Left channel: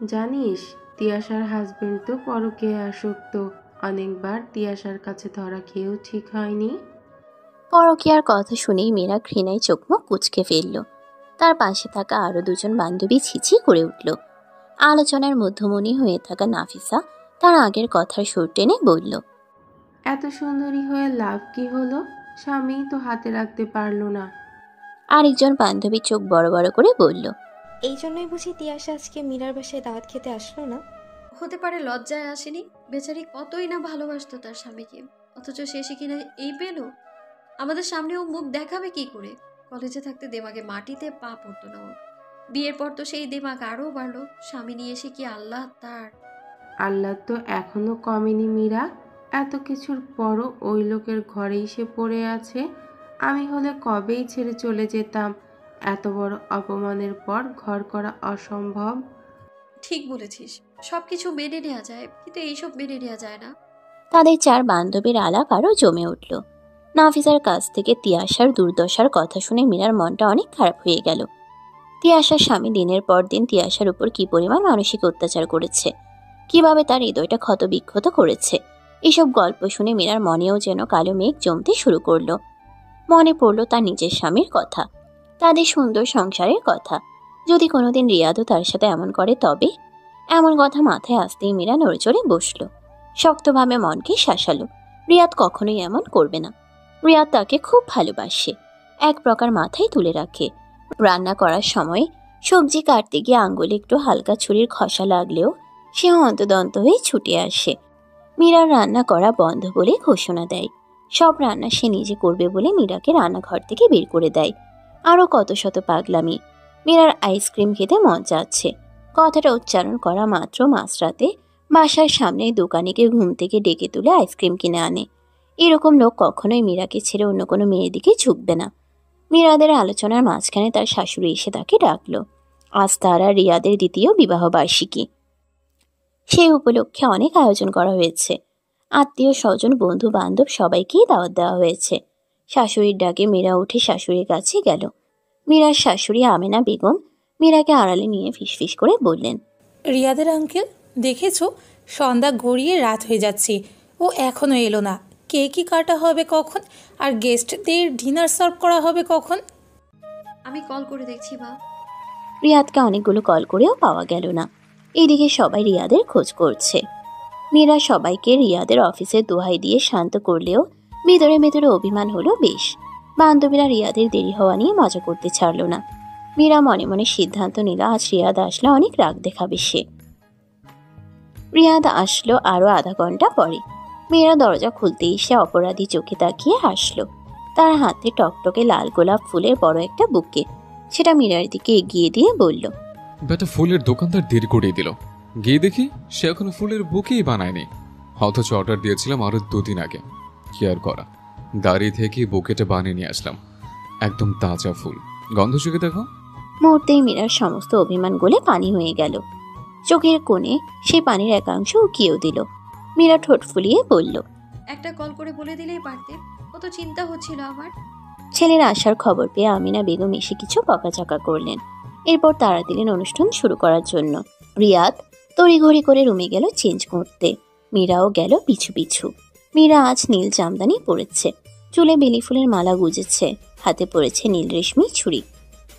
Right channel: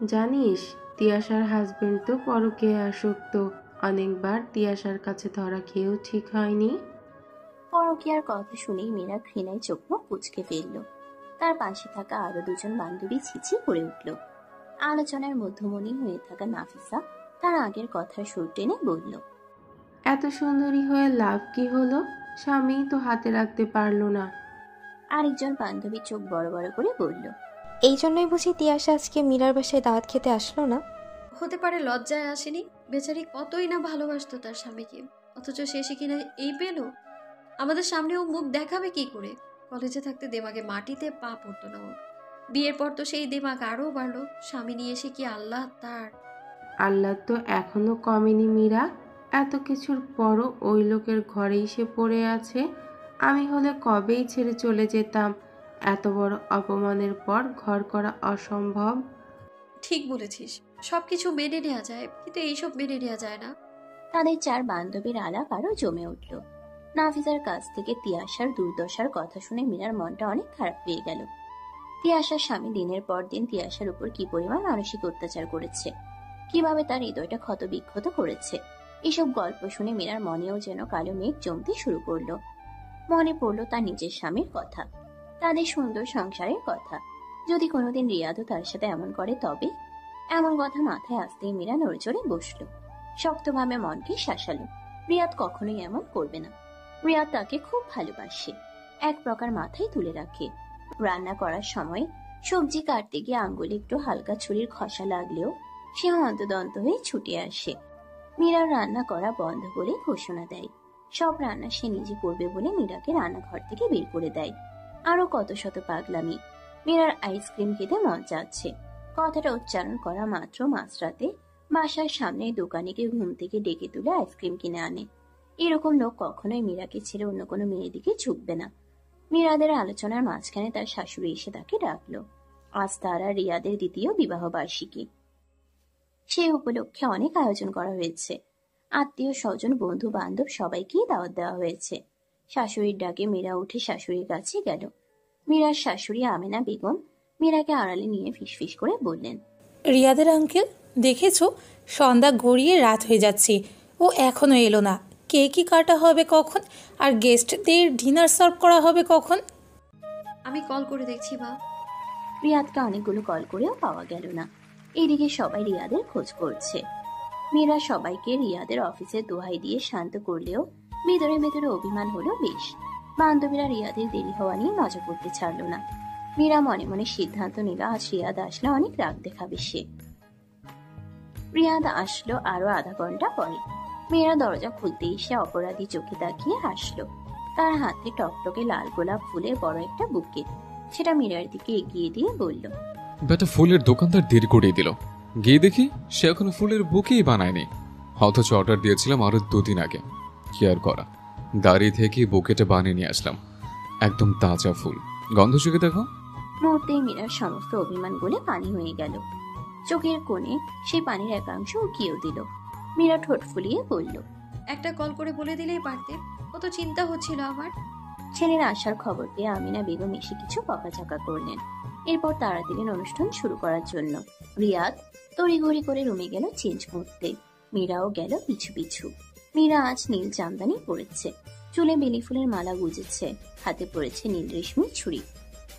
জানিস, তিয়াশার হাজবেন্ড তো পরকীয়ায় আসক্ত। অনেকবার তিয়াশার কাছে ধরা খেয়েও ঠিক হয়নি। পরকীয়ার কথা শুনেই মীরা ঘৃণায় চোখ মুখ কুঁচকে ফেলল। তার পাশে থাকা আরো দুজন বান্ধবী ছিছি করে উঠল। আলোচনার মধ্যমণি হয়ে থাকা নাফিসা তার আগের কথার সুর টেনে বলল, এত সুন্দরী হয়ে লাভ কি হলো? স্বামী তো হাতে রাখতে পারলো না। আরেকজন বান্ধবী চোখ বড় বড় করে বলল, এই জন্যই বুঝি তিয়াশা আজকে মীরার বাসায় দাওয়াত খেতে আসলো না। হতে পারে লজ্জায় আসেনি। বেচারি কতই না ভালোবাসতো তার স্বামীকে, অথচ শেষে কিনা এই পেল। আমাদের সামনেও মুখ দেখাবে কি করে? কলেজে থাকতে দেমাগে মাটিতে পা পড়তো না ওর। বিয়ের পর তো সেই দেমাগ আরও বাড়লো। স্বামী নিয়ে এসে কি আল্লাহ তার। আল্লাহ তো এখনো কমেনি মীরা। এত কিছুর পরও ওই লোকের ঘরেই সে পড়ে আছে। আমি হলে কবেই ছেড়ে চলে যেতাম। এত বড় অপমানের পর ঘর করা অসম্ভব। ঠিক বলেছিস, সবকিছু মেনে নেওয়া যায়, কিন্তু এইসব মেনে নেওয়া যায় না। তাদের চার বান্ধবীর আলাপ আরও জমে উঠল। নাফিসার কাছ থেকে তিয়াশার দুর্দশার কথা শুনে মীরার মনটা অনেক খারাপ হয়ে গেল। তিয়াশার স্বামী দিনের পর দিন তিয়াশার উপর কি পরিমাণ মানসিক অত্যাচার করেছে, কিভাবে তার হৃদয়টা ক্ষতবিক্ষত করেছে, এসব গল্প শুনে মীরার মনেও যেন কালো মেঘ জমতে শুরু করলো। মনে পড়ল তার নিজের স্বামীর কথা, তাদের সুন্দর সংসারের কথা। যদি কোনোদিন রিয়াদও তার সাথে এমন করে তবে। এমন কথা মাথায় আসতেই মীরা নড়েচড়ে বসল, শক্তভাবে মনকে শাসালো। রিয়াদ কখনোই এমন করবে না। রিয়াদ তাকে খুব ভালোবাসে, এক প্রকার মাথায় তুলে রাখে। রান্না করার সময় সবজি কাটতে গিয়ে আঙ্গুলে একটু হালকা ছুরির খসা লাগলেও সে হন্তদন্ত হয়ে ছুটে আসে। মীরার রান্না করা বন্ধ বলে ঘোষণা দেয়। সব রান্না সে নিজে করবে বলে মীরাকে রান্নাঘর থেকে বের করে দেয়। আরও কত শত পাগলামি। মীরার আইসক্রিম খেতে মন চাচ্ছে। কথাটা উচ্চারণ করা মাত্র মাঝরাতে বাসার সামনে দোকানিকে ঘুম থেকে ডেকে তুলে আইসক্রিম কিনে আনে। এরকম লোক কখনোই মীরাকে ছেড়ে অন্য কোনো মেয়ের দিকে ঝুঁকবে না। মীরাদের আলোচনার মাঝখানে তার শাশুড়ি এসে তাকে ডাকলো। আজ তার আর রিয়াদের দ্বিতীয় বিবাহ বার্ষিকী। সেই উপলক্ষে অনেক আয়োজন করা হয়েছে। আত্মীয় স্বজন বন্ধু বান্ধব সবাইকেই দাওয়াত দেওয়া হয়েছে। শাশুড়ির ডাকে মীরা উঠে শাশুড়ির কাছে গেল। মীরার শাশুড়ি আমেনা বেগম মীরাকে আড়ালে নিয়ে ফিসফিস করে বললেন, রিয়াদের আঙ্কেল, দেখেছো সন্ধ্যা গড়িয়ে রাত হয়ে যাচ্ছে, ও এখনো এলো না। কেকই কাটা হবে কখন? আর গেস্টদের ডিনার সার্ভ করা হবে কখন? আমি কল করে দেখছি মা। রিয়াদকে অনেকগুলো কল করেও পাওয়া গেল না। এইদিকে সবাই রিয়াদের খোঁজ করছে। মীরা সবাইকে রিয়াদের অফিসের দোহাই দিয়ে শান্ত করলেও ভেতরে ভেতরে অভিমান হলো বেশ। বান্ধবীরা রিয়াদের দেরি হওয়া নিয়ে মজা করতে ছাড়ল না। মীরা মনে মনে সিদ্ধান্ত নিল আজ রিয়াদ আসলে অনেক রাগ দেখাবে সে। রিয়াদ আসলো আরো আধা ঘন্টা পরে। মীরা দরজা খুলতেই সে অপরাধী চোখে তাকিয়ে হাসলো। তার হাতে টকটকে লাল গোলাপ ফুলের বড় একটা বুকে। সেটা মীরার দিকে এগিয়ে দিয়ে বলল, বেটা ফুলের দোকানদার দেরি করিয়ে দিল। গিয়ে দেখি সে এখনো ফুলের বুকেই বানায়নি, অথচ অর্ডার দিয়েছিলাম আরো 2 দিন আগে। কি আর করা, দাঁড়িয়ে থেকে বুকেটা বানিয়ে নিয়ে আসলাম। একদম তাজা ফুল, গন্ধ চোখে দেখো। মুহূর্তেই মীরার সমস্ত অভিমান গলে পানি হয়ে গেল। চোখের কোণে সে পানির একাংশ উকিয়েও দিল। মীরা ঠোঁট ফুলিয়ে বলল, একটা কল করে বলে দিলেই পারতে, কত চিন্তা হচ্ছিল আমার। ছেলের আসার খবর পেয়ে আমিনা বেগম এসে কিছু বকাঝকা করলেন। এরপর তাড়া দিলেন অনুষ্ঠান শুরু করার জন্য। রিয়াদ তড়িঘড়ি করে রুমে গেল চেঞ্জ করতে। মীরাও গেল পিছু পিছু। মীরা আজ নীল জামদানি পরেছে, চুলে বেলি ফুলের মালা গুজেছে, হাতে পড়েছে নীল রেশমি ছুরি।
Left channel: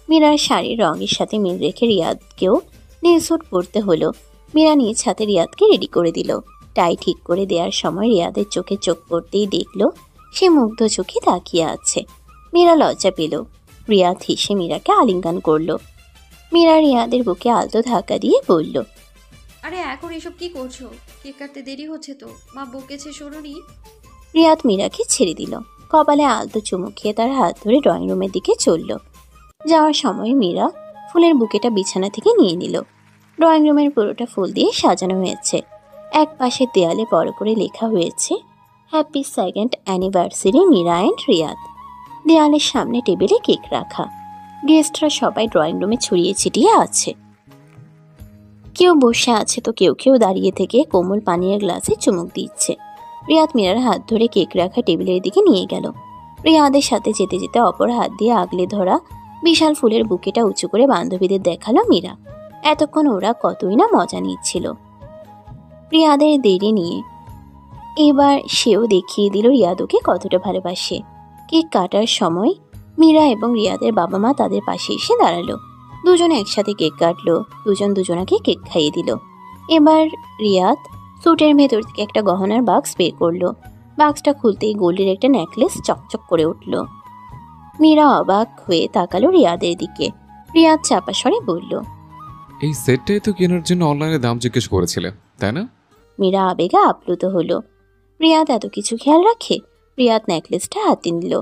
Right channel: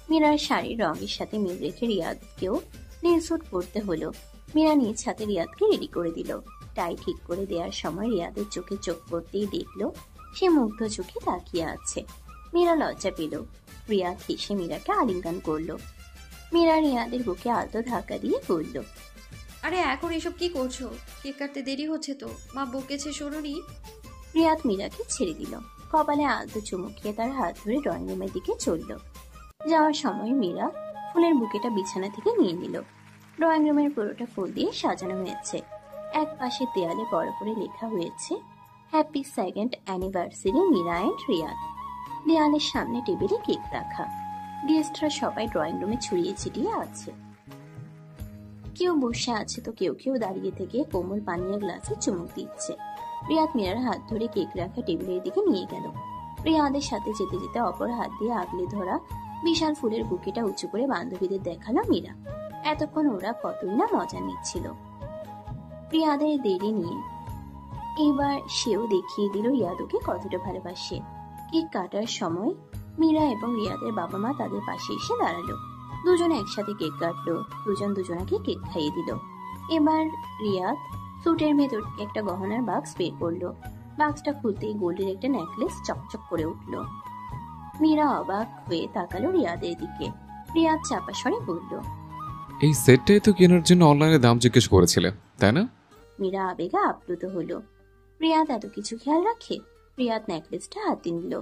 মীরার শাড়ির রঙের সাথে মিল রেখে রিয়াদকেও নীল স্যুট পরতে হলো। মীরা নিজ হাতে রিয়াদকে রেডি করে দিল। টাই ঠিক করে দেওয়ার সময় রিয়াদের চোখে চোখ পড়তেই দেখলো সে মুগ্ধ চোখে তাকিয়ে আছে। মীরা লজ্জা পেল। রিয়াদ হেসে মীরাকে আলিঙ্গন করলো। মীরা রিয়াদের বুকে আলতো ধাক্কা দিয়ে বলল, আরে এখন এসব কি করছো? কেক কাটতে দেরি হচ্ছে তো, মা বকেছে শোনোনি? রিয়াদ মীরাকে ছেড়ে দিল। কপালে আলতো চুমু খেয়ে তার হাত ধরে ড্রয়িং রুমের দিকে চলল। যাওয়ার সময় মীরা ফুলের বুকেটা বিছানা থেকে নিয়ে নিল। ড্রয়িং রুমের পুরোটা ফুল দিয়ে সাজানো হয়েছে। এক পাশে দেয়ালে বড় করে লেখা হয়েছে, happy 2nd anniversary Meera and Riyad. দেয়ালের সামনে টেবিলে কেক রাখা। গেস্টরা সবাই ড্রয়িং রুমে ছড়িয়ে ছিটিয়ে আছে। কেউ বসে আছে তো কেউ কেউ দাঁড়িয়ে থেকে কোমল পানীয় গ্লাসে চুমুক দিচ্ছে। রিয়াদ মীরার হাত ধরে কেক রাখা টেবিলের দিকে নিয়ে গেল। রিয়াদের সাথে যেতে যেতে অপর হাত দিয়ে আগলে ধরা বিশাল ফুলের বুকেটা উঁচু করে বান্ধবীদের দেখালো মীরা। এতক্ষণ ওরা কতই না মজা নিচ্ছিল রিয়াদের দেরি নিয়ে। এবার সেও দেখিয়ে দিল রিয়াদ ওকে কতটা ভালোবাসে। কেক কাটার সময় মীরা এবং রিয়াদের বাবা মা তাদের পাশে এসে দাঁড়ালো। দুজনে একসাথে কেক কাটলো, দুজন দুজনাকে কেক খাইয়ে দিল। এবার রিয়াদ স্যুটের ভেতর থেকে একটা গহনার বাক্স বের করলো। বাক্সটা খুলতেই গোল্ডের একটা নেকলেস চকচক করে উঠল। মীরা অবাক হয়ে তাকালো রিয়াদের দিকে। রিয়াদ চাপা স্বরে বলল, এই সেটটাই তো কেনার জন্য অনলাইনে দাম জিজ্ঞেস করেছিলে, তাই না? মীরা আবেগে আপ্লুত হলো। রিয়াদ এত কিছু খেয়াল রাখে? রিয়াদ নেকলেসটা হাতে নিল।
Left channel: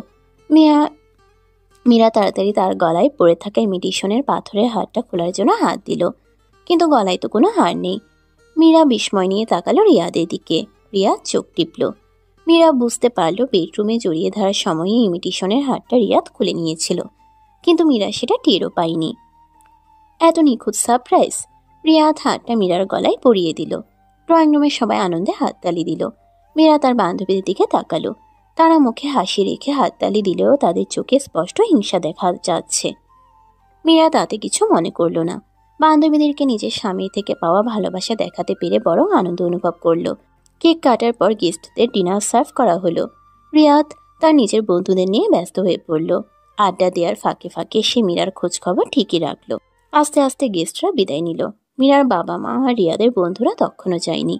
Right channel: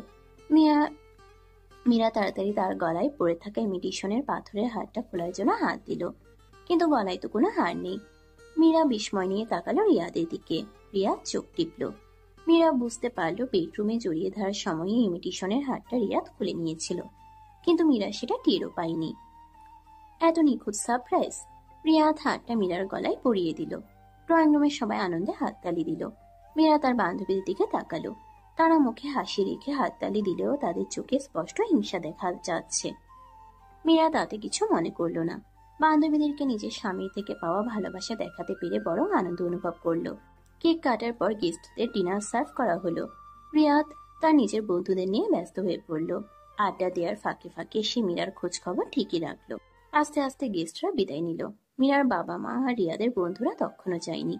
মীরা তাড়াতাড়ি তার গলায় পড়ে থাকা ইমিটেশনের পাথরের হারটা খোলার জন্য হাত দিল, কিন্তু গলায় তো কোনো হার নেই। মীরা বিস্ময় নিয়ে তাকালো রিয়াদের দিকে। রিয়াদ চোখ টিপল। মীরা বুঝতে পারল বেডরুমে জড়িয়ে ধরার সময়ে ইমিটেশনের হারটা রিয়াদ খুলে নিয়েছিল, কিন্তু মীরা সেটা টেরও পায়নি। এত নিখুঁত সারপ্রাইজ! রিয়াদ হাতটা মীরার গলায় পরিয়ে দিল। ড্রয়িং রুমের সবাই আনন্দে হাততালি দিল। মীরা তার বান্ধবীদের দিকে তাকালো। তারা মুখে হাসি রেখে হাততালি দিলেও তাদের চোখে স্পষ্ট হিংসা দেখা যাচ্ছে। মীরা তাতে কিছু মনে করল না। বান্ধবীদেরকে নিজের স্বামীর থেকে পাওয়া ভালোবাসা দেখাতে পেরে বরং আনন্দ অনুভব করলো। কেক কাটার পর গেস্টদের ডিনার সার্ভ করা হলো। রিয়াদ তার নিজের বন্ধুদের নিয়ে ব্যস্ত হয়ে পড়ল। আড্ডা দেওয়ার ফাঁকে ফাঁকে সে মীরার খোঁজ খবর ঠিকই রাখলো। আস্তে আস্তে গেস্টরা বিদায় নিল। মীরার বাবা মা আর রিয়াদের বন্ধুরা তখনও যায়নি।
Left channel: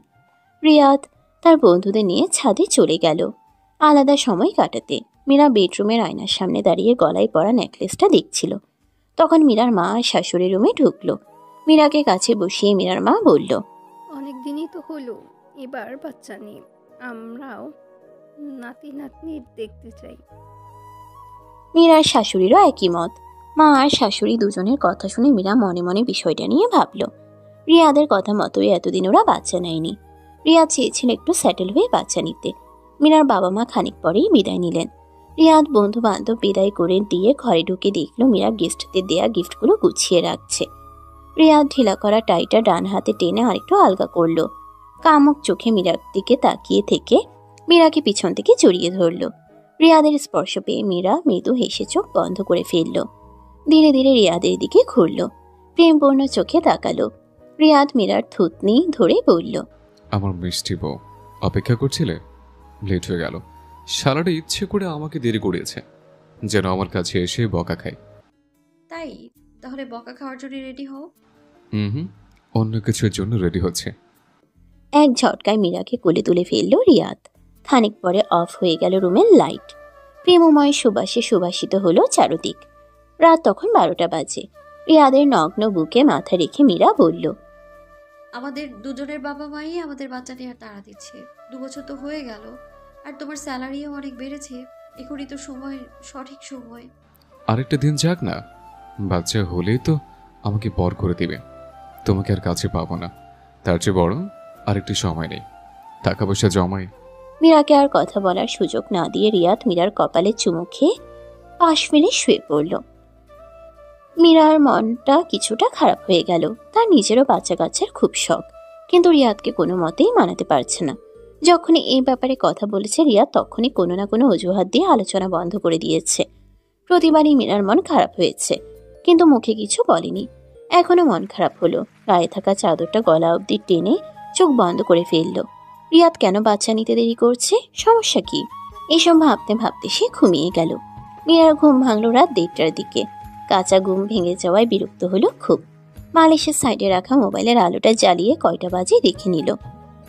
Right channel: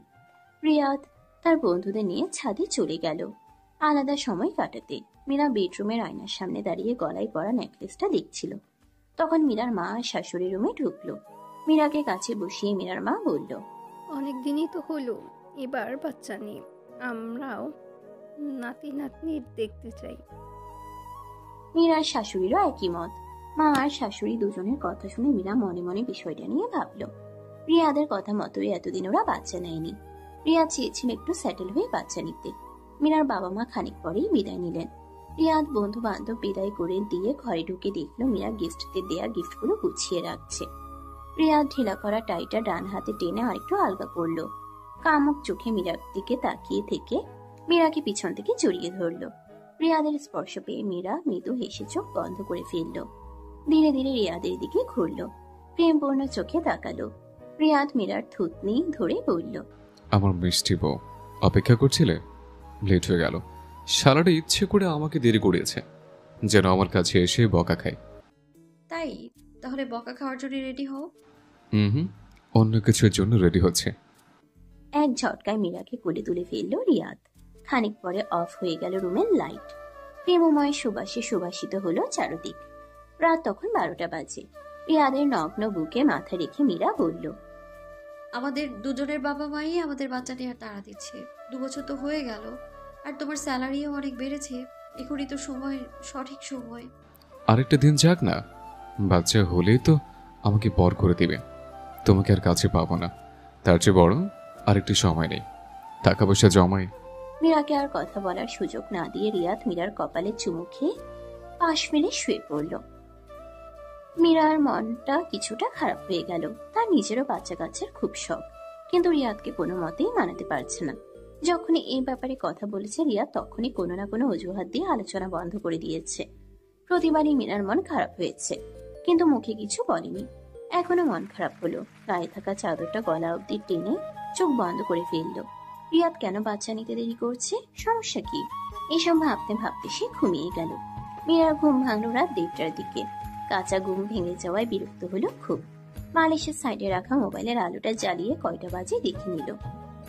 রিয়াদ তার বন্ধুদের নিয়ে ছাদে চলে গেল আলাদা সময় কাটাতে। মীরা বেডরুমের আয়নার সামনে দাঁড়িয়ে গলায় পরা নেকলেসটা দেখছিল। তখন মীরার মা আর শাশুড়ি রুমে ঢুকলো। মীরাকে কাছে বসিয়ে মীরার মা বলল, অনেক দিনই তো হলো, এবার বাচ্চা নেই, আমরাও নাতি নাতনি দেখতে চাই। মীরার শাশুড়িরও একই মত। মা আর শাশুড়ি দুজনের কথা শুনে মীরা মনে মনে বিষয়টা নিয়ে ভাবল। রিয়াদের কথা মতোই এতদিন ওরা বাচ্চা নেয়নি। রিয়াদ চেয়েছিল একটু সেটেল হয়ে বাচ্চা নিতে। মীরার বাবা মা খানিক পরেই বিদায় নিলেন। রিয়াদ বন্ধু বান্ধব বিদায় করে দিয়ে ঘরে ঢুকে দেখলো মীরা গেস্টদের দেয়া গিফটগুলো গুছিয়ে রাখছে। রিয়াদ ঢিলা করা টাইটা ডান হাতে টেনে আরেকটু আলগা করলো। কামুক চোখে মীরার দিকে তাকিয়ে থেকে মীরাকে পিছন থেকে জড়িয়ে ধরলো। রিয়াদের স্পর্শ পেয়ে মীরা মৃদু হেসে চোখ বন্ধ করে ফেলল। ধীরে ধীরে রিয়াদের দিকে ঘুরল, প্রেমপূর্ণ চোখে তাকালো। রিয়াদ মীরার থুতনি ধরে বলল, আমার মিষ্টি বউ, অপেক্ষা করছিলে? লেট হয়ে গেল। শালাটা ইচ্ছে করে আমাকে দেরি করিয়েছে, যেন আমার কাছে এসে বকা খায়। তাই তাহলে বকা খাওয়ার জন্য রেডি হও। হুম, অন্য কিছুর জন্য রেডি হচ্ছে। এক ঝটকায় মীরাকে কোলে তুলে ফেলল রিয়াদ। খানিক পরে অফ হয়ে গেল রুমের লাইট। প্রেমময় সুবাসে সুবাসিত হলো চারদিক। রাত তখন 12টা বাজে। রিয়াদের নগ্ন বুকে মাথা রেখে মীরা বলল, আমাদের দুজনের বাবা মাই আমাদের বাচ্চা নেওয়ার তাড়া দিচ্ছে। 2 বছর তো হয়ে গেল, আর তোমার স্যালারিও অনেক বেড়েছে। এখনই তো সময়, সঠিক সময়। আরেকটা দিন যাক না, বাচ্চা হলেই তো আমাকে বর করে দিবে। তোমাকে আর কাছে পাবো না। তার চেয়ে বড় আরেকটু সময় নেই, টাকা পয়সা জমাই। মীরাকে আর কথা বলার সুযোগ না দিয়ে রিয়াদ মীরার কপালে চুমু খেয়ে পাশ ফেলে শুয়ে পড়ল। মীরার মনটা কিছুটা খারাপ হয়ে গেল। তার নিজেরও বাচ্চা কাচ্চার খুব শখ, কিন্তু রিয়াদকে কোনো মতেই মানাতে পারছে না। যখনই এই ব্যাপারে কথা বলেছে রিয়াদ তখনই কোনো না কোনো অজুহাত দিয়ে আলোচনা বন্ধ করে দিয়েছে। প্রতিবারই মীরার মন খারাপ হয়েছে, কিন্তু মুখে কিছু বলেনি। এখনো মন খারাপ হলো। গায়ে থাকা চাদরটা গলা অবধি টেনে চোখ বন্ধ করে ফেলল। রিয়াদ কেন বাচ্চা নিতে দেরি করছে? সমস্যা কি? এইসব ভাবতে ভাবতে সে ঘুমিয়ে গেল। মীরার ঘুম ভাঙল রাত 1টার দিকে। কাঁচা ঘুম ভেঙে যাওয়ায় বিরক্ত হলো খুব। বালিশের সাইডে রাখা মোবাইলের আলোটা জ্বালিয়ে কয়টা বাজে দেখে নিল।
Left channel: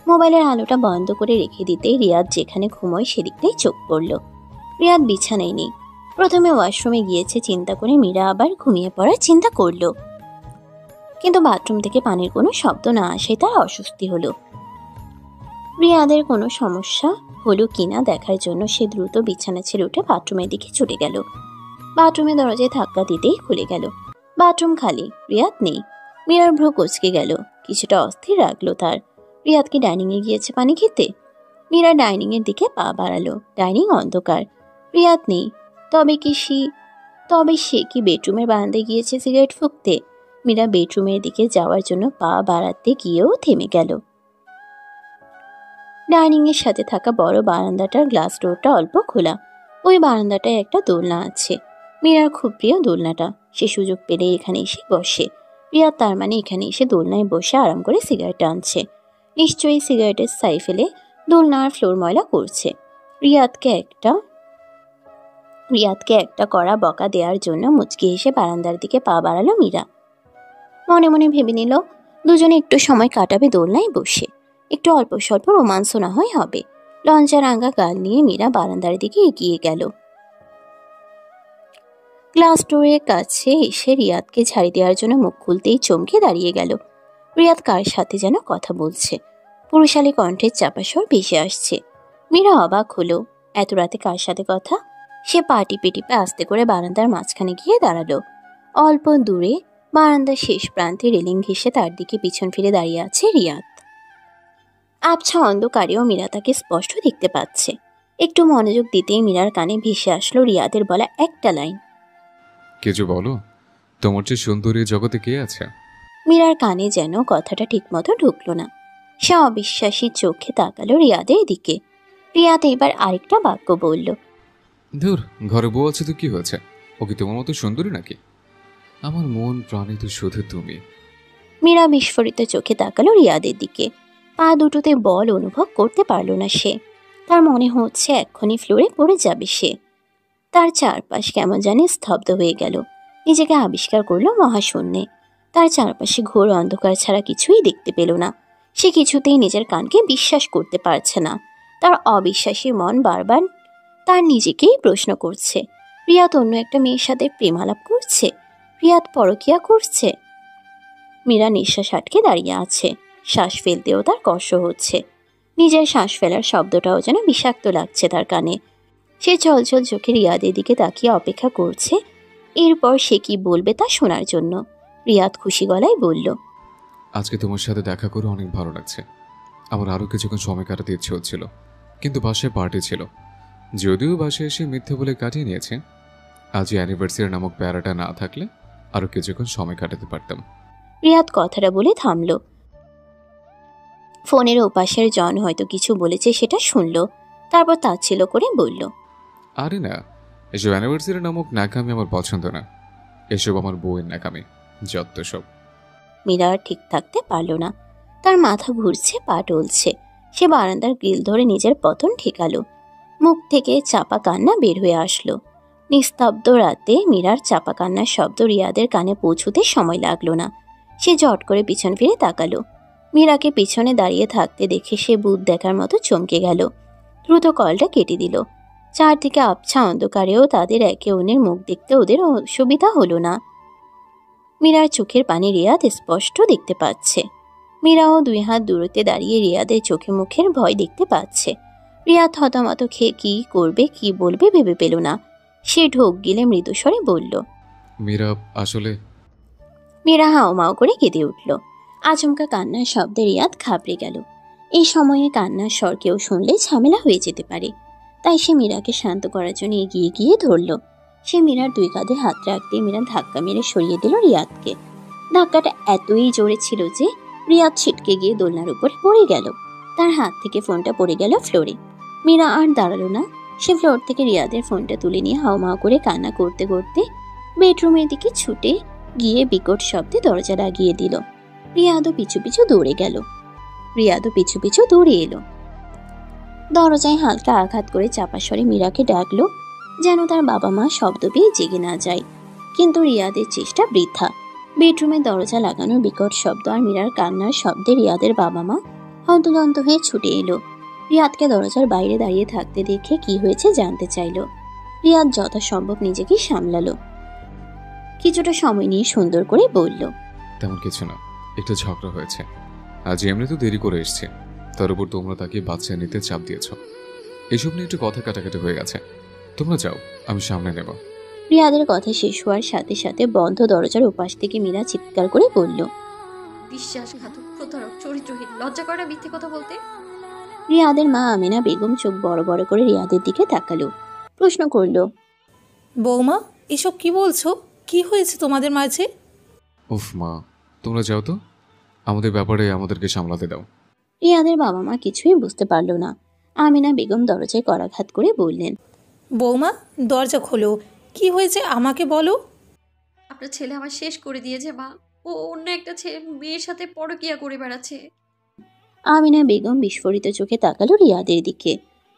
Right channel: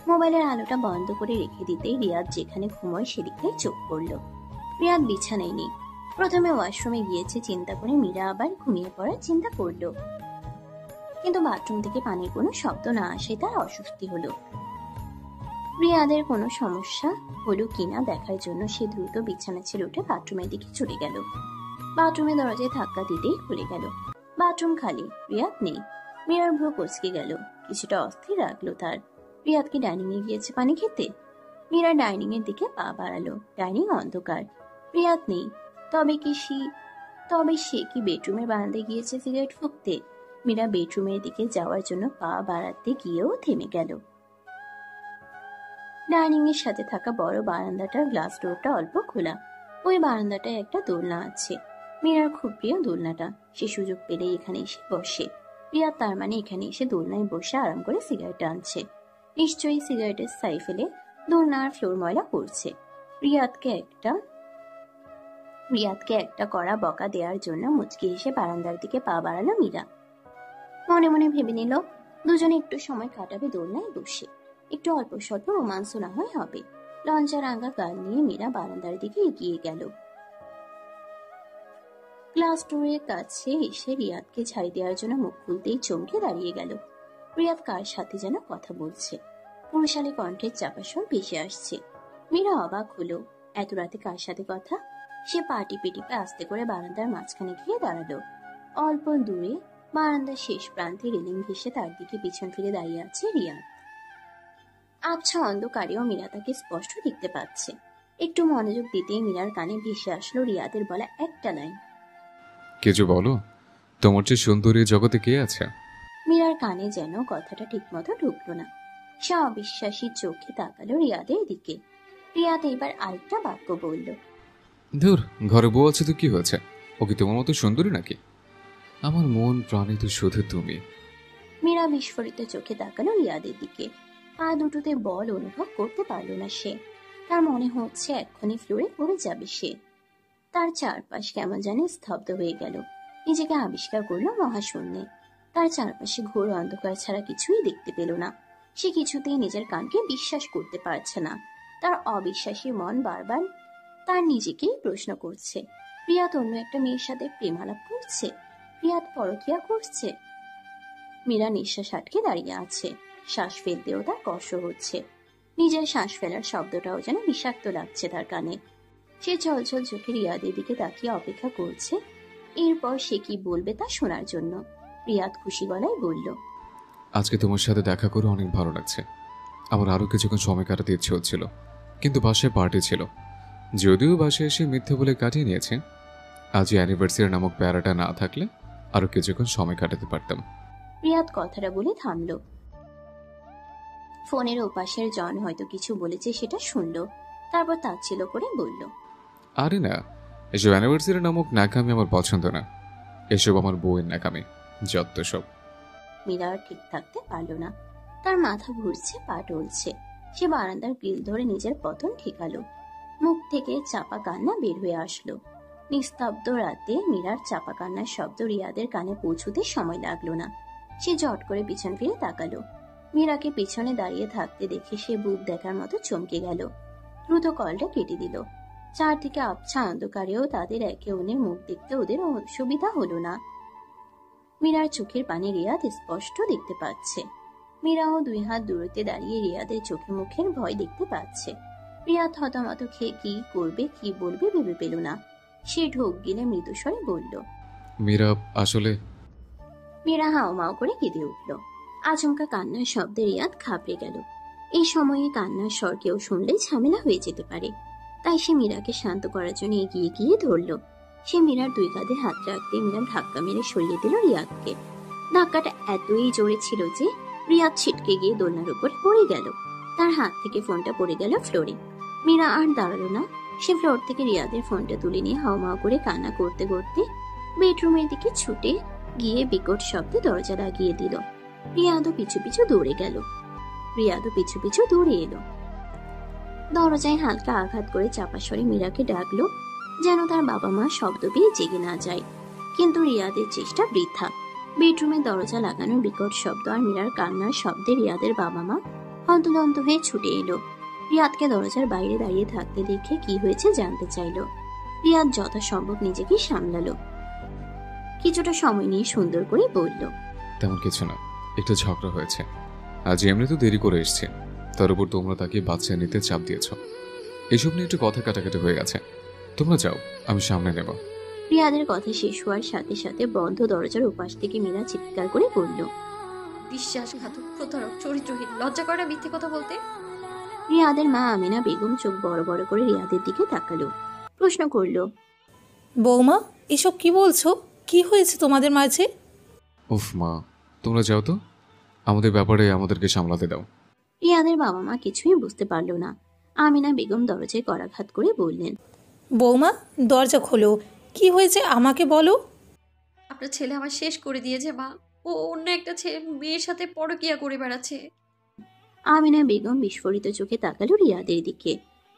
মোবাইলের আলোটা বন্ধ করে রেখে দিতেই রিয়াদ যেখানে ঘুমোয় সেদিকটাই চোখ পড়ল। রিয়াদ বিছানায় নেই। প্রথমে ওয়াশরুমে গিয়েছে চিন্তা করে মীরা আবার ঘুমিয়ে পড়ার চিন্তা করল, কিন্তু বাথরুম থেকে পানির কোনো শব্দ না আসায় তার অস্বস্তি হলো। রিয়াদের কোনো সমস্যা হলো কিনা দেখার জন্য সে দ্রুত বিছানা ছেড়ে উঠে বাথরুমের দিকে ছুটে গেল। বাথরুমের দরজায় ধাক্কা দিতেই খুলে গেল। বাথরুম খালি, রিয়াদ নেই। মীরার ভ্রু কুঁচকে গেল। কিছুটা অস্থির লাগলো তার। রিয়াদ কি ডাইনিংয়ে গিয়েছে পানি খেতে? মীরা ডাইনিং এর দিকে পা বাড়ালো। ডাইনিং অন্ধকার, রিয়াদ নেই। তবে সে কি বেডরুমের বারান্দায় গিয়েছে সিগারেট ফুঁকতে? মীরা বেডরুমের দিকে যাওয়ার জন্য পা বাড়াতে গিয়েও থেমে গেল। ডাইনিং এর সাথে থাকা বড় বারান্দাটার গ্লাস ডোরটা অল্প খোলা। ওই বারান্দাটায় একটা দোলনা আছে। মীরার খুব প্রিয় দোলনাটা। সে সুযোগ পেলে এখানে এসে বসে। রিয়াদ তার মানে এখানে এসে দোলনায় বসে আরাম করে সিগারেট টানছে। নিশ্চয়ই সিগারেটের ছাই ফেলে দোলনার ফ্লোর ময়লা করছে। রিয়াদকে একটা কড়া বকা দেওয়ার জন্য মুচকি এসে বারান্দার দিকে পা বাড়ালো মীরা। মনে মনে ভেবে নিল দুজনে একটু সময় কাটাবে দোলনায় বসে, একটু অল্প স্বল্প রোমাঞ্চ না হয় হবে। লজ্জা রাঙা গাল নিয়ে মীরা বারান্দার দিকে এগিয়ে গেল। গ্লাস ডোরের কাছে এসে রিয়াদকে ঝাড়ি দেওয়ার জন্য মুখ খুলতেই চমকে দাঁড়িয়ে গেল। রিয়াদ কার সাথে যেন কথা বলছে, পুরুষালী কণ্ঠের চাপা স্বর ভেসে আসছে। মীরা অবাক হলো, এত রাতে কার সাথে কথা? সে পা টিপে টিপে আস্তে করে বারান্দার মাঝখানে গিয়ে দাঁড়ালো। অল্প দূরে বারান্দার শেষ প্রান্তে রেলিং ঘেঁষে তার দিকে পিছন ফিরে দাঁড়িয়ে আছে রিয়াদ। আবছা অন্ধকারেও মীরা তাকে স্পষ্ট দেখতে পাচ্ছে। একটু মনোযোগ দিতেই মীরার কানে ভেসে আসলো রিয়াদের বলা একটা লাইন, কিছু বলো, তোমার চেয়ে সুন্দরী জগতে কে আছে? মীরার কানে যেন কথাটা ঠিকমতো ঢুকলো না। সে অবিশ্বাসী চোখে তাকালো রিয়াদের দিকে। রিয়াদ এবার আরেকটা বাক্য বলল, ধুর, ঘরে বউ আছে তো কি হয়েছে? ও কি তোমার মতো সুন্দরী নাকি? আমার মন প্রাণে তো শুধু তুমি। মীরা বিস্ফোরিত চোখে তাকালো রিয়াদের দিকে। পা দুটোতে বল অনুভব করতে পারল না সে। তার মনে হচ্ছে এক্ষুনি ফ্লোরে পড়ে যাবে সে। তার চারপাশ কেমন জানি স্তব্ধ হয়ে গেল। নিজেকে আবিষ্কার করলো মহাশূন্যে। তার চারপাশে ঘোর অন্ধকার ছাড়া কিছুই দেখতে পেল না। সে কিছুতেই নিজের কানকে বিশ্বাস করতে পারছে না। তার অবিশ্বাসী মন বারবার তার নিজেকেই প্রশ্ন করছে, রিয়াদ অন্য একটা মেয়ের সাথে প্রেমালাপ করছে? রিয়াদ পরকিয়া করছে? মীরা নিঃশ্বাস আটকে দাঁড়িয়ে আছে। শ্বাস ফেলতেও তার কষ্ট হচ্ছে। নিজের শ্বাস ফেলার শব্দটাও যেন বিষাক্ত লাগছে তার কানে। সে চলচল চোখে রিয়াদের দিকে তাকিয়ে অপেক্ষা করছে এরপর সে কি বলবে তা শোনার জন্য। রিয়াদ খুশি গলায় বলল, আজকে তোমার সাথে দেখা করে অনেক ভালো লাগছে। আমার আরও কিছুক্ষণ সময় কাটাতে ইচ্ছে হচ্ছিল, কিন্তু বাসায় পার্টি ছিল। যদিও বাসায় এসে মিথ্যে বলে কাটিয়ে নিয়েছে। আজ অ্যানিভার্সারি নামক প্যারাটা না থাকলে আরও কিছুক্ষণ সময় কাটাতে পারতাম। রিয়াদ কথাটা বলে থামল। ফোনের ওপাশের জন হয়তো কিছু বলেছে সেটা শুনল, তারপর তাচ্ছিল্য করে বলল, আরে না, এসব অ্যানিভার্সারি নামক ন্যাকামি আমার পছন্দ না। এসব আমার বউয়ের ন্যাকামি, যত সব। মীরা আর ঠিক থাকতে পারল না। তার মাথা ঘুরছে, পা টলছে। সে বারান্দার গ্রিল ধরে নিজের পতন ঠেকালো। মুখ থেকে চাপা কান্না বের হয়ে আসলো। নিস্তব্ধ রাতে মীরার চাপা কান্নার শব্দ রিয়াদের কানে পৌঁছতে সময় লাগলো না। সে জট করে পিছন ফিরে তাকালো। মীরাকে পিছনে দাঁড়িয়ে থাকতে দেখে সে ভূত দেখার মতো চমকে গেল। দ্রুত কলটা কেটে দিল। চারদিকে আবছা অন্ধকারেও তাদের একে অন্যের মুখ দেখতে ওদের অসুবিধা হলো না। মীরার চোখের পানি রিয়াদ স্পষ্ট দেখতে পাচ্ছে। মীরাও 2 হাত দূরত্বে দাঁড়িয়ে রিয়াদের চোখে মুখের ভয় দেখতে পাচ্ছে। রিয়াদ হতমত খেয়ে কি করবে কি বলবে ভেবে পেল না। সে ঢোক গিলে মৃদুস্বরে বলল, মীরা, আসলে। মীরা হাওমাও করে কেঁদে উঠল। আচমকা কান্নার শব্দে রিয়াদ ঘাবড়ে গেল। এই সময়ে কান্নার স্বর কেউ শুনলে ঝামেলা হয়ে যেতে পারে। তাই সে মীরাকে শান্ত করার জন্য এগিয়ে গিয়ে ধরল। সে মীরার 2 কাঁধে হাত রাখতে মীরা ধাক্কা মেরে সরিয়ে দিল রিয়াদকে। ধাক্কাটা এতই জোরে ছিল যে রিয়াদ ছিটকে গিয়ে দোলনার উপর পড়ে গেল। তার হাত থেকে ফোনটা পড়ে গেল ফ্লোরে। মীরা আর দাঁড়ালো না। সে ফ্লোর থেকে রিয়াদের ফোনটা তুলে নিয়ে হাওমাও করে কান্না করতে করতে বেডরুমের দিকে ছুটে গিয়ে বিকট শব্দে দরজা লাগিয়ে দিল। রিয়াদও পিছু পিছু দৌড়ে এলো। দরজায় হালকা আঘাত করে চাপা স্বরে মীরাকে ডাকলো, যেন তার বাবা মা শব্দ পেয়ে জেগে না যায়। কিন্তু রিয়াদের চেষ্টা বৃথা। বেডরুমের দরজা লাগানোর বিকট শব্দ আর মীরার কান্নার শব্দে রিয়াদের বাবা মা হন্তদন্ত হয়ে ছুটে এলো। রিয়াদকে দরজার বাইরে দাঁড়িয়ে থাকতে দেখে কি হয়েছে জানতে চাইল। রিয়াদ যথাসম্ভব নিজেকে সামলালো। কিছুটা সময় নিয়ে সুন্দর করে বলল, তেমন কিছু না, একটু ঝগড়া হয়েছে। আজ এমনি তো দেরি করে এসছে, তার উপর তোমরা তাকে বাচ্চা নিতে চাপ দিয়েছ। এসব নিয়ে একটু কথা কাটাকাটি হয়ে গেছে। তোমরা যাও, আমি সামনে নেব। রিয়াদের কথা শেষ হওয়ার সাথে সাথে বন্ধ দরজার উপাস থেকে মীরা চিৎকার করে বলল, বিশ্বাসঘাতক, প্রতারক, চরিত্রহীন, লজ্জা করে না মিথ্যে কথা বলতে? রিয়াদের মা আমিনা বেগম চোখ বড় বড় করে রিয়াদের দিকে তাকালো। প্রশ্ন করল, বৌমা, এসব কি বলছো? কি হয়েছে তোমাদের মাঝে? উফ মা, তোমরা যাও তো, আমাদের ব্যাপারে আমাদেরকে সামলাতে দাও। রিয়াদের বাবা মা কিছুই বুঝতে পারল না। আমিনা বেগম দরজায় করাঘাত করে বললেন, বৌমা, দরজা খোলো, কি হয়েছে আমাকে বলো। আপনার ছেলে আমার শেষ করে দিয়েছে মা। ও অন্য একটা মেয়ের সাথে পরকীয়া করে বেড়াচ্ছে। আমিনা বেগম বিস্ফোরিত চোখে তাকালো রিয়াদের দিকে।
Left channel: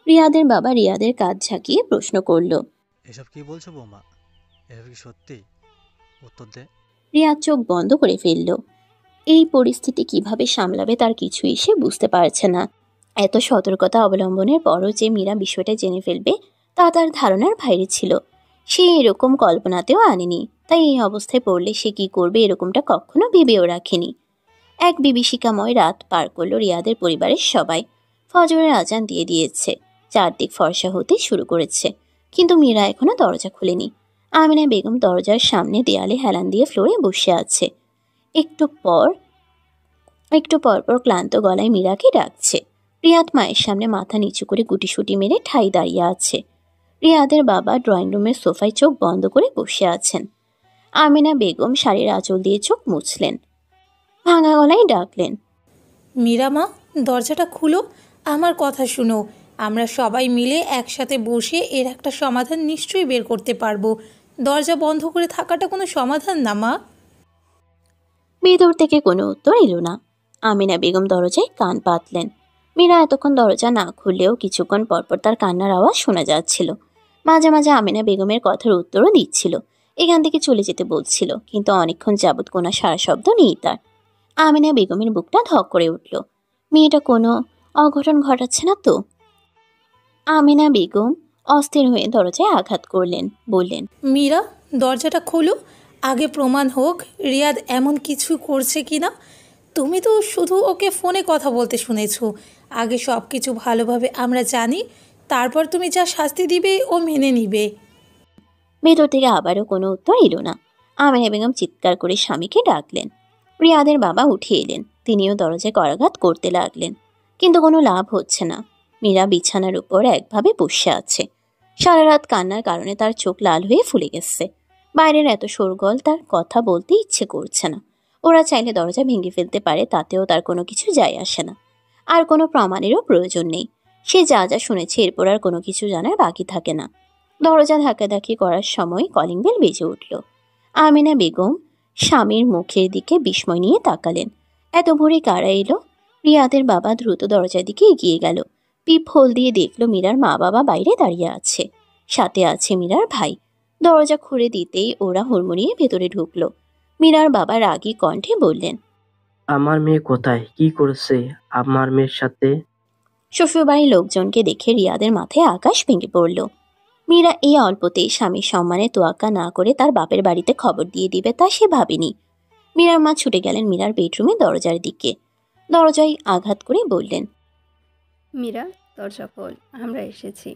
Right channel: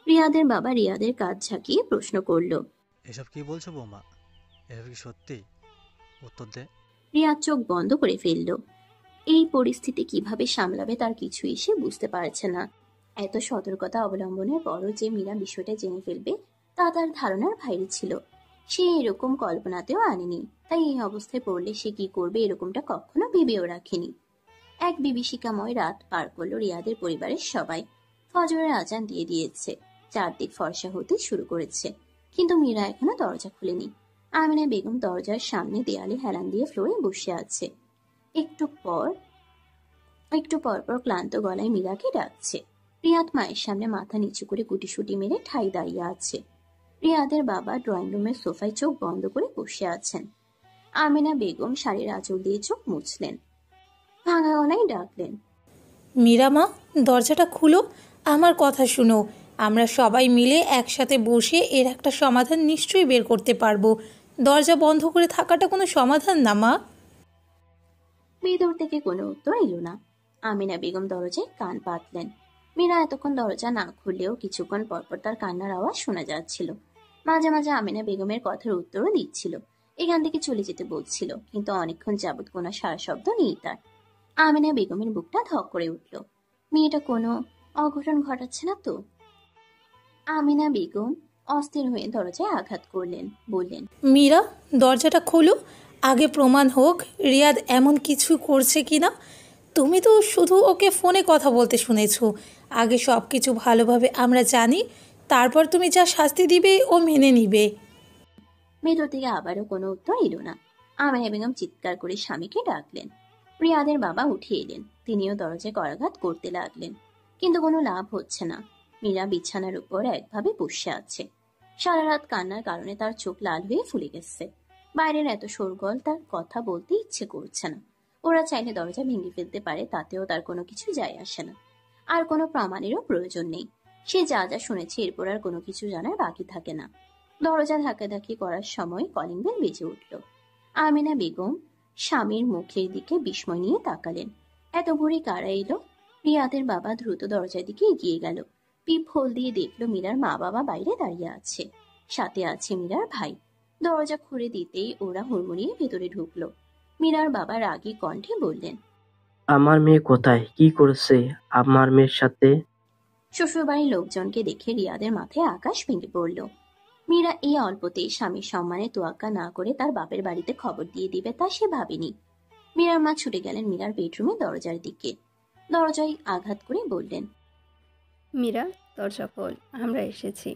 রিয়াদের বাবা রিয়াদের কাঁধ ঝাঁকিয়ে প্রশ্ন করলো। এসব কি বলছো বৌমা? এসব কি সত্যি? উত্তর দে। রিয়াদ চোখ বন্ধ করে ফেলল। এই পরিস্থিতি কিভাবে সামলাবে তার কিছুই সে বুঝতে পারছে না। এত সতর্কতা অবলম্বনের পরও যে মীরা বিষয়টা জেনে ফেলবে তা তার ধারণার বাইরে ছিল। সে এরকম কল্পনাতেও আনেনি। তাই এই অবস্থায় পড়লে সে কি করবে এরকমটা কখনো ভেবেও রাখেনি। এক বিভীষিকাময় রাত পার করলো রিয়াদের পরিবারের সবাই। ফজরের আজান দিয়ে দিয়েছে, চারদিক ফর্সা হতে শুরু করেছে, কিন্তু মীরা এখনো দরজা খুলেনি। আমিনা বেগম দরজার সামনে দেয়ালে হেলান দিয়ে ফ্লোরে বসে আছে। একটু পর পর ক্লান্ত গলায় মীরাকে ডাকছে। রিয়াদ মায়ের সামনে মাথা নিচু করে গুটিসুটি মেরে ঠাই দাঁড়িয়ে আছে। রিয়াদের বাবা ড্রয়িং রুমের সোফায় চোখ বন্ধ করে বসে আছেন। আমিনা বেগম শাড়ির আঁচল দিয়ে চোখ মুছলেন, ভাঙা গলায় ডাকলেন, মীরা মা, দরজাটা খুলো, আমার কথা শুনো। আমরা সবাই মিলে একসাথে বসে এর একটা সমাধান নিশ্চয়ই বের করতে পারবো। দরজা বন্ধ করে থাকাটা কোনো সমাধান না মা। ভেতর থেকে কোনো উত্তর এলো না। আমিনা বেগম দরজায় কান পাতলেন। মীরা এতক্ষণ দরজা না খুললেও কিছুক্ষণ পরপর তার কান্নার আওয়াজ শোনা যাচ্ছিল। মাঝে মাঝে আমিনা বেগমের কথার উত্তরও দিচ্ছিল, এখান থেকে চলে যেতে বলছিল, কিন্তু অনেকক্ষণ যাবৎ কোনো সারা শব্দ নেই তার। আমিনা বেগমের বুকটা ধক করে উঠল। মেয়েটা কোনো অঘটন ঘটাচ্ছে না তো? আমিনা বেগম অস্থির হয়ে দরজায় আঘাত করলেন, বললেন, মীরা, দরজাটা খোলো। আগে প্রমাণ হোক রিয়াদ এমন কিছু করছে কি না। তুমি তো শুধু ওকে ফোনে কথা বলতে শুনেছো। আগে সব কিছু ভালোভাবে আমরা জানি, তারপর তুমি যা শাস্তি দিবে ও মেনে নিবে। ভেতর থেকে আবারও কোনো উত্তর এলো না। আমিনা বেগম চিৎকার করে স্বামীকে ডাকলেন। রিয়াদের বাবা উঠে এলেন, তিনিও দরজায় করাঘাত করতে লাগলেন, কিন্তু কোনো লাভ হচ্ছে না। মীরা বিছানার উপর একভাবে বসে আছে। সারা রাত কান্নার কারণে তার চোখ লাল হয়ে ফুলে গেছে। বাইরের এত শোরগোল তার কথা বলতে ইচ্ছে করছে না। ওরা চাইলে দরজা ভেঙে ফেলতে পারে, তাতেও তার কোনো কিছু যায় আসে না। আর কোনো প্রমাণেরও প্রয়োজন নেই। সে যা যা শুনেছে এরপর আর কোনো কিছু জানার বাকি থাকে না। দরজা ধাক্কাধাক্কি করার সময় কলিং বেল বেজে উঠল। আমিনা বেগম স্বামীর মুখের দিকে বিস্ময় নিয়ে তাকালেন। এত ভোরে কারা এলো? রিয়াদের বাবা দ্রুত দরজার দিকে এগিয়ে গেল। পিপ হোল দিয়ে দেখলো মীরার মা বাবা বাইরে দাঁড়িয়ে আছে, সাথে আছে মীরার ভাই। দরজা খুলে দিতেই ওরা হুড়মুড়িয়ে ভেতরে ঢুকলো। মীরার বাবা রাগী কণ্ঠে বললেন, আমার মেয়ে কোথায়? কি করেছে আমার মেয়ের সাথে? শ্বশুরবাড়ির লোকজনকে দেখে রিয়াদের মাথায় আকাশ ভেঙে পড়ল। মীরা এই অল্পতেই স্বামীর সম্মানে তোয়াক্কা না করে তার বাপের বাড়িতে খবর দিয়ে দিবে তা সে ভাবেনি। মীরার মা ছুটে গেলেন মীরার বেডরুমে দরজার দিকে। দরজায় আঘাত করে বললেন, মীরা, দরজা খোল, আমরা এসেছি।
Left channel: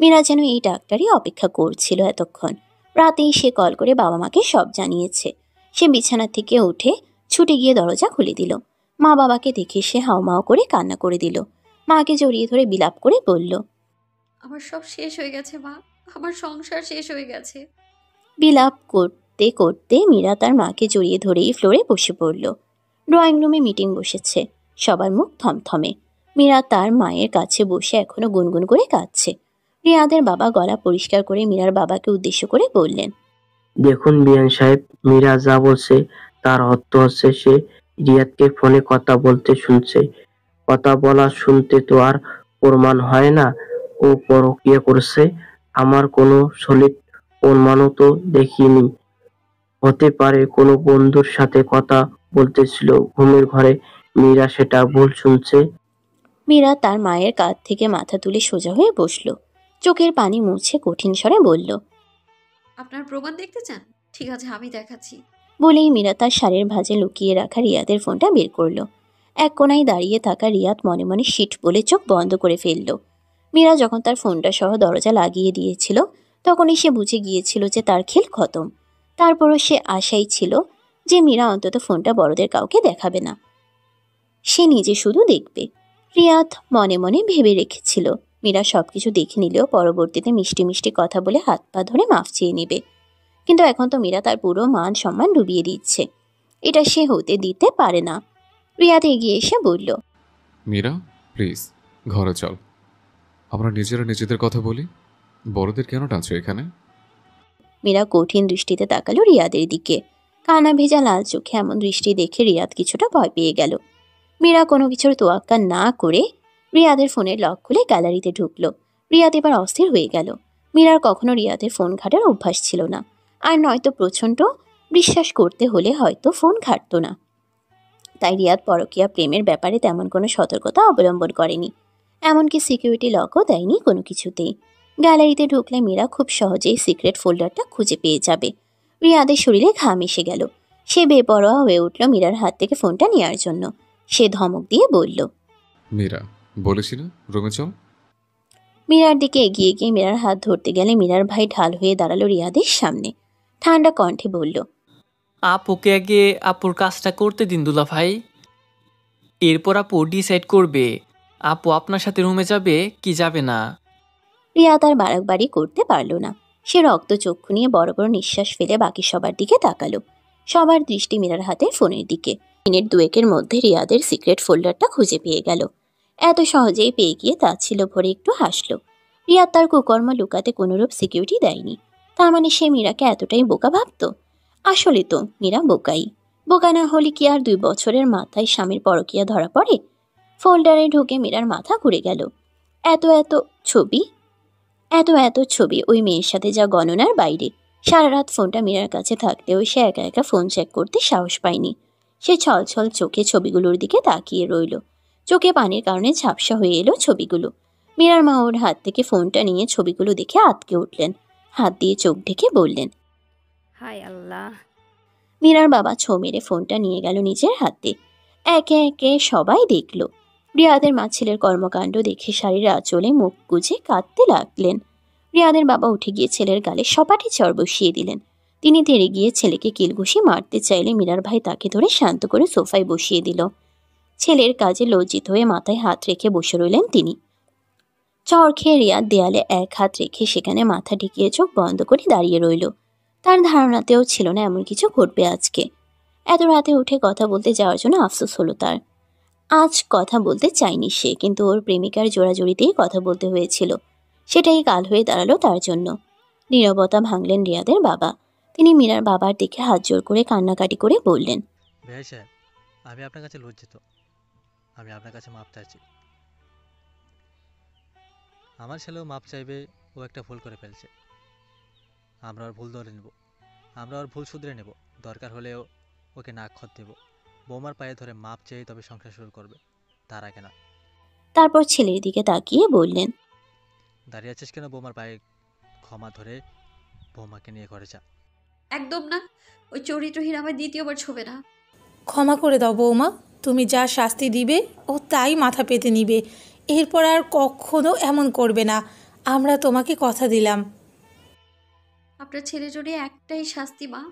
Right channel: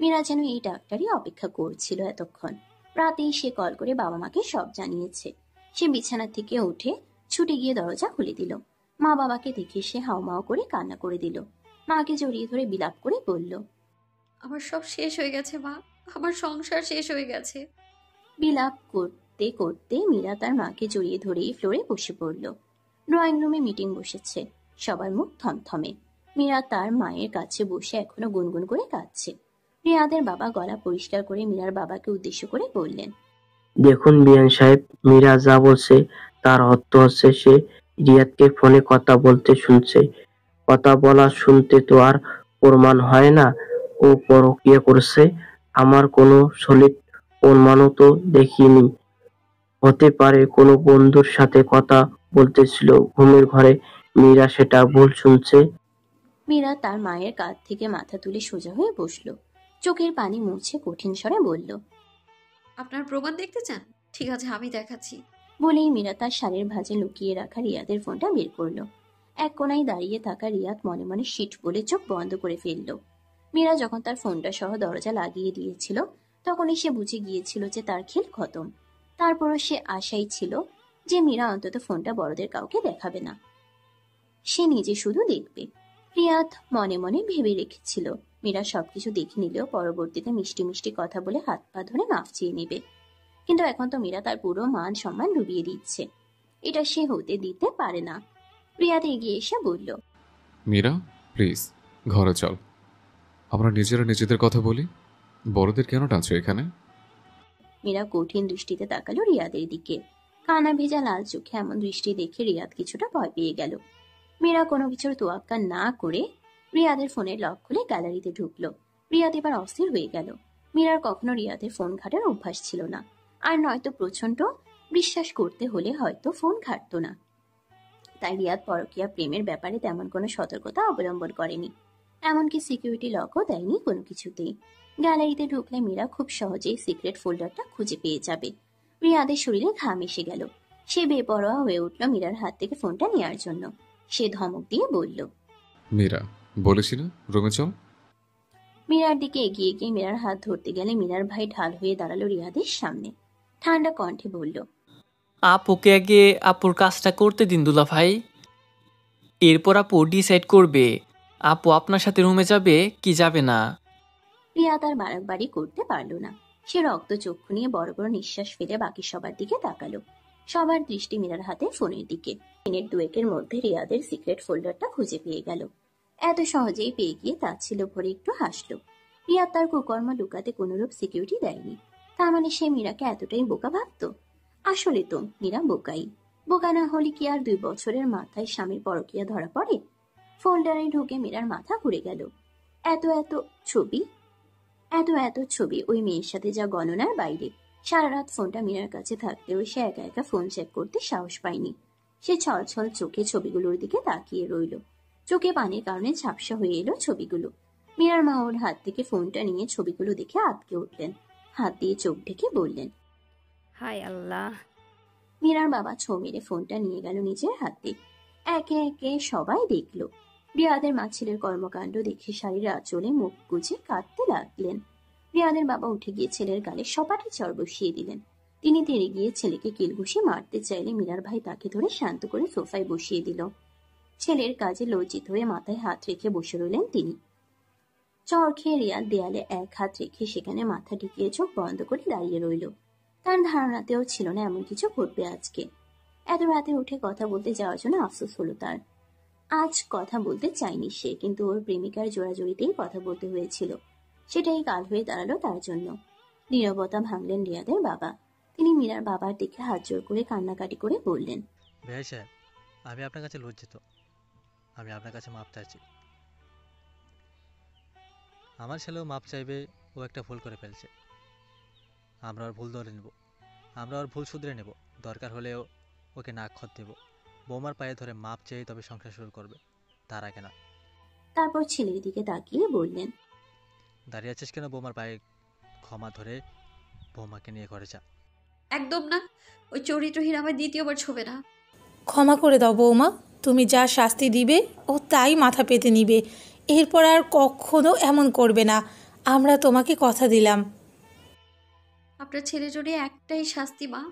মীরা যেন এই ডাক্তারই অপেক্ষা করছিল এতক্ষণ। রাতেই সে কল করে বাবা মাকে সব জানিয়েছে। সে বিছানা থেকে উঠে ছুটে গিয়ে দরজা খুলে দিল। মা বাবাকে দেখে সে হাউমাউ করে কান্না করে দিল। মাকে জড়িয়ে ধরে বিলাপ করে বলল, আমার সব শেষ হয়ে গেছে মা, আমার সংসার শেষ হয়ে গেছে। বিলাপ করতে করতে মীরা তার মাকে জড়িয়ে ধরেই ফ্লোরে বসে পড়ল। ড্রয়িং রুমে মিটিং বসেছে, সবার মুখ থমথমে। মীরা তার মায়ের কাছে বসে এখনো গুনগুন করে কাঁদছে। রিয়াদের বাবা গলা পরিষ্কার করে মীরার বাবাকে উদ্দেশ্য করে বললেন, দেখুন বিয়ান সাহেব, মীরা যা বলছে তার অর্থ হচ্ছে সে রিয়াদকে ফোনে কথা বলতে শুনছে। কথা বলা শুনতে তো আর প্রমাণ হয় না ও পরকীয়া করছে। আমার কোনো সলিড প্রমাণও তো দেখিনি। হতে পারে কোনো বন্ধুর সাথে কথা বলতেছিল ঘুমের ঘরে, মীরা সেটা ভুল শুনছে। মীরা তার মায়ের কাঁধ থেকে মাথা তুলে সোজা হয়ে বসল। চোখের পানি মুছে কঠিন স্বরে বলল, আপনার প্রমাণ দেখতে চান? ঠিক আছে, আমি দেখাচ্ছি। বলেই মীরা তার শাড়ির ভাঁজে লুকিয়ে রাখা রিয়াদের ফোনটা বের করলো। এক কোনায় দাঁড়িয়ে থাকা রিয়াদ মনে মনে শিট বলে চোখ বন্ধ করে ফেলল। মীরা যখন তার ফোনটা সহ দরজা লাগিয়ে দিয়েছিল তখনই সে বুঝে গিয়েছিল যে তার খেল খতম। তারপরও সে আশাই ছিল যে মীরা অন্তত ফোনটা বড়দের কাউকে দেখাবে না, সে নিজে শুধু দেখবে। রিয়াদ মনে মনে ভেবে রেখেছিল মীরা সবকিছু দেখে নিলেও পরবর্তীতে মিষ্টি মিষ্টি কথা বলে হাত পা ধরে মাফ চেয়ে নেবে। কিন্তু এখন তো মীরা তার পুরো মান সম্মান ডুবিয়ে দিচ্ছে। এটা সে হতে দিতে পারে না। রিয়াদ এগিয়ে এসে বলল, মীরা, প্লিজ ঘরে চল, আমরা নিজেরা নিজেদের কথা বলি। বড়দের কেন টানছো এখানে? মীরা কঠিন দৃষ্টিতে তাকালো রিয়াদের দিকে। কানা ভেজা লাল চোখে এমন দৃষ্টি দেখে রিয়াদ কিছুটা ভয় পেয়ে গেল। মীরা কোনো কিছুর তোয়াক্কা না করে রিয়াদের ফোনের লক খুলে গ্যালারিতে ঢুকলো। রিয়াদ এবার অস্থির হয়ে গেল। মীরার কখনো রিয়াদের ফোন ঘাটার অভ্যাস ছিল না, আর নয়তো প্রচণ্ড বিশ্বাস করতে হলে হয়তো ফোন ঘাটতো না। তাই রিয়াদ পরকীয়া প্রেমের ব্যাপারে তেমন কোনো সতর্কতা অবলম্বন করেনি, এমনকি সিকিউরিটি লকও দেয়নি কোনো কিছুতেই। গ্যালারিতে ঢুকলে মীরা খুব সহজেই সিক্রেট ফোল্ডারটা খুঁজে পেয়ে যাবে। রিয়াদের শরীরে ঘাম এসে গেল। সে বেপরোয়া হয়ে উঠল মীরার হাত থেকে ফোনটা নেওয়ার জন্য। সে ধমক দিয়ে বলল, মীরা, বলেছি না রুমে চল। মীরার দিকে এগিয়ে গিয়ে মীরার হাত ধরতে গেলে মীরার ভাই ঢাল হয়ে দাঁড়ালো রিয়াদের সামনে। ঠান্ডা কণ্ঠে বলল, আপুকে আগে আপুর কাজটা করতে দিন দুলা ভাই, এরপর আপু ডিসাইড করবে আপু আপনার সাথে রুমে যাবে কি যাবে না। রিয়াদ আর বাড়াবাড়ি করতে পারল না। সে রক্ত চক্ষু নিয়ে বড় বড় নিঃশ্বাস ফেলে বাকি সবার দিকে তাকালো। সবার দৃষ্টি মীরার হাতে ফোনের দিকে। মিনিট দুয়েকের মধ্যে রিয়াদের সিক্রেট ফোল্ডারটা খুঁজে পেয়ে গেল। এত সহজেই পেয়ে গিয়ে তা ছিল ভরে একটু হাসল। রিয়াদ তার কুকর্ম লুকাতে কোনোরূপ সিকিউরিটি দেয়নি। তার মানে সে মীরাকে এতটাই বোকা ভাবত? আসলে তো মীরা বোকাই। বোকা না হলে কি আর 2 বছরের মাথায় স্বামীর পরকীয়া ধরা পড়ে? ফোল্ডারে ঢুকে মীরার মাথা ঘুরে গেল। এত এত ছবি ওই মেয়ের সাথে যা গণনার বাইরে। সারা রাত ফোনটা মীরার কাছে থাকলেও সে একা একা ফোন চেক করতে সাহস পায়নি। সে ছলছল চোখে ছবিগুলোর দিকে তাকিয়ে রইল। চোখে পানির কারণে ঝাপসা হয়ে এলো ছবিগুলো। মীরার মা ওর হাত থেকে ফোনটা নিয়ে ছবিগুলো দেখে আটকে উঠলেন। হাত দিয়ে চোখ ঢেকে বললেন, হায় আল্লাহ। মীরার বাবা ছো মেরে ফোনটা নিয়ে গেল নিজের হাতে। একে একে সবাই দেখল। রিয়াদের মা ছেলের কর্মকাণ্ড দেখে শাড়ির আঁচলে মুখ গুজে কাঁদতে লাগলেন। রিয়াদের বাবা উঠে গিয়ে ছেলের গালে সপাটে চড় বসিয়ে দিলেন। তিনি তেড়ে গিয়ে ছেলেকে কিলঘুষি মারতে চাইলে মীরার ভাই তাকে ধরে শান্ত করে সোফায় বসিয়ে দিল। ছেলের কাজে লজ্জিত হয়ে মাথায় হাত রেখে বসে রইলেন তিনি। চড় খেয়ে রিয়াদ দেয়ালে এক হাত রেখে সেখানে মাথা ঢেকিয়ে চোখ বন্ধ করে দাঁড়িয়ে রইল। তার ধারণাতেও ছিল না এমন কিছু ঘটবে আজকে। এত রাতে উঠে কথা বলতে যাওয়ার জন্য আফসোস হলো তার। আজ কথা বলতে চায়নি সে, কিন্তু ওর প্রেমিকার জোড়াজড়িতেই কথা বলতে হয়েছিল। সেটাই কাল হয়ে দাঁড়ালো তার জন্য। নীরবতা ভাঙলেন রিয়াদের বাবা। তিনি মীরার বাবার দিকে হাত জোর করে কান্নাকাটি করে বললেন, ভাই সাহেব, আমি আপনার কাছে লজ্জিত। আমি আপনার কাছে মাপ চাইছি। আমার ছেলেও মাপ চাইবে, ও একটা ভুল করে ফেলছে। আমরা ওর ভুল ধরে নেব, আমরা ওর ভুল শুধরে নেব। দরকার হলেও ওকে নাক্ষত দেব। বৌমার পায়ে ধরে মাপ চেয়ে তবে সংসার শুরু করবে, তার আগে না। তারপর ছেলের দিকে তাকিয়ে বললেন, দাঁড়িয়ে আছিস কেন? বৌমার পায়ে ক্ষমা ধরে বৌমাকে নিয়ে ঘরে যা। একদম না, ওই চরিত্রহীন আমার দ্বিতীয়বার ছবে না। ক্ষমা করে দাও বৌমা, তুমি যা শাস্তি দিবে ও তাই মাথা পেতে নিবে। এরপর আর কখনো এমন করবে না, আমরা তোমাকে কথা দিলাম। আপনার ছেলের জন্য একটাই শাস্তি মা,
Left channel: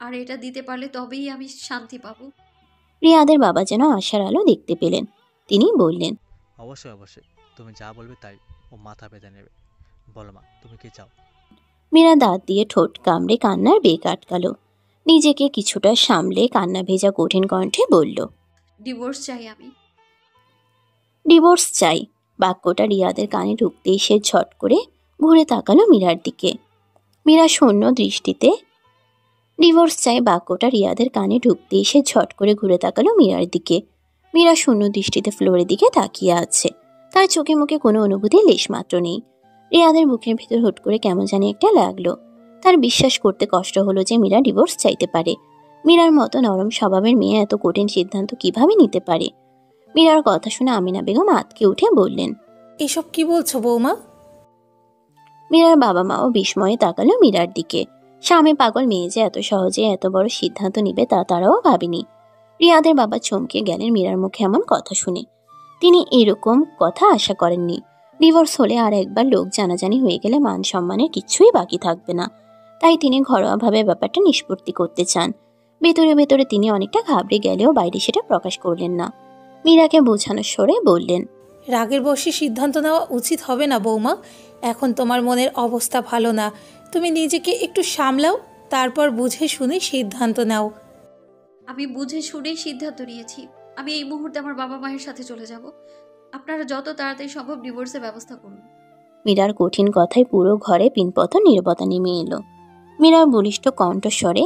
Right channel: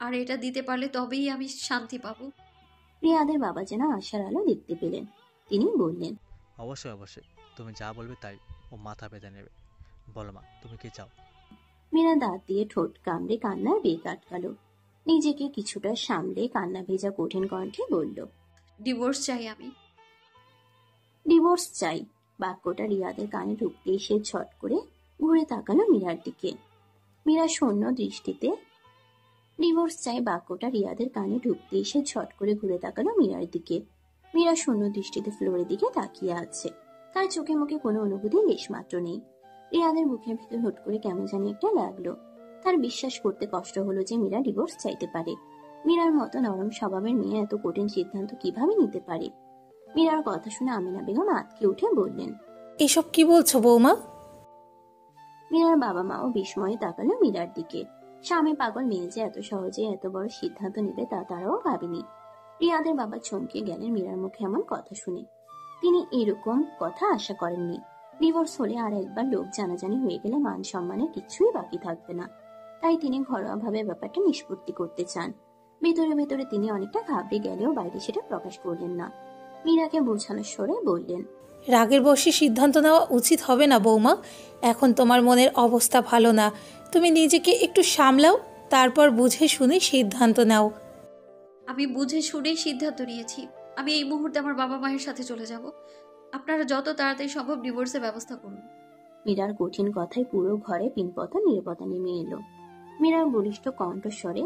আর এটা দিতে পারলে তবেই আমি শান্তি পাবো। রিয়াদের বাবা যেন আশার আলো দেখতে পেলেন। তিনি বললেন, অবশ্যই অবশ্যই, তুমি যা বলবে তাই ও মাথা পেতে নেবে। বলো মা, তুমি কি চাও? মীরা দাঁত দিয়ে ঠোঁট কামড়ে কান্নার বেগ আটকালো। নিজেকে কিছুটা সামলে কান্না ভেজা কঠিন কণ্ঠে বলল, ডিভোর্স চাই আমি। ডিভোর্স চাই। বাক্যটা রিয়াদের কানে ঢুকতেই সে ঝট করে ঘুরে তাকালো মীরার দিকে। মীরা শূন্য দৃষ্টিতে ডিভোর্স চাই বাক্যটা রিয়াদের কানে ঢুকতেই সে ঝট করে ঘুরে তাকালো মীরার দিকে। মীরা শূন্য দৃষ্টিতে ফ্লোরের দিকে তাকিয়ে আছে। তার চোখে মুখে কোনো অনুভূতি লেশমাত্র নেই। রিয়াদের বুকের ভেতর হুট করে কেমন জানি একটা লাগলো। তার বিশ্বাস করতে কষ্ট হলো যে মীরা ডিভোর্স চাইতে পারে। মীরার মতো নরম স্বভাবের মেয়ে এত কঠিন সিদ্ধান্ত কিভাবে নিতে পারে? মীরার কথা শুনে আমিনা বেগম আঁতকে উঠে বললেন, এসব কি বলছো বৌমা? মীরার বাবা মাও বিস্ময়ে তাকালো মীরার দিকে। স্বামী পাগল মেয়ে যে এত সহজে এত বড় সিদ্ধান্ত নিবে তা তারাও ভাবেনি। রিয়াদের বাবা চমকে গেলেন মীরার মুখে এমন কথা শুনে। তিনি এরকম কথা আশা করেননি। ডিভোর্স হলে আর একবার লোক জানাজানি হয়ে গেলে মান সম্মানের কিছুই বাকি থাকবে না। তাই তিনি ঘরোয়াভাবে ব্যাপারটা নিষ্পত্তি করতে চান। ভেতরে ভেতরে তিনি অনেকটা ঘাবড়ে গেলেও বাইরে সেটা প্রকাশ করলেন না। মীরাকে বোঝানোর স্বরে বললেন, রাগের বশে সিদ্ধান্ত নেওয়া উচিত হবে না বৌমা। এখন তোমার মনের অবস্থা ভালো না, তুমি নিজেকে একটু সামলাও, তারপর বুঝে শুনে সিদ্ধান্ত নাও। আমি বুঝে শুনেই সিদ্ধান্ত নিয়েছি। আমি এই মুহূর্তে আমার বাবা মায়ের সাথে চলে যাব। আপনারা যত তাড়াতাড়ি সম্ভব ডিভোর্সের ব্যবস্থা করুন। মীরার কঠিন কথায় পুরো ঘরে পিনপতন নীরবতা নেমে এলো। মীরার বলিষ্ঠ কণ্ঠস্বরে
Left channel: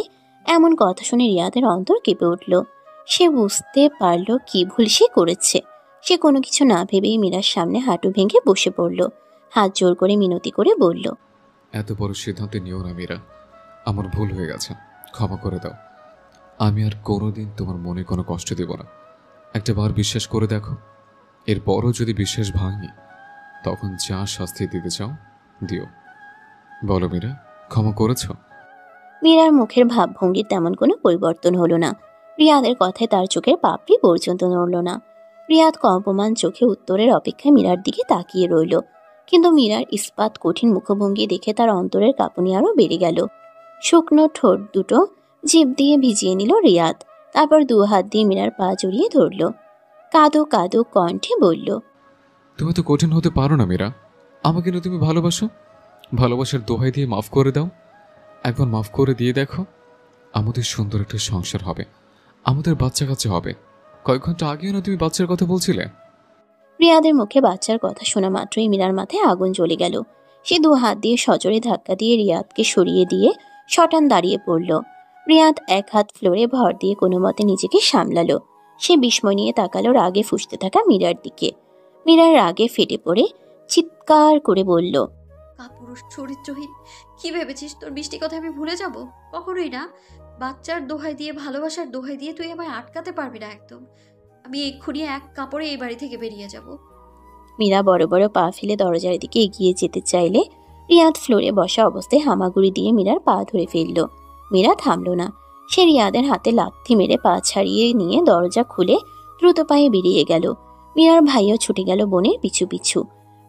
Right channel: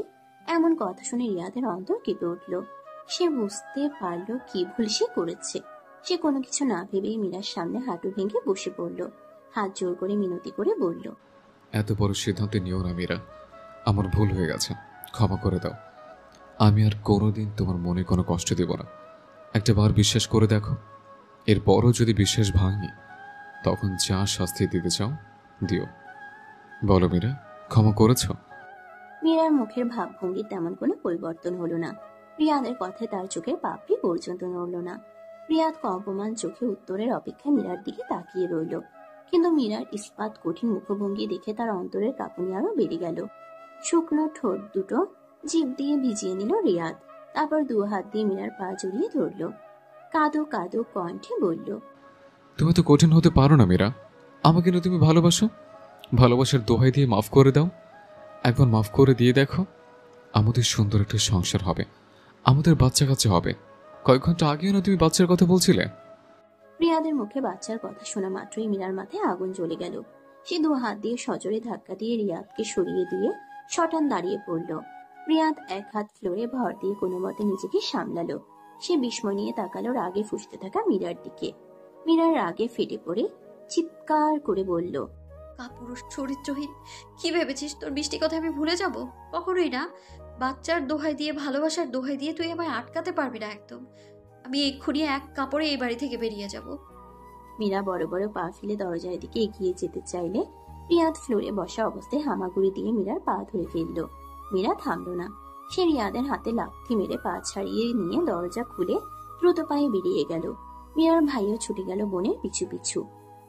এমন কথা শুনে রিয়াদের অন্তর কেঁপে উঠল। সে বুঝতে পারল কি ভুল সে করেছে। সে কোনো কিছু না ভেবেই মীরার সামনে হাঁটু ভেঙে বসে পড়ল। হাত জোর করে মিনতি করে বলল, এত বড় সিদ্ধান্ত নিও না মীরা, আমার ভুল হয়ে গেছে, ক্ষমা করে দাও। আমি আর কোনোদিন তোমার মনে কোনো কষ্ট দেব না। একটা বার বিশ্বাস করে দেখো, এরপরও যদি বিশ্বাস ভাঙি তখন যা শাস্তি দিতে চাও দিও। বলো মীরা, ক্ষমা করেছ? মীরার মুখের ভাবভঙ্গির তেমন কোনো পরিবর্তন হলো না। রিয়াদের কথায় তার চোখের পাপড়ি পর্যন্ত নড়ল না। রিয়াদ কম্পমান চোখে উত্তরের অপেক্ষায় মীরার দিকে তাকিয়ে রইল। কিন্তু মীরার ইস্পাত কঠিন মুখভঙ্গি দেখে তার অন্তরের কাঁপুনি আরও বেড়ে গেল। শুকনো ঠোঁট দুটো জিভ দিয়ে ভিজিয়ে নিল রিয়াদ। তারপর 2 হাত দিয়ে মীরার পা জড়িয়ে ধরল। কাঁদো কাঁদো কণ্ঠে বলল, তুমি তো কঠিন হতে পারো না মীরা। আমাকে না তুমি ভালোবাসো, ভালোবাসার দোহাই দিয়ে মাফ করে দাও। একবার মাফ করে দিয়ে দেখো, আমাদের সুন্দর একটা সংসার হবে, আমাদের বাচ্চা কাচ্চা হবে। কয়েক ঘন্টা আগেও না তুমি বাচ্চার কথা বলছিলে। রিয়াদের মুখে বাচ্চার কথা শোনা মাত্রই মীরার মাথায় আগুন জ্বলে গেল। সে 2 হাত দিয়ে সজোরে ধাক্কা দিয়ে রিয়াদকে সরিয়ে দিয়ে শটান দাঁড়িয়ে পড়ল। রিয়াদ 1 হাত ফ্লোরে ভর দিয়ে কোনো মতে নিজেকে সামলালো। সে বিস্ময় নিয়ে তাকালো রাগে ফুঁসতে থাকা মীরার দিকে। মীরার রাগে ফেটে পড়ে চিৎকার করে বলল, কাপুরুষ চরিত্রহীন, কি ভেবেছিস তোর মিষ্টি কথা আমি ভুলে যাব? কখনোই না। বাচ্চার দোহাই দিয়ে, ভালোবাসার দোহাই দিয়ে তুই আমায় আটকাতে পারবি না একদম। আমি এক্ষুনি এক কাপড়ে এই বাড়ি থেকে বেরিয়ে যাব। মীরা বড় বড় পা ফেলে দরজার দিকে এগিয়ে যেতে চাইলে রিয়াদ ফ্লোরে বসা অবস্থায় হামাগুড়ি দিয়ে মীরার পা ধরে ফেলল। মীরা থামল না। সে রিয়াদের হাতে লাথি মেরে পা ছাড়িয়ে নিয়ে দরজা খুলে দ্রুত পায়ে বেরিয়ে গেল। মীরার ভাইও ছুটে গেল বোনের পিছু পিছু।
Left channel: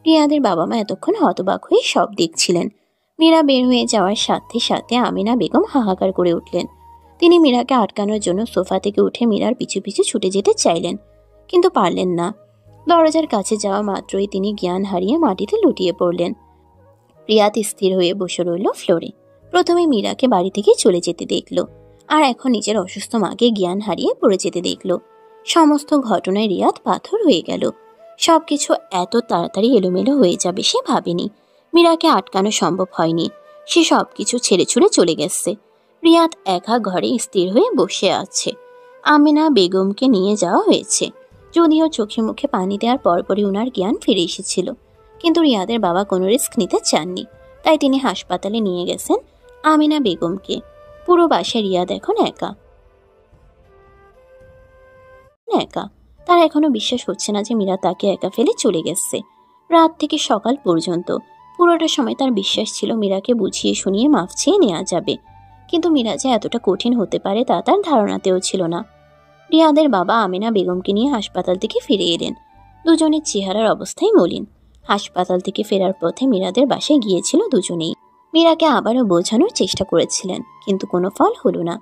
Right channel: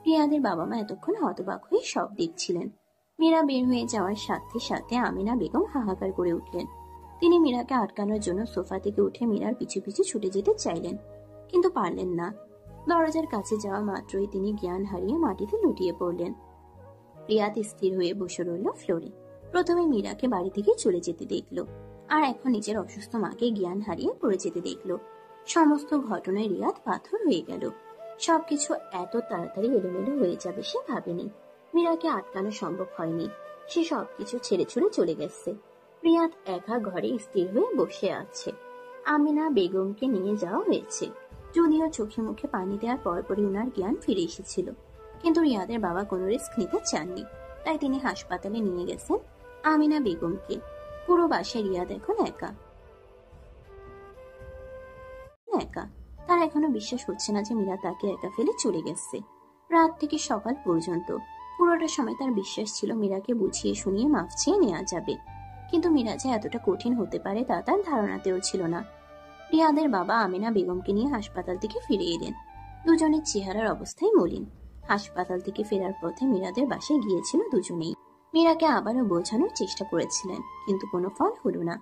রিয়াদের বাবা মা এতক্ষণ হতবাক হয়ে সব দেখছিলেন। মীরা বের হয়ে যাওয়ার সাথে সাথে আমিনা বেগম হাহাকার করে উঠলেন। তিনি মীরাকে আটকানোর জন্য সোফা থেকে উঠে মীরার পিছু পিছু ছুটে যেতে চাইলেন, কিন্তু পারলেন না। দরজার কাছে যাওয়া মাত্রই তিনি জ্ঞান হারিয়ে মাটিতে লুটিয়ে পড়লেন। রিয়াদ স্থির হয়ে বসে রইল ফ্লোরে। প্রথমে মীরাকে বাড়ি থেকে চলে যেতে দেখল, আর এখন নিজের অসুস্থ মাকে জ্ঞান হারিয়ে পড়ে যেতে দেখল। সমস্ত ঘটনায় রিয়াদ পাথর হয়ে গেল। সবকিছু এত তাড়াতাড়ি এলোমেলো হয়ে যাবে সে ভাবেনি। মীরাকে আটকানো সম্ভব হয়নি। সে সবকিছু ছেড়ে ছুড়ে চলে গেছে। রিয়াদ একা ঘরে স্থির হয়ে বসে আছে। আমিনা বেগমকে নিয়ে যাওয়া হয়েছে। যদিও চোখে মুখে পানি দেওয়ার পরপরই উনার জ্ঞান ফিরে এসেছিল, কিন্তু রিয়াদের বাবা কোনো রিস্ক নিতে চাননি। তাই তিনি হাসপাতালে নিয়ে গেছেন আমিনা বেগমকে। পুরো বাসায় রিয়াদ এখন একা। তার এখনো বিশ্বাস হচ্ছে না যে মীরা তাকে একা ফেলে চলে গেছে। রাত থেকে সকাল পর্যন্ত পুরোটা সময় তার বিশ্বাস ছিল মীরাকে বুঝিয়ে শুনিয়ে মাফ চেয়ে নেওয়া যাবে, কিন্তু মীরা যে এতটা কঠিন হতে পারে তা তার ধারণাতেও ছিল না। রিয়াদের বাবা আমিনা বেগমকে নিয়ে হাসপাতাল থেকে ফিরে এলেন। দুজনের চেহারার অবস্থাই মলিন। হাসপাতাল থেকে ফেরার পথে মীরাদের বাসায় গিয়েছিল দুজনেই। মীরাকে আবারও বোঝানোর চেষ্টা করেছিলেন, কিন্তু কোনো ফল হলো না।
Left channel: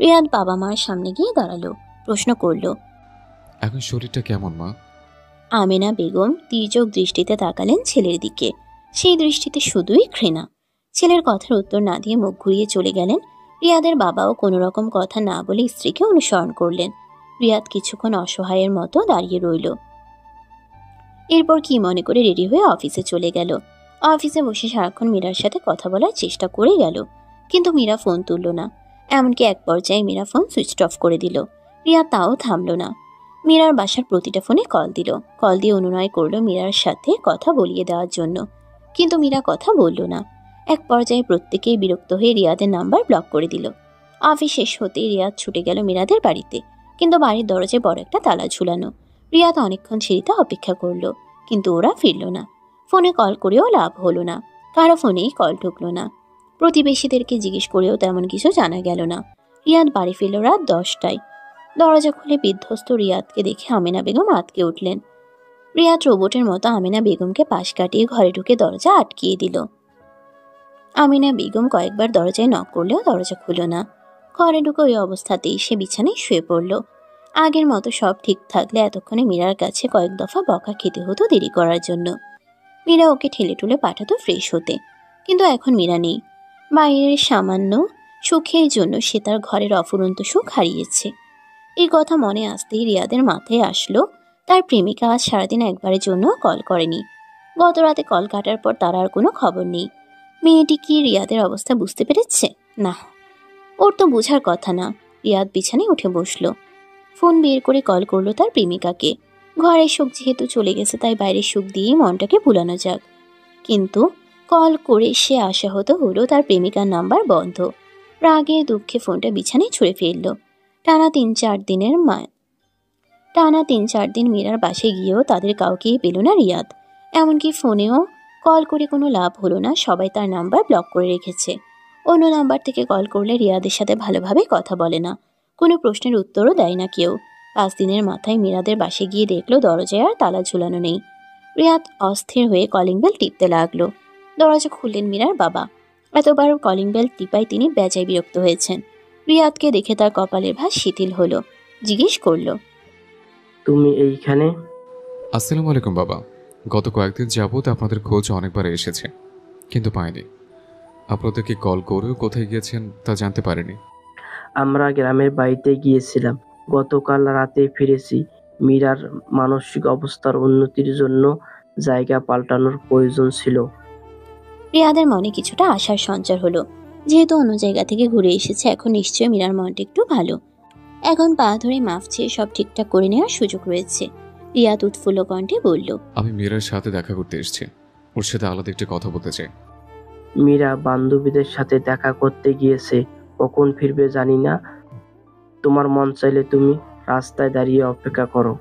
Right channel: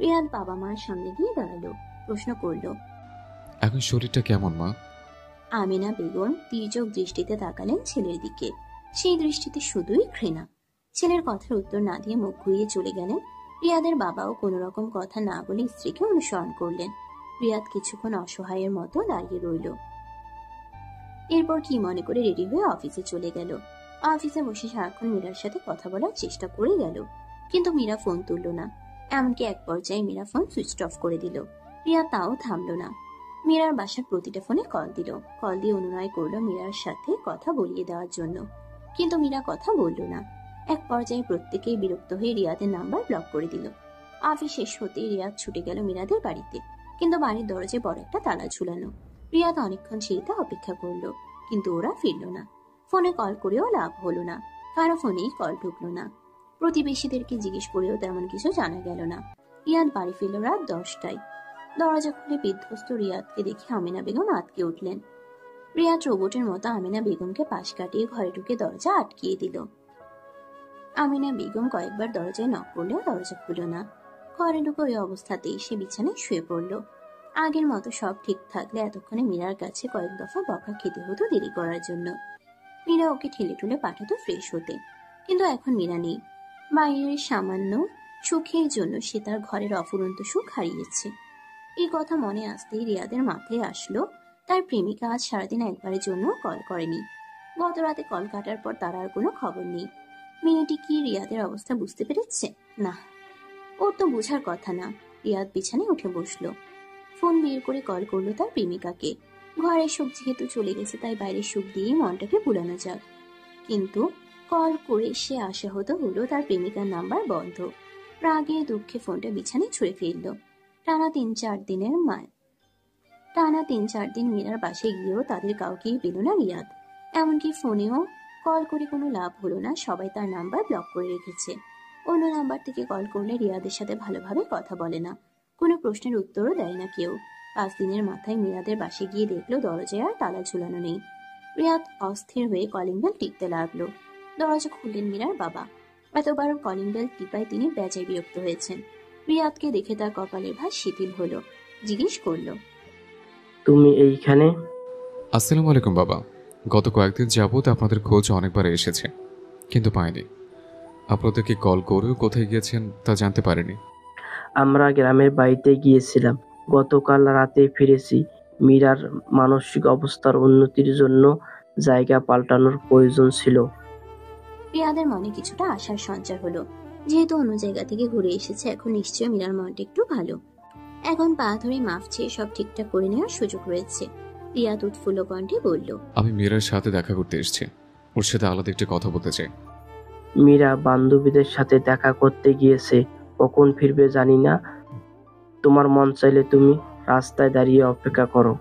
রিয়াদ বাবা মার সামনে গিয়ে দাঁড়ালো, প্রশ্ন করল, এখন শরীরটা কেমন মা? আমিনা বেগম তির্যক দৃষ্টিতে তাকালেন ছেলের দিকে। সেই দৃষ্টিতে শুধুই ঘৃণা। ছেলের কথার উত্তর না দিয়ে মুখ ঘুরিয়ে চলে গেলেন। রিয়াদের বাবাও কোনো রকম কথা না বলে স্ত্রীকে অনুসরণ করলেন। রিয়াদ কিছুক্ষণ অসহায়ের মতো দাঁড়িয়ে রইল। এরপর কি মনে করে রেডি হয়ে অফিসে চলে গেল। অফিসে বসে সারাক্ষণ মীরার সাথে কথা বলার চেষ্টা করে গেল, কিন্তু মীরা ফোন তুলল না। এমনকি এক পর্যায়ে মীরা ফোন সুইচ অফ করে দিল। রিয়া তাও থামল না। মীরার বাসার প্রতিটা ফোনে কল দিল। কল দিয়ে অনুনয় করলো মীরার সাথে কথা বলিয়ে দেওয়ার জন্য, কিন্তু মীরা কথা বলল না। এক পর্যায়ে প্রত্যেকেই বিরক্ত হয়ে রিয়াদের নাম্বার ব্লক করে দিল। অফিস শেষ হতেই রিয়াদ ছুটে গেল মীরাদের বাড়িতে, কিন্তু বাড়ির দরজায় বড় একটা তালা ঝুলানো। রিয়াদ অনেকক্ষণ সিঁড়িতে অপেক্ষা করলো, কিন্তু ওরা ফিরল না। ফোনে কল করেও লাভ হলো না, কারো ফোনেই কল ঢুকলো না। প্রতিবেশীদেরকে জিজ্ঞেস করেও তেমন কিছু জানা গেল না। রিয়াদ বাড়ি ফিরল রাত 10টায়। দরজা খুলে বিধ্বস্ত রিয়াদকে দেখে আমিনা বেগম আটকে উঠলেন। রিয়াদ রোবটের মতো আমিনা বেগমকে পাশ কাটিয়ে ঘরে ঢুকে দরজা আটকিয়ে দিল। আমিনা বেগম কয়েকবার দরজায় নক করলেও দরজা খুলল না। ঘরে ঢুকে ওই অবস্থাতেই সে বিছানায় শুয়ে পড়ল। আগের মতো সব ঠিক থাকলে এতক্ষণে মীরার কাছে কয়েক দফা বকা খেতে হতো দেরি করার জন্য। মীরা ওকে ঠেলে ঠুলে পাঠাতো ফ্রেশ হতে, কিন্তু এখন মীরা নেই। বাইরের সামান্য সুখের জন্য সে তার ঘরের অফুরন্ত সুখ হারিয়েছে। এই কথা মনে আসতেই রিয়াদের মাথায় আসলো তার প্রেমিকা আজ সারাদিন একবারের জন্য কল করেনি। গত রাতে কল কাটার পর তার আর কোনো খবর নেই। মেয়েটি কি রিয়াদের অবস্থা বুঝতে পেরেছে? না, ওর তো বোঝার কথা না। রিয়াদ বিছানায় উঠে বসলো। ফোন বের করে কল করলো তার প্রেমিকাকে। ঘরের সুখ যেহেতু চলে গেছে, তাই বাইরের সুখ দিয়েই মনটাকে ভুলানো যাক। কিন্তু কল করে সে আশাহত হলো তার প্রেমিকার নাম্বার বন্ধ। রাগে দুঃখে ফোনটা বিছানায় ছুঁড়ে ফেললো। টানা 3-4 দিন মীরার বাসে গিয়েও তাদের কাউকেই পেল না রিয়াদ। এমনকি ফোনেও কল করে কোনো লাভ হলো না, সবাই তার নাম্বার ব্লক করে রেখেছে। অন্য নাম্বার থেকে কল করলে রিয়াদের সাথে ভালোভাবে কথা বলে না, কোনো প্রশ্নের উত্তরও দেয় না কেউ। 5 দিনের মাথায় মীরাদের বাসে গিয়ে দেখলো দরজায় আর তালা ঝুলানো নেই। রিয়াদ অস্থির হয়ে কলিং বেল টিপতে লাগলো। দরজা খুললেন মীরার বাবা। এতবার কলিং বেল টিপায় তিনি বেজায় বিরক্ত হয়েছেন। রিয়াদকে দেখে তার কপালের ভাঁজ শিথিল হলো। জিজ্ঞেস করলো, তুমি এইখানে? আসসালামু আলাইকুম বাবা। গত কয়েকদিন যাবত আপনাদের খোঁজ অনেকবার এসেছে, কিন্তু পাইনি। আপনাদেরকে কল করেও কোথায় গিয়েছেন তা জানতে পারিনি। আমরা গ্রামের বাড়িতে গিয়েছিলাম, গতকাল রাতে ফিরেছি। মীরার মানসিক অবস্থার উন্নতির জন্য জায়গা পাল্টানোর প্রয়োজন ছিল। রিয়াদের মনে কিছুটা আশার সঞ্চার হলো। যেহেতু অন্য জায়গা থেকে ঘুরে এসেছে, এখন নিশ্চয়ই মীরার মনটা একটু ভালো। এখন পা ধরে মাফ চেয়ে সব ঠিকঠাক করে নেওয়ার সুযোগ রয়েছে। রিয়াদ উৎফুল্ল কণ্ঠে বলল, আমি মীরার সাথে দেখা করতে এসেছি, ওর সাথে আলাদা একটি কথা বলতে চাই। মীরা বান্ধবীদের সাথে দেখা করতে গিয়েছে, কখন ফিরবে জানি না। তোমার মন চাইলে তুমি রাস্তায় দাঁড়িয়ে অপেক্ষা করো।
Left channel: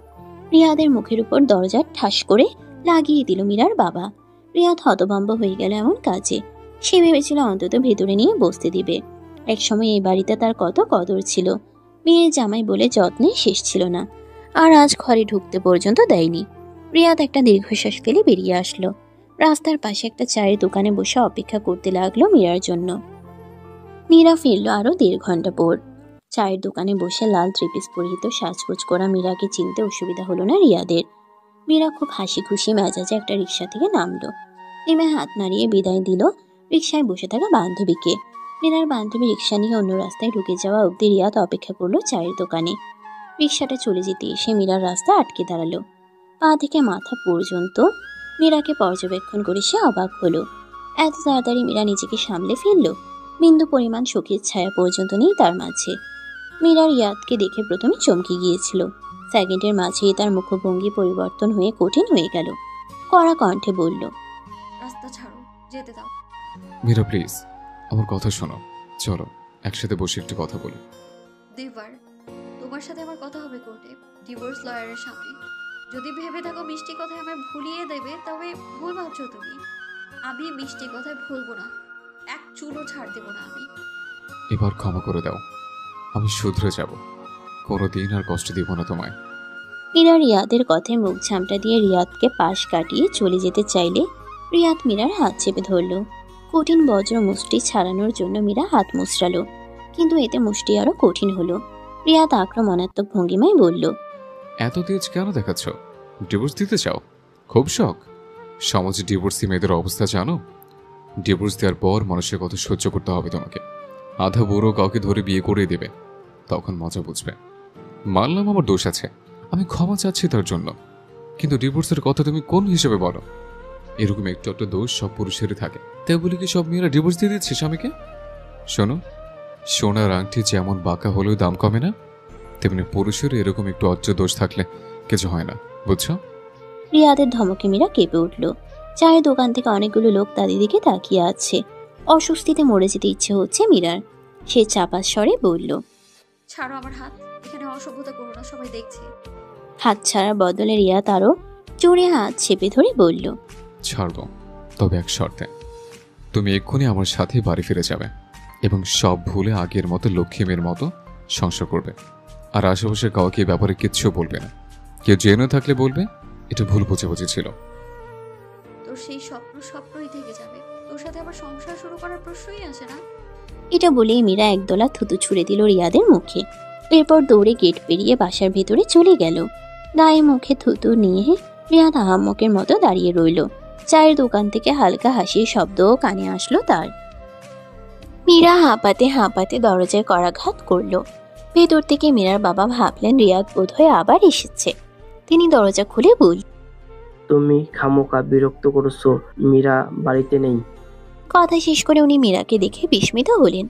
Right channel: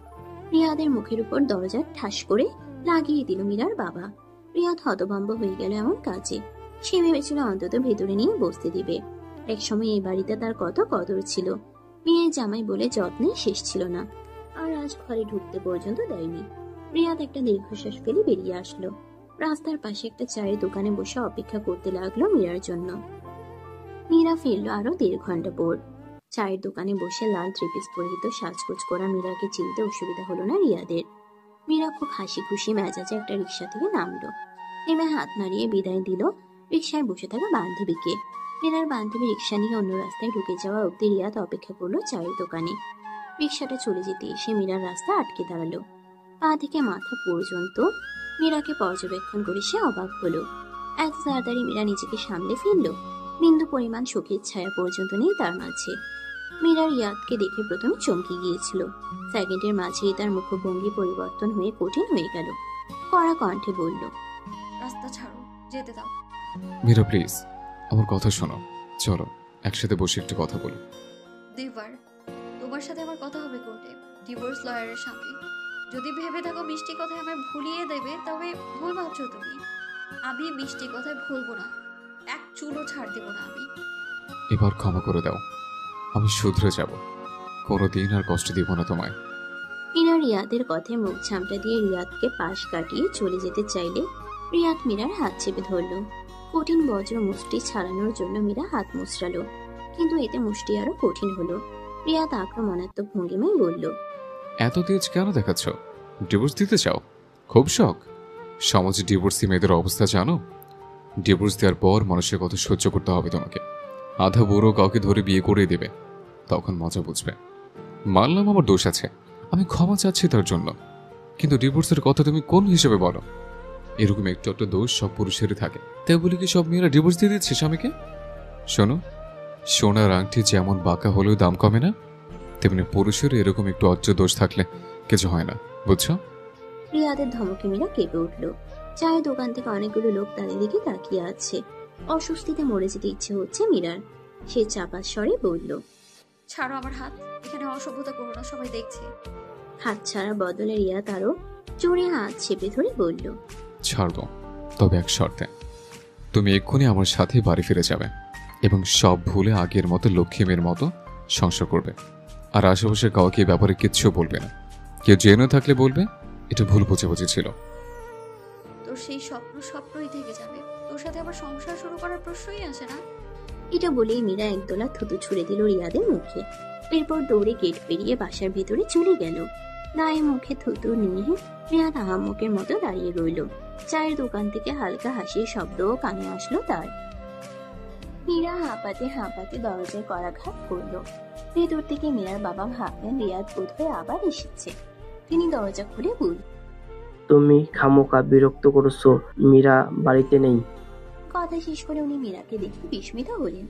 রিয়াদের মুখের উপর দরজা ঠাস করে লাগিয়ে দিল মীরার বাবা। রিয়াদ হতভম্ব হয়ে গেল এমন কাজে। সে ভেবেছিল অন্তত ভেতরে নিয়ে বসতে দিবে। একসময় এই বাড়িতে তার কত কদর ছিল। মেয়ের জামাই বলে যত্নে শেষ ছিল না, আর আজ ঘরে ঢুকতে পর্যন্ত দেয়নি। রিয়াদ একটা দীর্ঘশ্বাস ফেলে বেরিয়ে আসলো। রাস্তার পাশে একটা চায়ের দোকানে বসে অপেক্ষা করতে লাগলো মীরার জন্য। মীরা ফিরল আরো 1.5 ঘন্টা পর। চায়ের দোকানে বসে লাল ত্রিপিস পরিহিত সাজগোজ করা মীরাকে চিনতে অসুবিধা হলো না রিয়াদের। মীরা খুব হাসি খুশি মেজাজে একটা রিক্সা থেকে নামলো। নেমে হাত নাড়িয়ে বিদায় দিল রিক্সায় বসে থাকা বান্ধবীকে। মীরার বান্ধবী রিক্সা নিয়ে অন্য রাস্তায় ঢুকে যাওয়া অবধি রিয়াদ অপেক্ষা করলো চায়ের দোকানে। রিক্সাটা চলে যেতে এসে মীরার রাস্তা আটকে দাঁড়ালো। পা থেকে মাথা পর্যন্ত মীরাকে পর্যবেক্ষণ করে সে অবাক হলো। এত তাড়াতাড়ি মীরা নিজেকে সামলে ফেললো। বিন্দু পরিমাণ শোকের ছায়া পর্যন্ত নেই তার মাঝে। মীরা রিয়াদকে দেখে প্রথমে চমকে গিয়েছিল। সেকেন্ডের মাঝেই তার মুখভঙ্গি পরিবর্তন হয়ে কঠিন হয়ে গেল। কড়া কণ্ঠে বলল, রাস্তা ছাড়ো, যেতে দাও। মীরা প্লিজ, আমার কথা শোনো, চলো একসাথে বসে একটু কথা বলি। দেবার, তোমার সাথে আমার কথা হবে কোর্টে, ডিভোর্স লয়ারের সাথে। যদি ভেবে থাকো মিষ্টি কথায় আমায় ভুলিয়ে দেবে, তবে ভুল ভাবছো তুমি। আমি মিষ্টি কথায় ভুলবো না, এক চুলও ছাড় দেবো না আমি। এবার ক্ষমা করে দাও, আমি শুধরে যাব, কোনোদিন আর কষ্ট দিব না তোমায়। মীরা রিয়াদের কথায় মুখ ঝামটা দিয়ে রিয়াদকে পাশ কাটিয়ে চলে যেতে চাইলে রিয়াদ মীরার হাত চেপে ধরল। কঠিন বজ্র মুষ্টি ছাড়ানোর জন্য মীরা হাত মুচড়ালো, কিন্তু এতে মুষ্টি আরো কঠিন হলো। রিয়াদ আক্রমণাত্মক ভঙ্গিমায় বলল, এত তেজ কেন দেখাচ্ছ? ডিভোর্স দিতে চাও? খুব শখ? সমাজে ডিভোর্সি মেয়েদের অবস্থা জানো? ডিভোর্স দেওয়ার পর মানুষের কত সহ্য করতে হবে তোমাকে। আধা বুড়ো কাউকে ধরে বিয়ে করে দেবে, তখন মজা বুঝবে। মানলাম আমার দোষ আছে, আমি ক্ষমা চাচ্ছি তার জন্য, কিন্তু ডিভোর্সের কথা তুমি কোন হিসেবে বলো? এরকম একটু একটা দোষ সব পুরুষেরই থাকে, তাই বলি কি সব মেয়েরা ডিভোর্স দিয়ে দিচ্ছে স্বামীকে? শোনো, সোনার আংটি যেমন বাঁকা হলেও দাম কমে না, তেমনি পুরুষের এরকম একটু অজ্জ দোষ থাকলে কিছু হয় না, বুঝছো? রিয়াদের ধমকে মীরা কেঁপে উঠল। চায়ের দোকান থেকে অনেকগুলো লোক তাদের দিকে তাকিয়ে আছে। অস্বস্তিতে মরে যেতে ইচ্ছে হচ্ছে মীরার। সে চাপা স্বরে বলল, ছাড়ো আমার হাত, এখানে অসভ্যতা করো না, সবাই দেখছে। হাত ছাড়ার বদলে রিয়া তারও জোরে হাত চেপে ধরে বলল, ছাড়বো, তবে এক শর্তে। তুমি এক্ষুনি আমার সাথে বাড়ি ফিরে যাবে এবং সব ভুলে আগের মতো লক্ষ্মী মেয়ের মতো সংসার করবে, আর আশেপাশের কাউকে এই ব্যাপারে কিচ্ছু বলবে না। কেউ জেনে থাকলে বলবে এটা ভুল বোঝাবুঝি ছিল। তোর সেই স্বপ্ন স্বপ্নই থেকে যাবে, তোর সাথে আবার সংসার শুরু করার প্রশ্নই আসে না। এটা বলেই মীরা একদলা থুতু ছুঁড়ে দিল রিয়াদের মুখে। এরপর দৌড়ে গেট পেরিয়ে বাসার ভেতরে চলে গেল। দায়ে মুখে থুতু নিয়ে রিয়াদ আহাম্মকের মতো দাঁড়িয়ে রইল। চায়ের দোকান থেকে হালকা হাসির শব্দও কানে আসলো তার। মীরা হাঁপাতে হাঁপাতে দরজায় করাঘাত করলো। ভেতর থেকে মীরার বাবা ভাবলেন রিয়াদ বোধহয় আবার এসেছে। তিনি দরজা খুলে বলল, তুমি খামোকা বিরক্ত করছো, মীরা বাড়িতে নেই। কথা শেষ করে উনি মীরাকে দেখে বিস্মিত হলেন।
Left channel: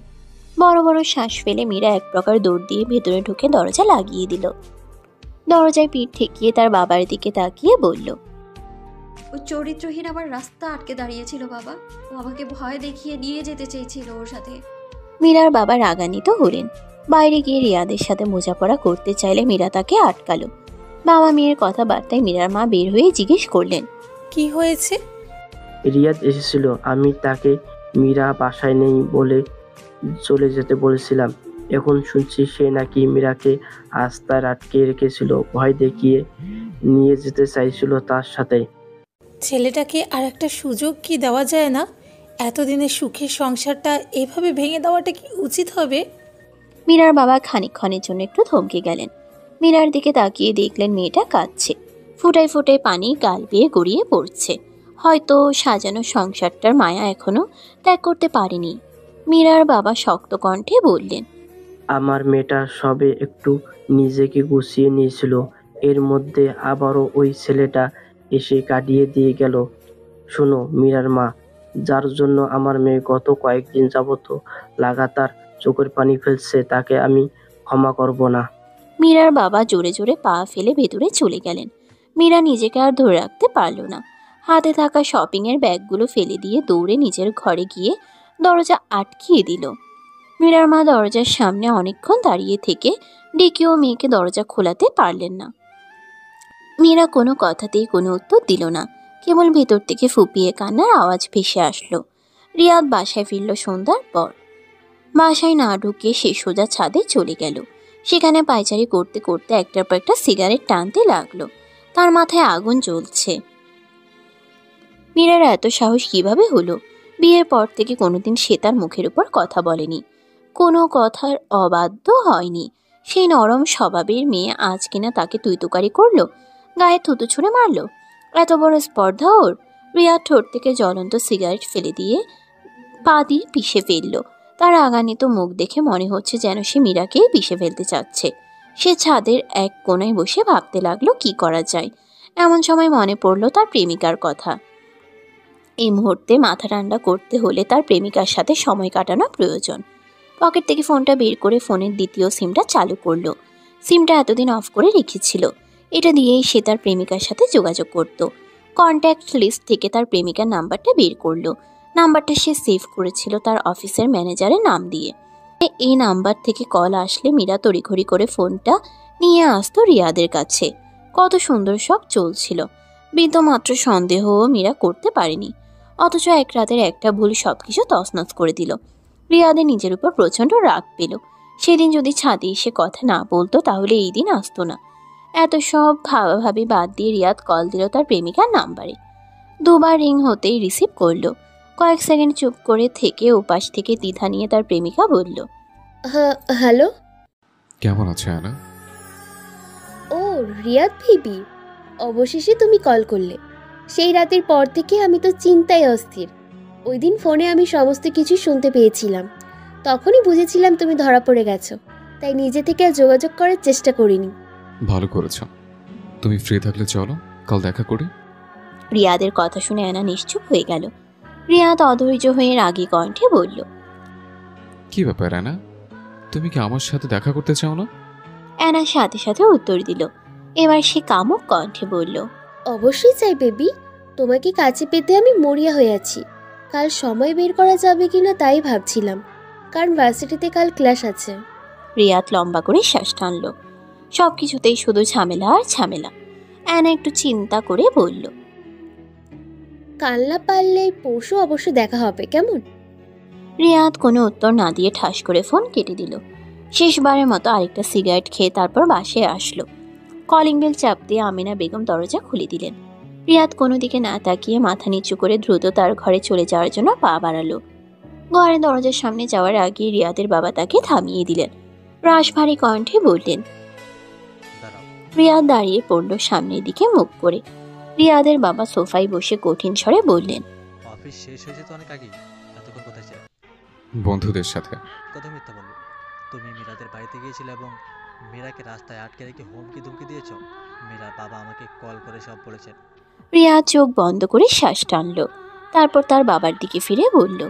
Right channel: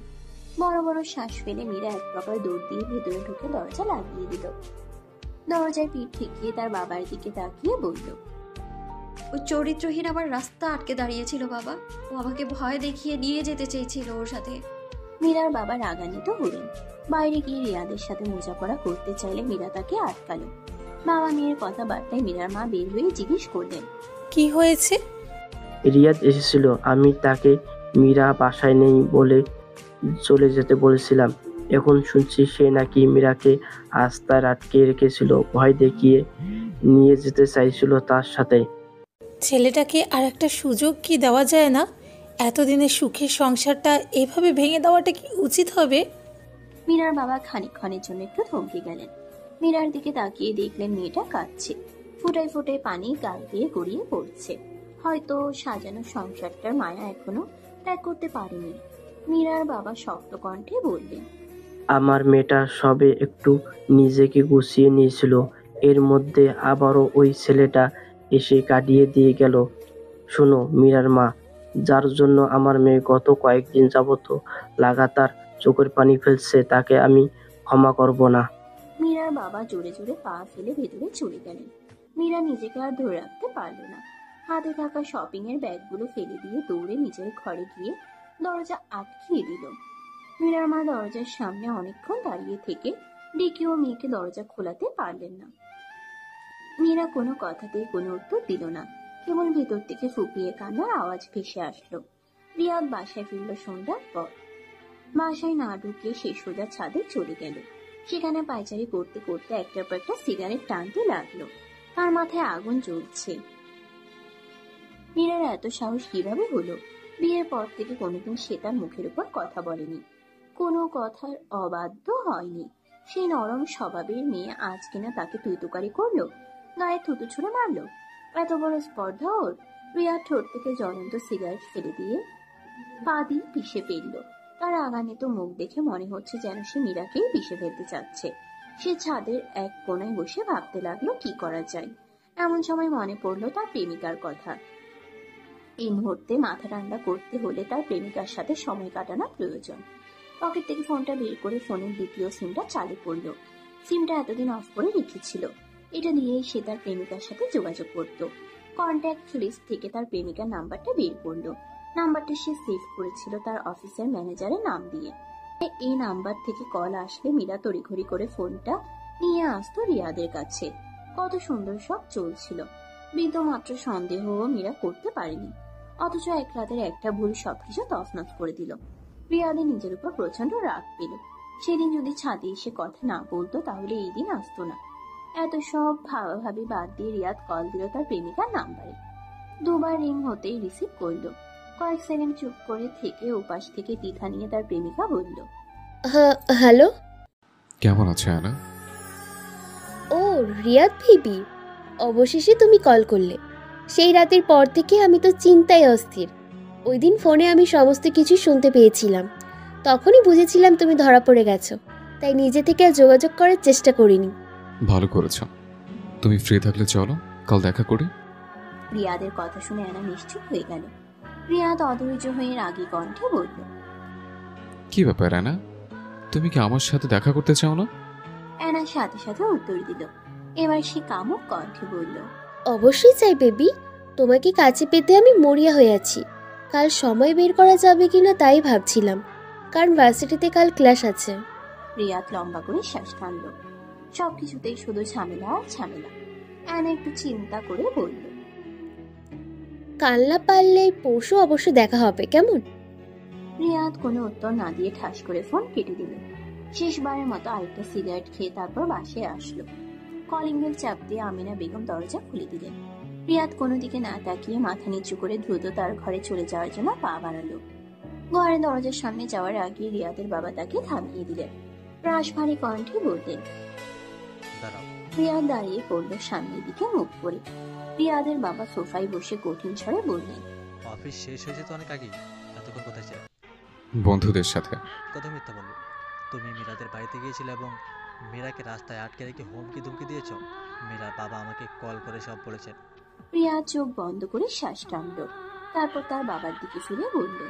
বড় বড় শ্বাস ফেলে মীরা এক প্রকার দৌড় দিয়ে ভেতরে ঢুকে দরজা লাগিয়ে দিল। দরজায় পিঠ ঠেকিয়ে তার বাবার দিকে তাকিয়ে বলল, ওই চরিত্রহীন আমার রাস্তা আটকে দাঁড়িয়েছিল বাবা। ও আমাকে ভয় দেখিয়ে নিয়ে যেতে চেয়েছিল ওর সাথে। মীরার বাবা রাগান্বিত হলেন। বাইরে গিয়ে রিয়াদের সাথে বোঝাপড়া করতে চাইলে মীরা তাকে আটকালো। বাবা মেয়ের কথাবার্তায় মীরার মা বের হয়ে জিজ্ঞেস করলেন, কি হয়েছে? রিয়াদ এসেছিল, আমি তাকে মীরা বাসায় নেই বলে চলে যেতে বলেছিলাম। এখন শুনছি সে নাকি মীরাকে রাস্তায় আটকে রেখেছিল, ভয় দেখিয়ে নিয়ে যেতে চাইছিল তার সাথে। ছেলেটাকে আর একটা সুযোগ কি দেওয়া যায় না? এতদিনের সুখের সংসারটা এভাবে ভেঙে দেওয়াটা কি উচিত হবে? মীরার বাবা খানিকক্ষণের জন্য একটু থমকে গেলেন। মীরার দিকে তাকিয়ে দেখলেন মেয়েটা কাঁদছে, ফুটায় ফুটায় পানি গাল বেয়ে গড়িয়ে পড়ছে। হয়তো সাজানো সংসারটার মায়া এখনো ত্যাগ করতে পারেনি। মীরার বাবা শক্ত কণ্ঠে বললেন, আমার মেয়েটা সবে একটু নিজেকে গুছিয়ে নিয়েছিল, এর মধ্যে আবারও ওই ছেলেটা এসে কাটিয়ে দিয়ে গেল। শোনো মীরার মা, যার জন্য আমার মেয়ে গত কয়েকদিন যাবত লাগাতার চোখের পানি ফেলছে, তাকে আমি ক্ষমা করব না। মীরার বাবা জোরে জোরে পা ফেলে ভেতরে চলে গেলেন। মীরা নিজেকে আর ধরে রাখতে পারল না। হাতে থাকা শপিংয়ের ব্যাগগুলো ফেলে দিয়ে দৌড়ে নিজের ঘরে গিয়ে দরজা আটকিয়ে দিল। মীরার মা দরজার সামনে অনেকক্ষণ দাঁড়িয়ে থেকে ডেকেও মেয়েকে দরজা খোলাতে পারলেন না। মীরা কোনো কথাতেই কোনো উত্তর দিল না, কেবল ভেতর থেকে ফুপিয়ে কান্নার আওয়াজ ভেসে আসলো। রিয়াদ বাসায় ফিরল সন্ধ্যার পর। বাসায় না ঢুকে সে সোজা ছাদে চলে গেল। সেখানে পায়চারি করতে করতে একটার পর একটা সিগারেট টানতে লাগলো। তার মাথায় আগুন জ্বলছে। মীরার এত সাহস কিভাবে হলো? বিয়ের পর থেকে কোনোদিন সে তার মুখের উপর কথা বলেনি, কোনো কথার অবাধ্য হয়নি। সেই নরম স্বভাবের মেয়ে আজ কিনা তাকে তুইতুকারি করলো, গায়ে থুতু ছুঁড়ে মারলো। এত বড় স্পর্ধা ওর! রিয়া ঠোঁট থেকে জ্বলন্ত সিগারেট ফেলে দিয়ে পা দিয়ে পিষে ফেললো। তার রাগান্বিত মুখ দেখে মনে হচ্ছে যেন সে মীরাকেই পিষে ফেলতে চাচ্ছে। সে ছাদের এক কোণায় বসে ভাবতে লাগলো কি করা যায়। এমন সময় মনে পড়লো তার প্রেমিকার কথা। এই মুহূর্তে মাথা ঠান্ডা করতে হলে তার প্রেমিকার সাথে সময় কাটানো প্রয়োজন। পকেট থেকে ফোনটা বের করে ফোনের দ্বিতীয় সিমটা চালু করলো। সিমটা এতদিন অফ করে রেখেছিল। এটা দিয়েই সে তার প্রেমিকার সাথে যোগাযোগ করত। কন্ট্যাক্ট লিস্ট থেকে তার প্রেমিকার নাম্বারটা বের করলো। নাম্বারটা সে সেভ করেছিল তার অফিসের ম্যানেজারের নাম দিয়ে। এই নাম্বার থেকে কল আসলে মীরা তড়িঘড়ি করে ফোনটা নিয়ে আসতো রিয়াদের কাছে। কত সুন্দর সব চলছিল, বিন্দুমাত্র সন্দেহও মীরা করতে পারেনি। অথচ এক রাতের একটা ভুল সবকিছু তছনছ করে দিল। রিয়াদের নিজের উপর প্রচণ্ড রাগ পেল। সেদিন যদি ছাদে এসে কথা না বলতো তাহলে এই দিন আসতো না। এত সব ভাবাভাবি বাদ দিয়ে রিয়াদ কল দিল তার প্রেমিকার নাম্বারে। দুবার রিং হতেই রিসিভ করলো। কয়েক সেকেন্ড চুপ করে থেকে ওপাশ থেকে দ্বিধা নিয়ে তার প্রেমিকা বলল, হ্যালো। কেমন আছে আনা? ও রিয়াদ বেবি, অবশেষে তুমি কল করলে। সেই রাতের পর থেকে আমি তো চিন্তায় অস্থির। ওই দিন ফোনে আমি সমস্ত কিছু শুনতে পেয়েছিলাম। তখনই বুঝেছিলাম তুমি ধরা পড়ে গেছো, তাই নিজে থেকে আর যোগাযোগ করার চেষ্টা করিনি। ভালো করেছ। তুমি ফ্রি থাকলে চলো কাল দেখা করি। রিয়াদের কথা শুনে অ্যানা নিশ্চুপ হয়ে গেল। রিয়াদ অধৈর্য হয়ে রাগী কণ্ঠে বলল, কি ব্যাপার আনা, তুমি কি আমার সাথে দেখা করতে চাও না? অ্যানার সাথে সাথে উত্তর দিল। এবার সে কামুক কণ্ঠে বলল, অবশ্যই চাই বেবি, তোমাকে কাছে পেতে আমি মরিয়া হয়ে আছি। কাল সময় বের করা যাবে কিনা তাই ভাবছিলাম, কারণ ভার্সিটিতে কাল ক্লাস আছে। রিয়াদ লম্বা করে শ্বাস টানল। সব কিছুতেই শুধু ঝামেলা আর ঝামেলা। অ্যানা একটু চিন্তা করে বলল, কাল না পারলে পরশু অবশ্য দেখা হবে, কেমন? রিয়াদ কোনো উত্তর না দিয়ে ঠাস করে ফোন কেটে দিল। শেষবারের মতো আরেকটা সিগারেট খেয়ে তারপর বাসায় আসলো। কলিং বেল চাপ দিয়ে আমিনা বেগম দরজা খুলে দিলেন। রিয়াদ কোনো দিকে না তাকিয়ে মাথা নিচু করে দ্রুত তার ঘরে চলে যাওয়ার জন্য পা বাড়ালো। ঘরে দরজার সামনে যাওয়ার আগে রিয়াদের বাবা তাকে থামিয়ে দিলেন। রাশভারী কণ্ঠে বললেন, রিয়াদ দাঁড়িয়ে পড়ল সামনের দিকে মুখ করে। রিয়াদের বাবা সোফায় বসে কঠিন স্বরে বললেন, অফিস শেষ হয়েছে তো অনেক আগেই, এতক্ষণ কোথায় ছিলে? বন্ধুদের সাথে। কথা মিথ্যা বললো। তুমি মীরাদের বাড়িতে গিয়েছিলে এবং মীরাকে রাস্তায় আটকে রেখে হুমকি ধুমকি দিয়েছ। মীরার বাবা আমাকে কল করে সব বলেছেন। রিয়াদ চোখ বন্ধ করে শ্বাস টানল। তারপর তার বাবার দিকে ফিরে বলল,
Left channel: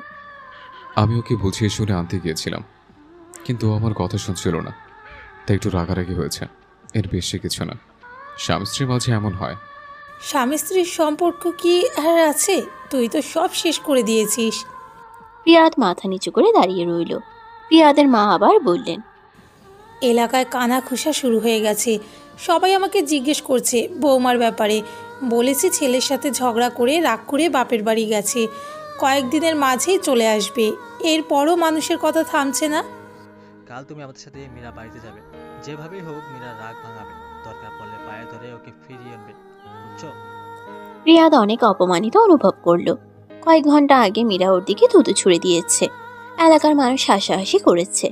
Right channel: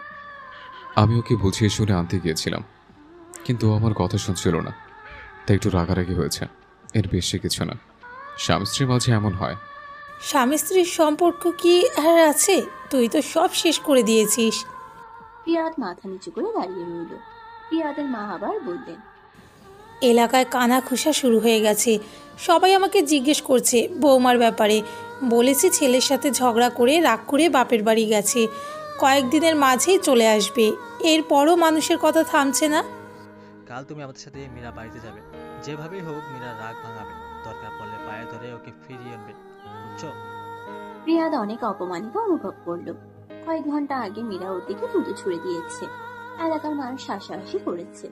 আমি ওকে বুঝিয়ে শুনে আনতে গিয়েছিলাম, কিন্তু ও আমার কথা শুনছিল না, তাই একটু রাগারাগি হয়েছে, এর বেশি কিছু না। স্বামী স্ত্রীর মাঝে এমন হয়। স্বামী স্ত্রীর সম্পর্ক কি আর আছে? তুই তো সব শেষ করে দিয়েছিস। রিয়াদ মাথা নিচু করে দাঁড়িয়ে রইল। রিয়াদের মা আবার বললেন, এলাকায় কানা খুসা শুরু হয়ে গেছে। সবাই আমাকে জিজ্ঞেস করছে বৌমার ব্যাপারে। বলেছি ছেলের সাথে ঝগড়া করে রাগ করে বাপের বাড়ি গেছে, কয়েকদিনের মাঝেই চলে আসবে। এরপরও মানুষের কথা থামছে না। কাল তুমি আমাদের সাথে মীরা বাড়িতে যাবে, যেভাবেই হোক মীরা রাগ ভাঙাবে, দরকার পড়লে পায়ে ধরে ওকে ফিরিয়ে আনবে, বুঝছো? রিয়াদ অনেক অপমানিত অনুভব করলো। কয়েক ঘন্টা আগে মীরা ওর দিকে থুতু ছুঁড়ে দিয়েছে, এলাকার মানুষ হাসাহাসি করেছে,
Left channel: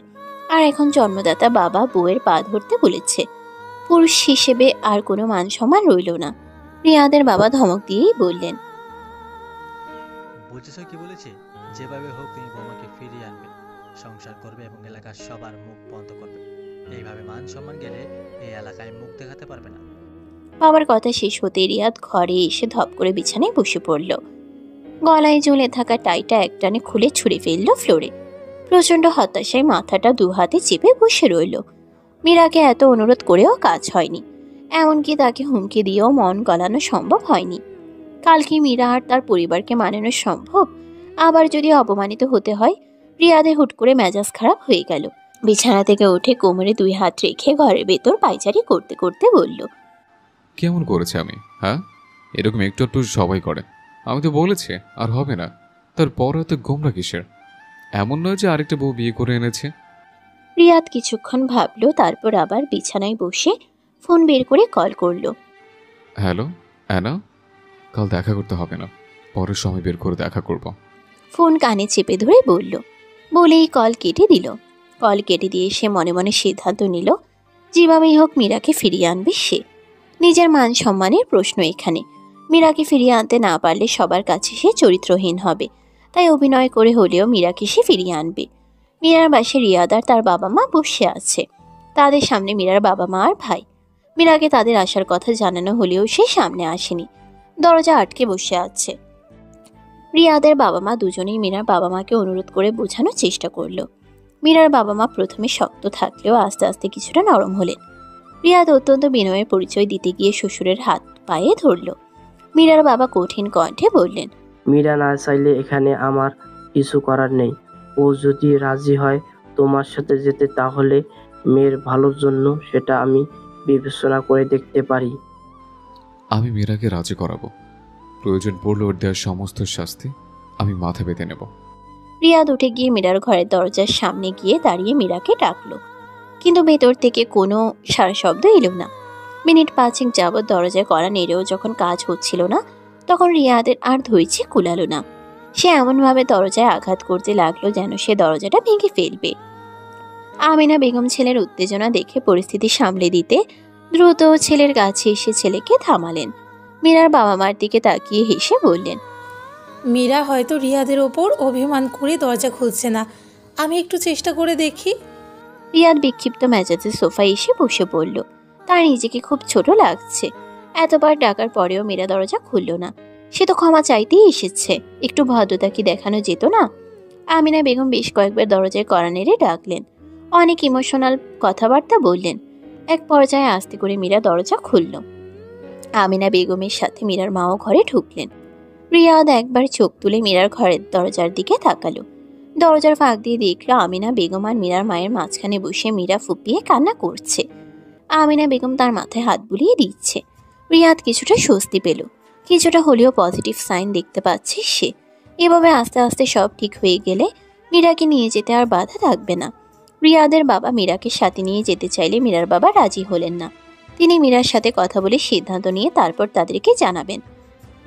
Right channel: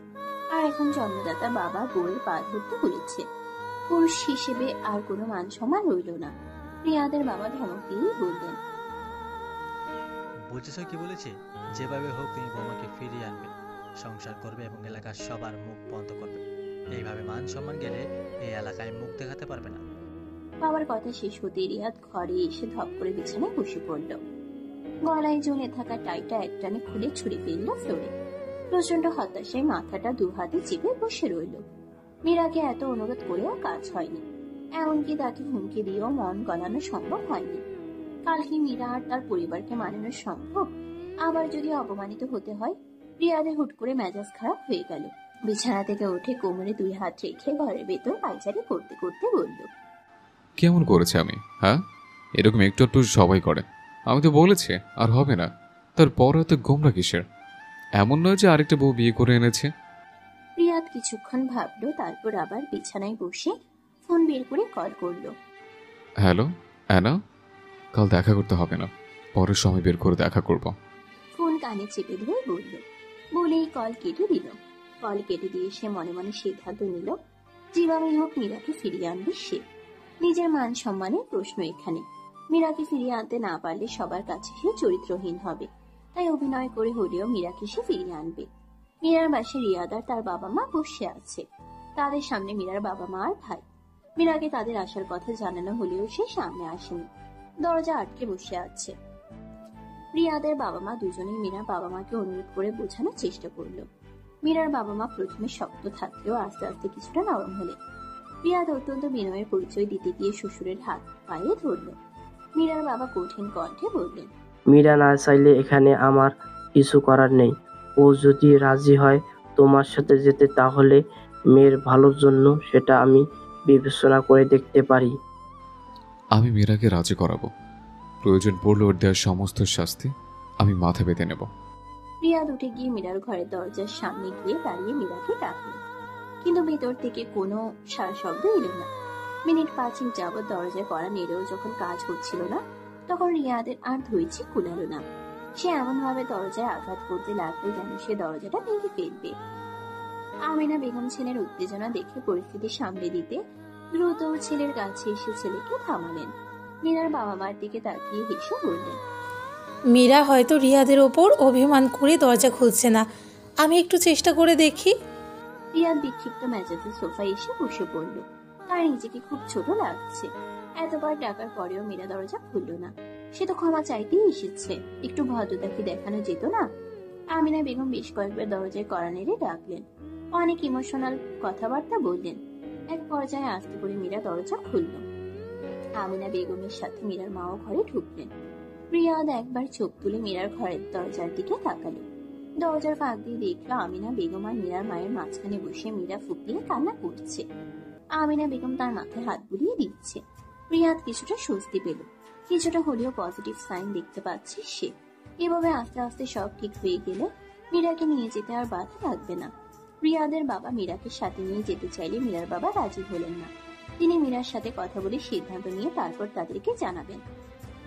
আর এখন জন্মদাতা বাবা বউয়ের পা ধরতে বলেছে। পুরুষ হিসেবে আর কোনো মান সম্মান রইল না। রিয়াদের বাবা ধমক দিয়েই বললেন, বুঝেছো কি বলেছি? যেভাবে হোক তুমি বৌমাকে ফিরিয়ে আনবে, সংসার করবে এবং এলাকার সবার মুখ বন্ধ করবে। এইভাবে মান সম্মান গেলে এই এলাকায় মুখ দেখাতে পারবে না। বাবার কথা শেষ হতে রিয়াদ ঘরে এসে ধপ করে বিছানায় বসে পড়ল। গলায় ঝুলে থাকা টাইটা একটানে খুলে ছুঁড়ে ফেলল ফ্লোরে। প্রচন্ড হতাশায় মাথাটা দু হাতে চেপে বসে রইল। মীরাকে এত অনুরোধ করেও কাজ হয়নি, এমনকি তাকে হুমকি দিয়েও মন গলানো সম্ভব হয়নি। কাল কি মীরা আর তার পরিবারকে মানানো সম্ভব? আবার যদি অপমানিত হতে হয়? রিয়াদে হুট করে মেজাজ খারাপ হয়ে গেল। বিছানা থেকে উঠে কোমরে 2 হাত রেখে ঘরের ভেতর পায়চারি করতে করতে বলল, কেমন করেছে আমি? হ্যাঁ, এরকম একটু একটু সবাই করে। আমি তো বলেছি আর হবে না, তারপর এত গোমরা কিসের? এমন নয় যে আরেকটা বউ বিয়ে করে এনেছে। রিয়াদ কিছুক্ষণ ভাবলো, তারপর আবার বিছানায় বসে ফোন বের করে কল করলো। হ্যালো অ্যানা, কাল দেখা করতে হবে না, পরের সময় বের করে দেখা করব। ফোন কানে চেপে ধরে বলল, বলেই কল কেটে দিল। কল কেটে দিয়ে সে মনে মনে সিদ্ধান্ত নিল, যেভাবেই হোক মীরাকে ফিরিয়ে আনবে সে। নিজের মান সম্মানের প্রশ্ন এখানে। মীরাকে ফিরিয়ে আনতে না পারলে সবার কাছে সে চরিত্রহীন হবে, তাই অভিনয় করে হলেও মীরাকে সে ফিরিয়ে আনবে। মীরার বাসে রিয়াদ আর তার বাবা মা বসে আছে। তাদের সামনে মীরার বাবা মা আর ভাই। মীরাকে তাদের আসার কথা জানানো হলেও সে সামনে আসেনি, দরজা আটকে বসে আছে। রিয়াদের বাবা মা দুজনেই মীরার বাবা মাকে অনুরোধ করে বোঝানোর চেষ্টা করলো। মীরার বাবা মা প্রথমে শক্ত থাকলেও আস্তে আস্তে কিছুটা নরম হলেন। রিয়াদ অত্যন্ত বিনয়ের পরিচয় দিতে গিয়ে শ্বশুরের হাত পায়ে ধরল। মীরার বাবা কঠিন কণ্ঠে বললেন, মীরা না চাইলে এখানে আমার কিছু করার নেই। ও যদি রাজি হয় তোমার সাথে যেতে, তাহলে মেয়ের ভালোর জন্য সেটা আমি বিবেচনা করে দেখতে পারি। আমি মীরাকে রাজি করাবো, প্রয়োজন পড়লে ওর দেওয়ার সমস্ত শাস্তি আমি মাথা পেতে নেব। রিয়াদ উঠে গিয়ে মীরার ঘরের দরজার সামনে গিয়ে দাঁড়িয়ে মীরাকে ডাকলো, কিন্তু ভেতর থেকে কোনো সারা শব্দ এলো না। মিনিট 5 যাবৎ দরজায় কড়া নেড়েও যখন কাজ হচ্ছিল না, তখন রিয়াদের আর ধৈর্য কুলালো না। সে এমনভাবে দরজায় আঘাত করতে লাগলো যেন সে দরজাটা ভেঙে ফেলবে। আমিনা বেগম ছেলের উত্তেজনা দেখে পরিস্থিতি সামলে দিতে দ্রুত ছেলের কাছে এসে ছেলেকে থামালেন। মীরার বাবা মার দিকে তাকিয়ে হেসে বললেন, মীরা হয়তো রিয়াদের ওপর অভিমান করে দরজা খুলছে না, আমি একটু চেষ্টা করে দেখি। রিয়াদ বিক্ষিপ্ত মেজাজে সোফায় এসে বসে পড়ল। তার নিজেকে খুব ছোট লাগছে। এতবার ডাকার পরেও মীরা দরজা খুলল না। সে তো ক্ষমা চাইতেই এসেছে, একটু ভদ্রতা কি দেখানো যেত না? আমিনা বেগম বেশ কয়েকবার দরজায় কড়া নেড়ে ডাকলেন, অনেক ইমোশনাল কথাবার্তা বললেন। এক পর্যায়ে আস্তে করে মীরা দরজা খুলল। আমিনা বেগমের সাথে মীরার মাও ঘরে ঢুকলেন। রিয়াদ একবার চোখ তুলে মীরার ঘরের দরজার দিকে তাকালো। দরজার ফাঁক দিয়ে দেখলো আমিনা বেগম আর মীরার মায়ের মাঝখানে বসে মীরা ফুপিয়ে কান্না করছে। আমিনা বেগম তার মাথায় হাত বুলিয়ে দিচ্ছে। রিয়াদ কিছুটা স্বস্তি পেল, কিছুটা হলেও পজিটিভ সাইন দেখতে পাচ্ছে সে। এভাবে আস্তে আস্তে সব ঠিক হয়ে গেলে মীরাকে নিয়ে যেতে আর বাধা থাকবে না। রিয়াদের বাবা মীরাকে সাথে নিয়ে যেতে চাইলে মীরার বাবা রাজি হলেন না। তিনি মীরার সাথে কথা বলে সিদ্ধান্ত নিয়ে তারপর তাদেরকে জানাবেন।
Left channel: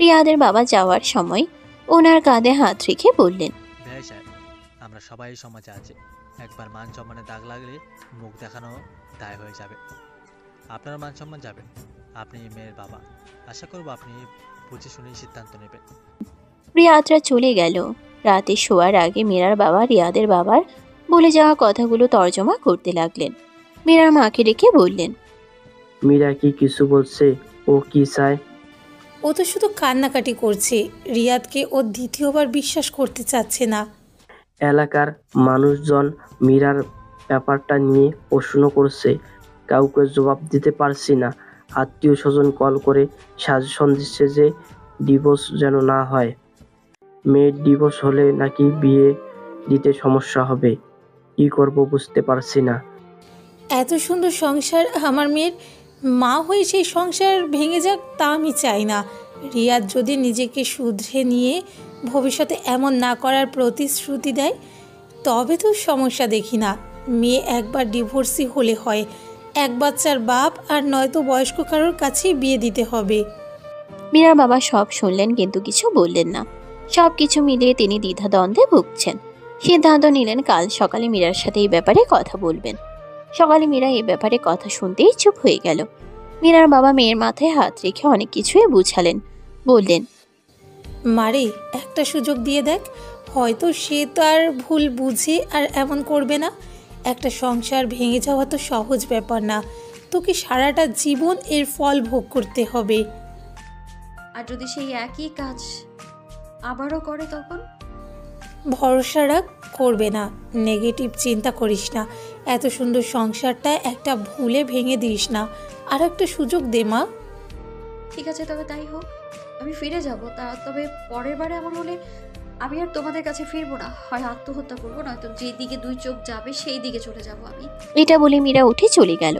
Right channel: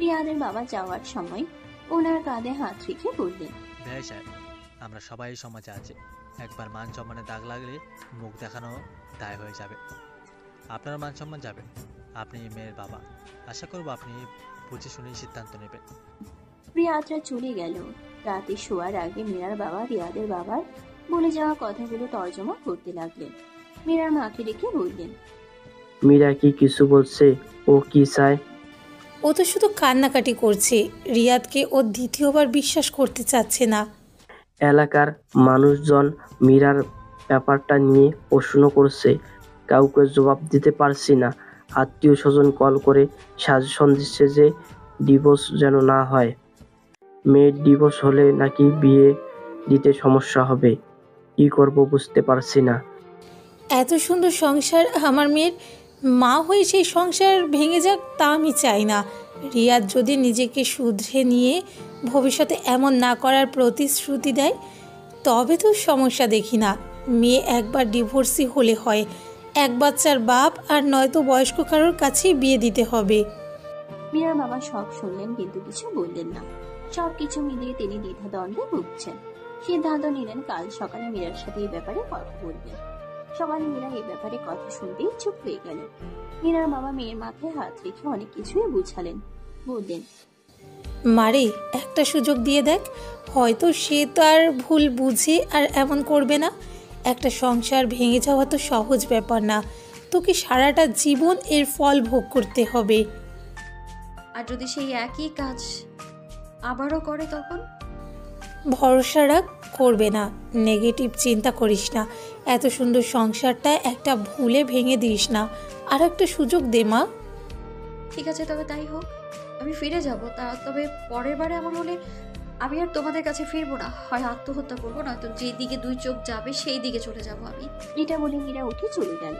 রিয়াদের বাবা যাওয়ার সময় ওনার কাঁধে হাত রেখে বললেন, ভাই সাহেব, আমরা সবাই সমাজে আছি, একবার মান সম্মানে দাগ লাগলে মুখ দেখানো দায় হয়ে যাবে। আপনার মান সম্মান যাবে। আপনি মেয়ের বাবা, আশা করব আপনি বুঝে শুনেই সিদ্ধান্ত নেবেন। রিয়াদরা চলে গেল। রাতে শোয়ার আগে মীরার বাবা রিয়াদের বাবার বলে যাওয়া কথাগুলো তর্জমা করতে লাগলেন। মীরার মাকে ডেকে বললেন, মীরা কি কিছু বলছে? ও কি চায়? ও তো শুধু কান্নাকাটি করছে। রিয়াদকে ও দ্বিতীয়বার বিশ্বাস করতে চাচ্ছে না। এলাকার মানুষজন মীরার ব্যাপারটা নিয়ে প্রশ্ন করছে, কাউকে জবাব দিতে পারছি না। আত্মীয় স্বজন কল করে সাজেশন দিচ্ছে যে ডিভোর্স যেন না হয়। মেয়ের ডিভোর্স হলে নাকি বিয়ে দিতে সমস্যা হবে। কি করব বুঝতে পারছি না। এত সুন্দর সংসার আমার মেয়ের, মা হয়ে সেই সংসার ভেঙে যাক তা আমি চাই না। রিয়াদ যদি নিজেকে শুধরে নিয়ে ভবিষ্যতে এমন না করার প্রতিশ্রুতি দেয় তবে তো সমস্যা দেখি না। মেয়ে একবার ডিভোর্সি হলে হয়, এক বাচ্চার বাপ, আর নয়তো বয়স্ক কারোর কাছেই বিয়ে দিতে হবে। মীরার বাবা সব শুনলেন কিন্তু কিছু বললেন না। সব কিছু মিলিয়ে তিনি দ্বিধাদ্বন্দ্বে ভুগছেন। সিদ্ধান্ত নিলেন কাল সকালে মীরার সাথে এই ব্যাপারে কথা বলবেন। সকালে মীরা এই ব্যাপারে কথা শুনতেই চুপ হয়ে গেল। মীরার বাবা মেয়ের মাথায় হাত রেখে অনেক কিছুই বুঝালেন। বললেন, মারে, একটা সুযোগ দিয়ে দেখ, হয়তো সে তার ভুল বুঝে আর এমন করবে না। একটা সংসার ভেঙে যাওয়া তো সহজ ব্যাপার না, তোকে সারাটা জীবন এর ফল ভোগ করতে হবে। আর যদি সেই একই কাজ আবারও করে তখন? ভরসা রাখ, করবে না। নেগেটিভ চিন্তা করিস না। এত সুন্দর সংসারটা একটা ভুলে ভেঙে দিস না। আর একটা সুযোগ দে মা। ঠিক আছে, তবে তাই হোক। আমি ফিরে যাব, তবে পরের বারে এমন হলে আমি আর তোমাদের কাছে ফিরবো না। হয় আত্মহত্যা করবো, নয়তো যেদিকে দুই চোখ যাবে সেই দিকে চলে যাব আমি। এটা বলে মীরা উঠে চলে গেল।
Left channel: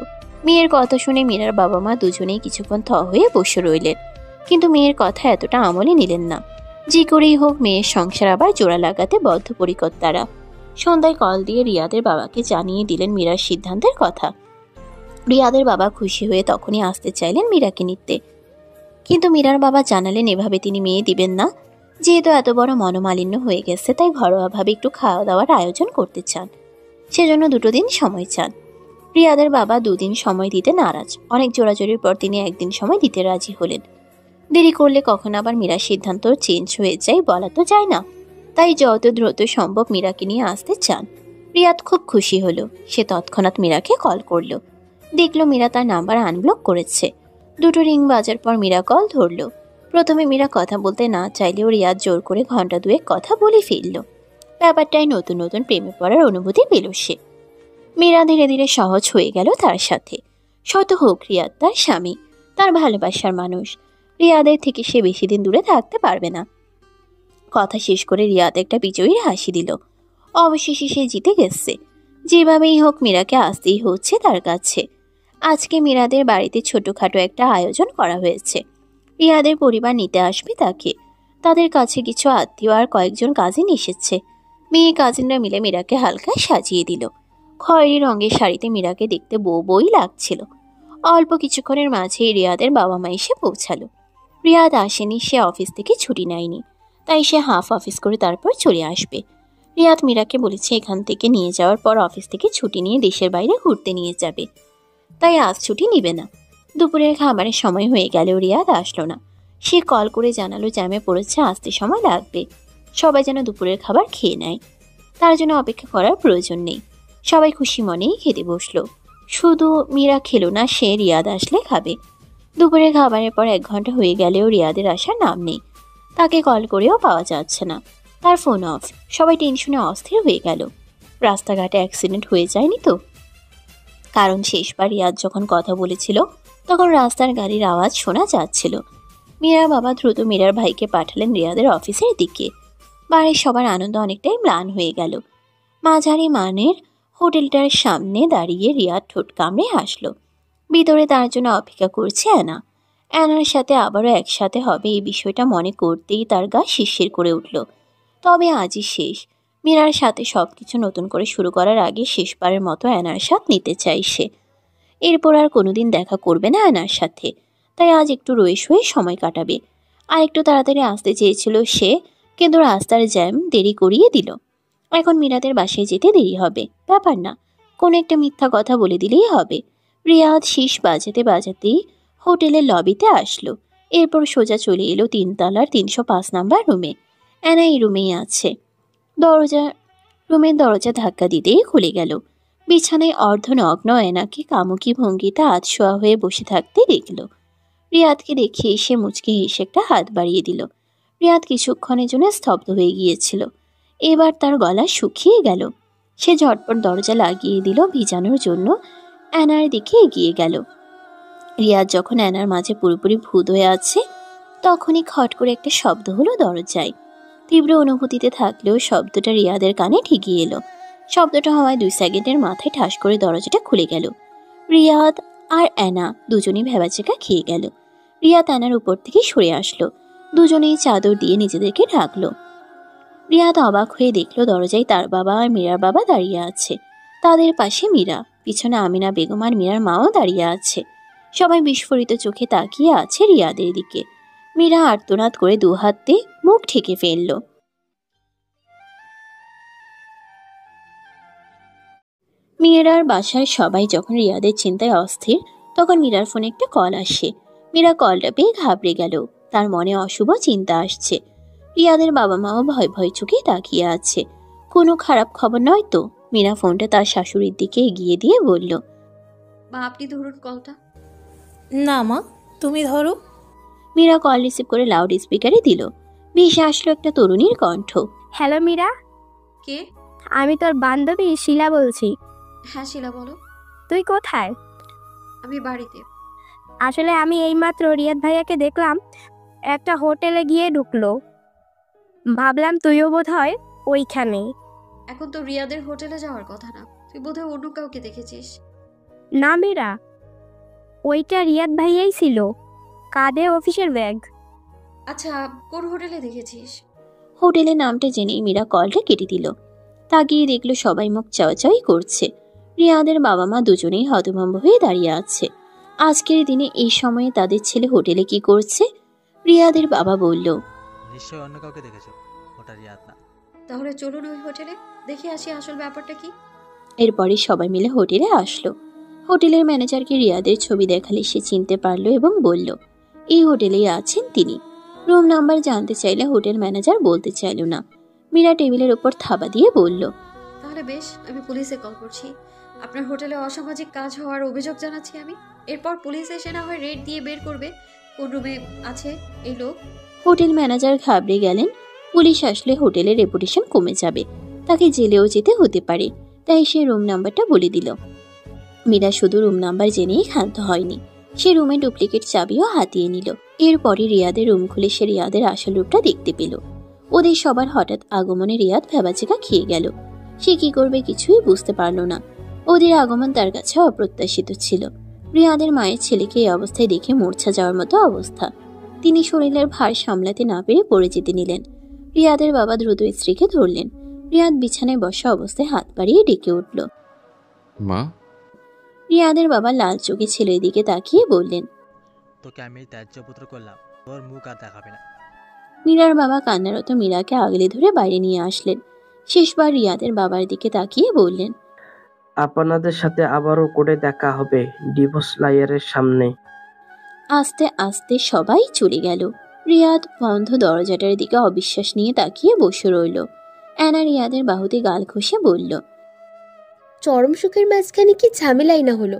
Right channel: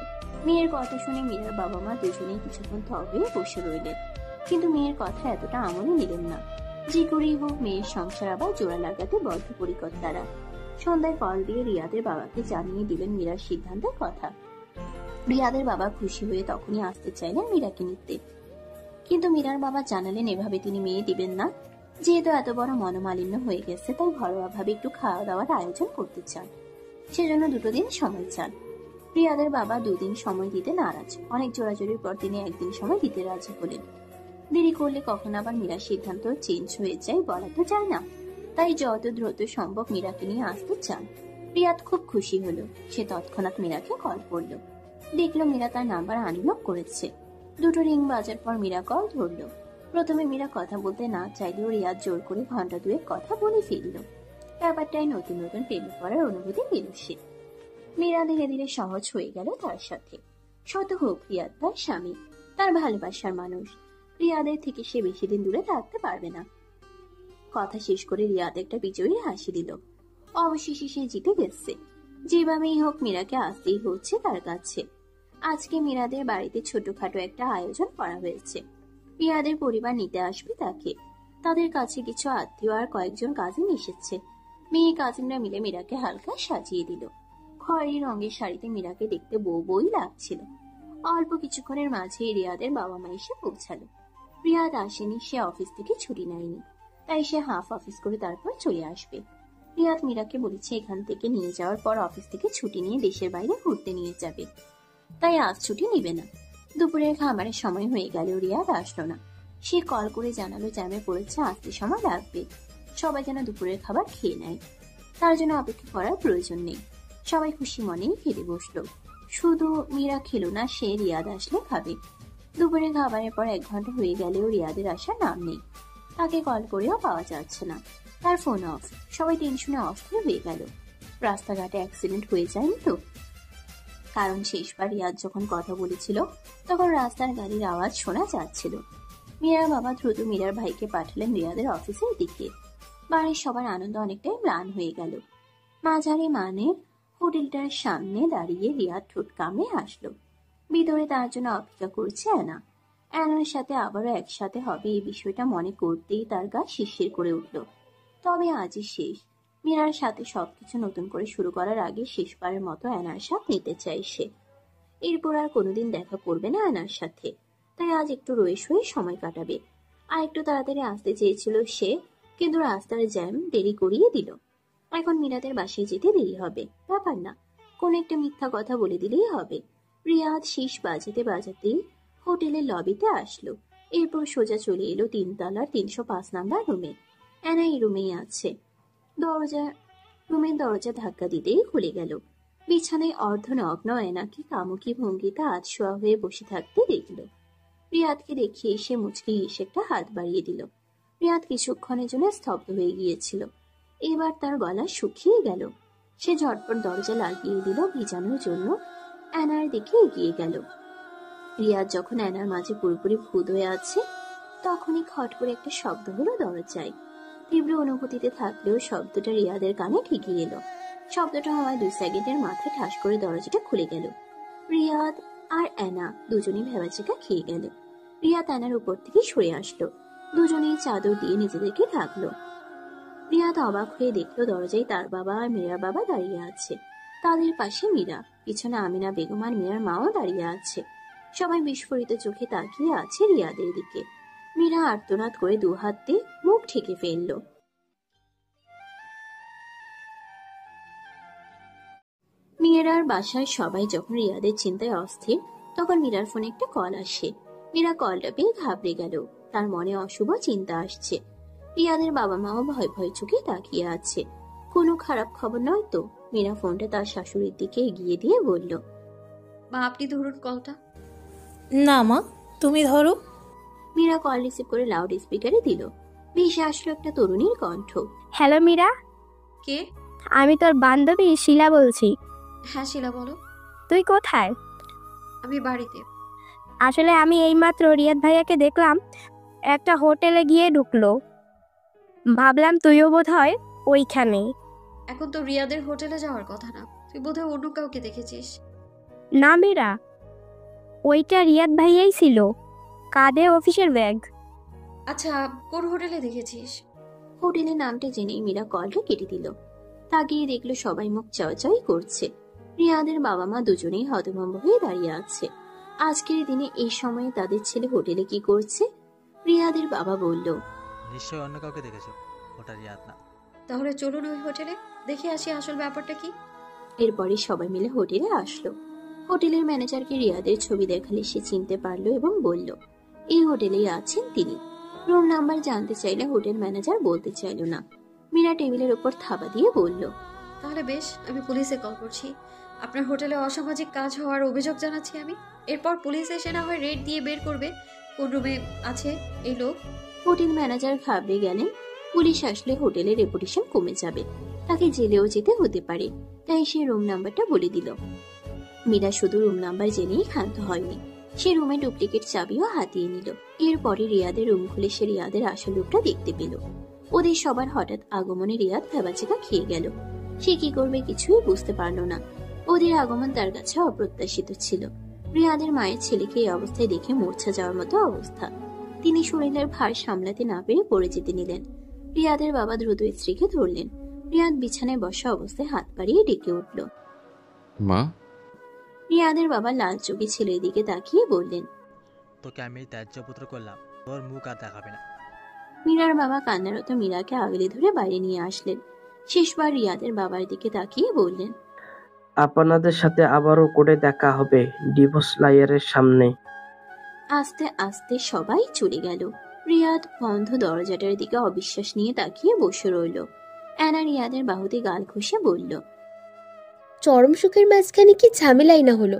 মেয়ের কথা শুনে মীরার বাবা মা দুজনেই কিছুক্ষণ থ হয়ে বসে রইলেন, কিন্তু মেয়ের কথা এতটা আমলে নিলেন না। যে করেই হোক মেয়ের সংসার আবার জোড়া লাগাতে বদ্ধপরিকর তারা। সন্ধ্যায় কল দিয়ে রিয়াদের বাবাকে জানিয়ে দিলেন মীরার সিদ্ধান্তের কথা। রিয়াদের বাবা খুশি হয়ে তখনই আসতে চাইলেন মীরাকে নিতে, কিন্তু মীরার বাবা জানালেন এভাবে তিনি মেয়ে দিবেন না। যেহেতু এত বড় মনোমালিন্য হয়ে গেছে, তাই ঘরোয়াভাবে একটু খাওয়া দাওয়ার আয়োজন করতে চান। সেজন্য 2 দিন সময় চান। রিয়াদের বাবা 2 দিন সময় দিতে নারাজ। অনেক জোরাজোরির পর তিনি 1 দিন সময় দিতে রাজি হলেন। দেরি করলে কখন আবার মীরার সিদ্ধান্ত চেঞ্জ হয়ে যায় বলা তো যায় না। তাই যত দ্রুত সম্ভব মীরাকে নিয়ে আসতে চান। রিয়াদ খুব খুশি হলো। সে তৎক্ষণাৎ মীরাকে কল করলো। দেখলো মীরা তার নাম্বার আনব্লক করেছে। 2 রিং বাজার পর মীরা কল ধরলো। প্রথমে মীরা কথা বলতে না চাইলেও রিয়াদ জোর করে ঘন্টা 2 কথা বলে ফেলল। ব্যাপারটাই নতুন নতুন প্রেমে পড়ার অনুভূতি পেল সে। মীরা ধীরে ধীরে সহজ হয়ে গেল তার সাথে। শত হোক রিয়াদ তার স্বামী, তার ভালোবাসার মানুষ। রিয়াদের থেকে সে বেশি দিন দূরে থাকতে পারবে না। কথা শেষ করে রিয়াদ একটা বিজয়ীর হাসি দিল। অবশেষে সে জিতে গেছে। যেভাবেই হোক মীরাকে আসতেই হচ্ছে তার কাছে। আজকে মীরাদের বাড়িতে ছোটখাটো একটা আয়োজন করা হয়েছে। রিয়াদের পরিবার নিতে আসবে তাকে। তাদের কাছে কিছু আত্মীয় আর কয়েকজন কাজিন এসেছে। মেয়ে কাজিনরা মিলে মীরাকে হালকা সাজিয়ে দিল। খয়েরি রঙের শাড়িতে মীরাকে দেখতে বই লাগছিল। অল্প কিছুক্ষণের মাঝেই রিয়াদের বাবা মা এসে পৌঁছালো। রিয়াদ আসেনি, সে অফিস থেকে ছুটি নেয়নি, তাই সে হাফ অফিস করে তারপর চলে আসবে। রিয়াদ মীরাকে বলেছে এখান থেকে নিয়ে যাওয়ার পর অফিস থেকে ছুটি নিয়ে দেশের বাইরে ঘুরতে নিয়ে যাবে, তাই আজ ছুটি নিবে না। দুপুরের খাবারের সময় হয়ে গেলেও রিয়াদ আসলো না। সে কল করে জানালো জ্যামে পড়েছে, আসতে সময় লাগবে। সবাই যেন দুপুরের খাবার খেয়ে নেয়, তার জন্য অপেক্ষা করার প্রয়োজন নেই। সবাই খুশি মনেই খেতে বসলো। শুধু মীরা খেলো না, সে রিয়াদ আসলে খাবে। দুপুরের খাবারের পর 1 ঘন্টা হয়ে গেলেও রিয়াদের আসার নাম নেই। তাকে কল করেও পাওয়া যাচ্ছে না, তার ফোন অফ। সবাই টেনশনে অস্থির হয়ে গেল। রাস্তাঘাটে অ্যাক্সিডেন্ট হয়ে যায়নি তো? কারণ শেষবার রিয়াদ যখন কথা বলেছিল তখন রাস্তার গাড়ির আওয়াজ শোনা যাচ্ছিল। মীরার বাবা দ্রুত মীরার ভাইকে পাঠালেন রিয়াদের অফিসের দিকে। বাড়ির সবার আনন্দ অনেকটাই ম্লান হয়ে গেল। মাঝারি মানের হোটেলটার সামনে দাঁড়িয়ে রিয়াদ ঠোঁট কামড়ে হাসল। ভিতরে তার জন্য অপেক্ষা করছে অ্যানা। অ্যানার সাথে আবারও একসাথে হবে এই বিষয়টা মনে করতেই তার গা শিরশির করে উঠল। তবে আজই শেষ। মীরার সাথে সব কিছু নতুন করে শুরু করার আগে শেষবারের মতো অ্যানার সাথে নিতে চাই সে। এরপর আর কোনোদিন দেখা করবে না অ্যানার সাথে, তাই আজ একটু রয়ে শুয়ে সময় কাটাবে। আর একটু তাড়াতাড়ি আসতে চেয়েছিল সে, কিন্তু রাস্তার জ্যাম দেরি করিয়ে দিল। এখন মীরাদের বাসায় যেতে দেরি হবে, ব্যাপার না, কোনো একটা মিথ্যা কথা বলে দিলেই হবে। রিয়াদ শীষ বাজাতে বাজাতেই হোটেলের লবিতে আসলো। এরপর সোজা চলে এলো 3 তলার 305 নাম্বার রুমে। অ্যানা এই রুমেই আছে। রুমের দরজা ধাক্কা দিতেই খুলে গেল। বিছানায় অর্ধনগ্ন অ্যানাকে কামুকি ভঙ্গিতে আধশোয়া হয়ে বসে থাকতে দেখল। রিয়াদকে দেখে এসে মুচকি হেসে একটা হাত বাড়িয়ে দিল। রিয়াদ কিছুক্ষণের জন্য স্তব্ধ হয়ে গিয়েছিল। এবার তার গলা শুকিয়ে গেল। সে ঝটপট দরজা লাগিয়ে দিল ভিজানোর জন্য। অ্যানার দিকে এগিয়ে গেল। রিয়াদ যখন অ্যানার মাঝে পুরোপুরি ভূত হয়ে আছে, তখনই খট করে একটা শব্দ হলো দরজায়। তীব্র অনুভূতিতে থাকলেও শব্দটা রিয়াদের কানে ঠিকই এলো। শব্দটা হওয়ায় 2 সেকেন্ডের মাথায় ঠাস করে দরজাটা খুলে গেল। রিয়াদ আর অ্যানা দুজনেই ভেবাচেকা খেয়ে গেল। রিয়াদ অ্যানার উপর থেকে সরে আসলো। দুজনেই চাদর দিয়ে নিজেদেরকে ঢাকলো। রিয়াদ অবাক হয়ে দেখলো দরজায় তার বাবা আর মীরার বাবা দাঁড়িয়ে আছে। তাদের পাশে মীরা, পিছনে আমিনা বেগম আর মীরার মাও দাঁড়িয়ে আছে। সবাই বিস্ফোরিত চোখে তাকিয়ে আছে রিয়াদের দিকে। মীরা আর্তনাদ করে 2 হাত দিয়ে মুখ ঢেকে ফেলল। মীরার বাসায় সবাই যখন রিয়াদের চিন্তায় অস্থির, তখন মীরার ফোনে একটা কল আসে। মীরা কলটা পেয়ে ঘাবড়ে গেল। তার মনে অশুভ চিন্তা আসছে। রিয়াদের বাবা মাও ভয় ভয় চোখে তাকিয়ে আছে। কোনো খারাপ খবর নয় তো? মীরা ফোনটা তার শাশুড়ির দিকে এগিয়ে দিয়ে বলল, মা আপনি ধরুন কলটা। না মা, তুমি ধরো। মীরা কল রিসিভ করে লাউড স্পিকারে দিল। ভেসে আসলো একটা তরুণীর কণ্ঠ। হ্যালো মীরা, কে? আমি তোর বান্ধবী শিলা বলছি। হ্যাঁ শিলা বলো। তুই কোথায়? আমি বাড়িতে। আসলে আমি এইমাত্র রিয়াদ ভাইয়াকে দেখলাম একটা হোটেলে গিয়ে ঢুকলো। ভাবলাম তুইও বোধ হয় ওইখানে। এখন তো রিয়াদের হোটেলে যাওয়ার কথা না, তুই বোধহয় অন্য কাউকে দেখেছিস। না মীরা, ওইটা রিয়াদ ভাইয়াই ছিল, কাঁধে অফিসের ব্যাগ। আচ্ছা, কোন হোটেলে দেখেছিস? হোটেলের নামটা জেনেই মীরা কলটা কেটে দিল। তাকিয়ে দেখলো সবাই মুখ চাওয়াচাওয়ি করছে। রিয়াদের বাবা মা দুজনেই হতভম্ব হয়ে দাঁড়িয়ে আছে। আজকের দিনে এই সময়ে তাদের ছেলে হোটেলে কি করছে? রিয়াদের বাবা বলল, নিশ্চয়ই অন্য কাউকে দেখেছো, ওটা রিয়াদ না। তাহলে চলুন ওই হোটেলে, দেখে আসি আসল ব্যাপারটা কি। এরপরে সবাই মিলে হোটেলে আসলো। হোটেলের ম্যানেজারকে রিয়াদের ছবি দেখালে সে চিনতে পারলো এবং বলল, এই হোটেলেই আছেন তিনি। রুম নাম্বার জানতে চাইলে হোটেল ম্যানেজার বলতে চাইল না। মীরা টেবিলের উপর থাবা দিয়ে বলল, তাহলে বেশ, আমি পুলিশে কল করছি। আপনার হোটেলে অসামাজিক কাজ হওয়ার অভিযোগ জানাচ্ছি আমি। এরপর পুলিশ এসে না হয় রেড দিয়ে বের করবে কোন রুমে আছে এই লোক। হোটেল ম্যানেজার ঘাবড়ে গেলেন। পুলিশ আসলে হোটেলের রেপুটেশন কমে যাবে, তাকে জেলেও যেতে হতে পারে। তাই সে রুম নাম্বারটা বলে দিল। মীরা শুধু রুম নাম্বার জেনেই ক্ষান্ত হয়নি, সে রুমে ডুপ্লিকেট চাবিও হাতিয়ে নিল। এরপরে রিয়াদের রুম খুলে সে রিয়াদের আসল রূপটা দেখতে পেল। ওদের সবার হঠাৎ আগমনে রিয়াদ ভেবাচেকা খেয়ে গেল। সে কি করবে কিছুই বুঝতে পারল না। ওদের আগমন তার কাছে অপ্রত্যাশিত ছিল। রিয়াদের মায়ের ছেলেকে এই অবস্থায় দেখে মূর্ছা যাওয়ার মতো অবস্থা। তিনি শরীরের ভার সামলাতে না পেরে পড়ে যেতে নিলেন। রিয়াদের বাবা দ্রুত স্ত্রীকে ধরলেন। রিয়াদ বিছানায় বসা অবস্থায় হাত বাড়িয়ে ডেকে উঠল, মা। রিয়াদের বাবা লাল চোখে ছেলের দিকে তাকিয়ে বললেন, তোকে আমি ত্যায্যপুত্র করলাম, তোর মুখ আর দেখাবে না। মীরার বাবা কান্নারত মীরাকে আগলে ধরে বাইরে নিয়ে আসলেন। শেষবার রিয়াদের বাবার দিকে তাকিয়ে বললেন, আপনাদের সাথে আবারও করে দেখা হবে ডিভোর্স লয়ারের সামনে। আস্তে আস্তে সবাই চলে গেল। রিয়াদ বন্ধ দরজাটার দিকে অবিশ্বাস নিয়ে তাকিয়ে বসে রইল। অ্যানা রিয়াদের বাহুতে গাল ঘষে বলল, চরম সুখের মাঝখানে কি ঝামেলাই না হলো।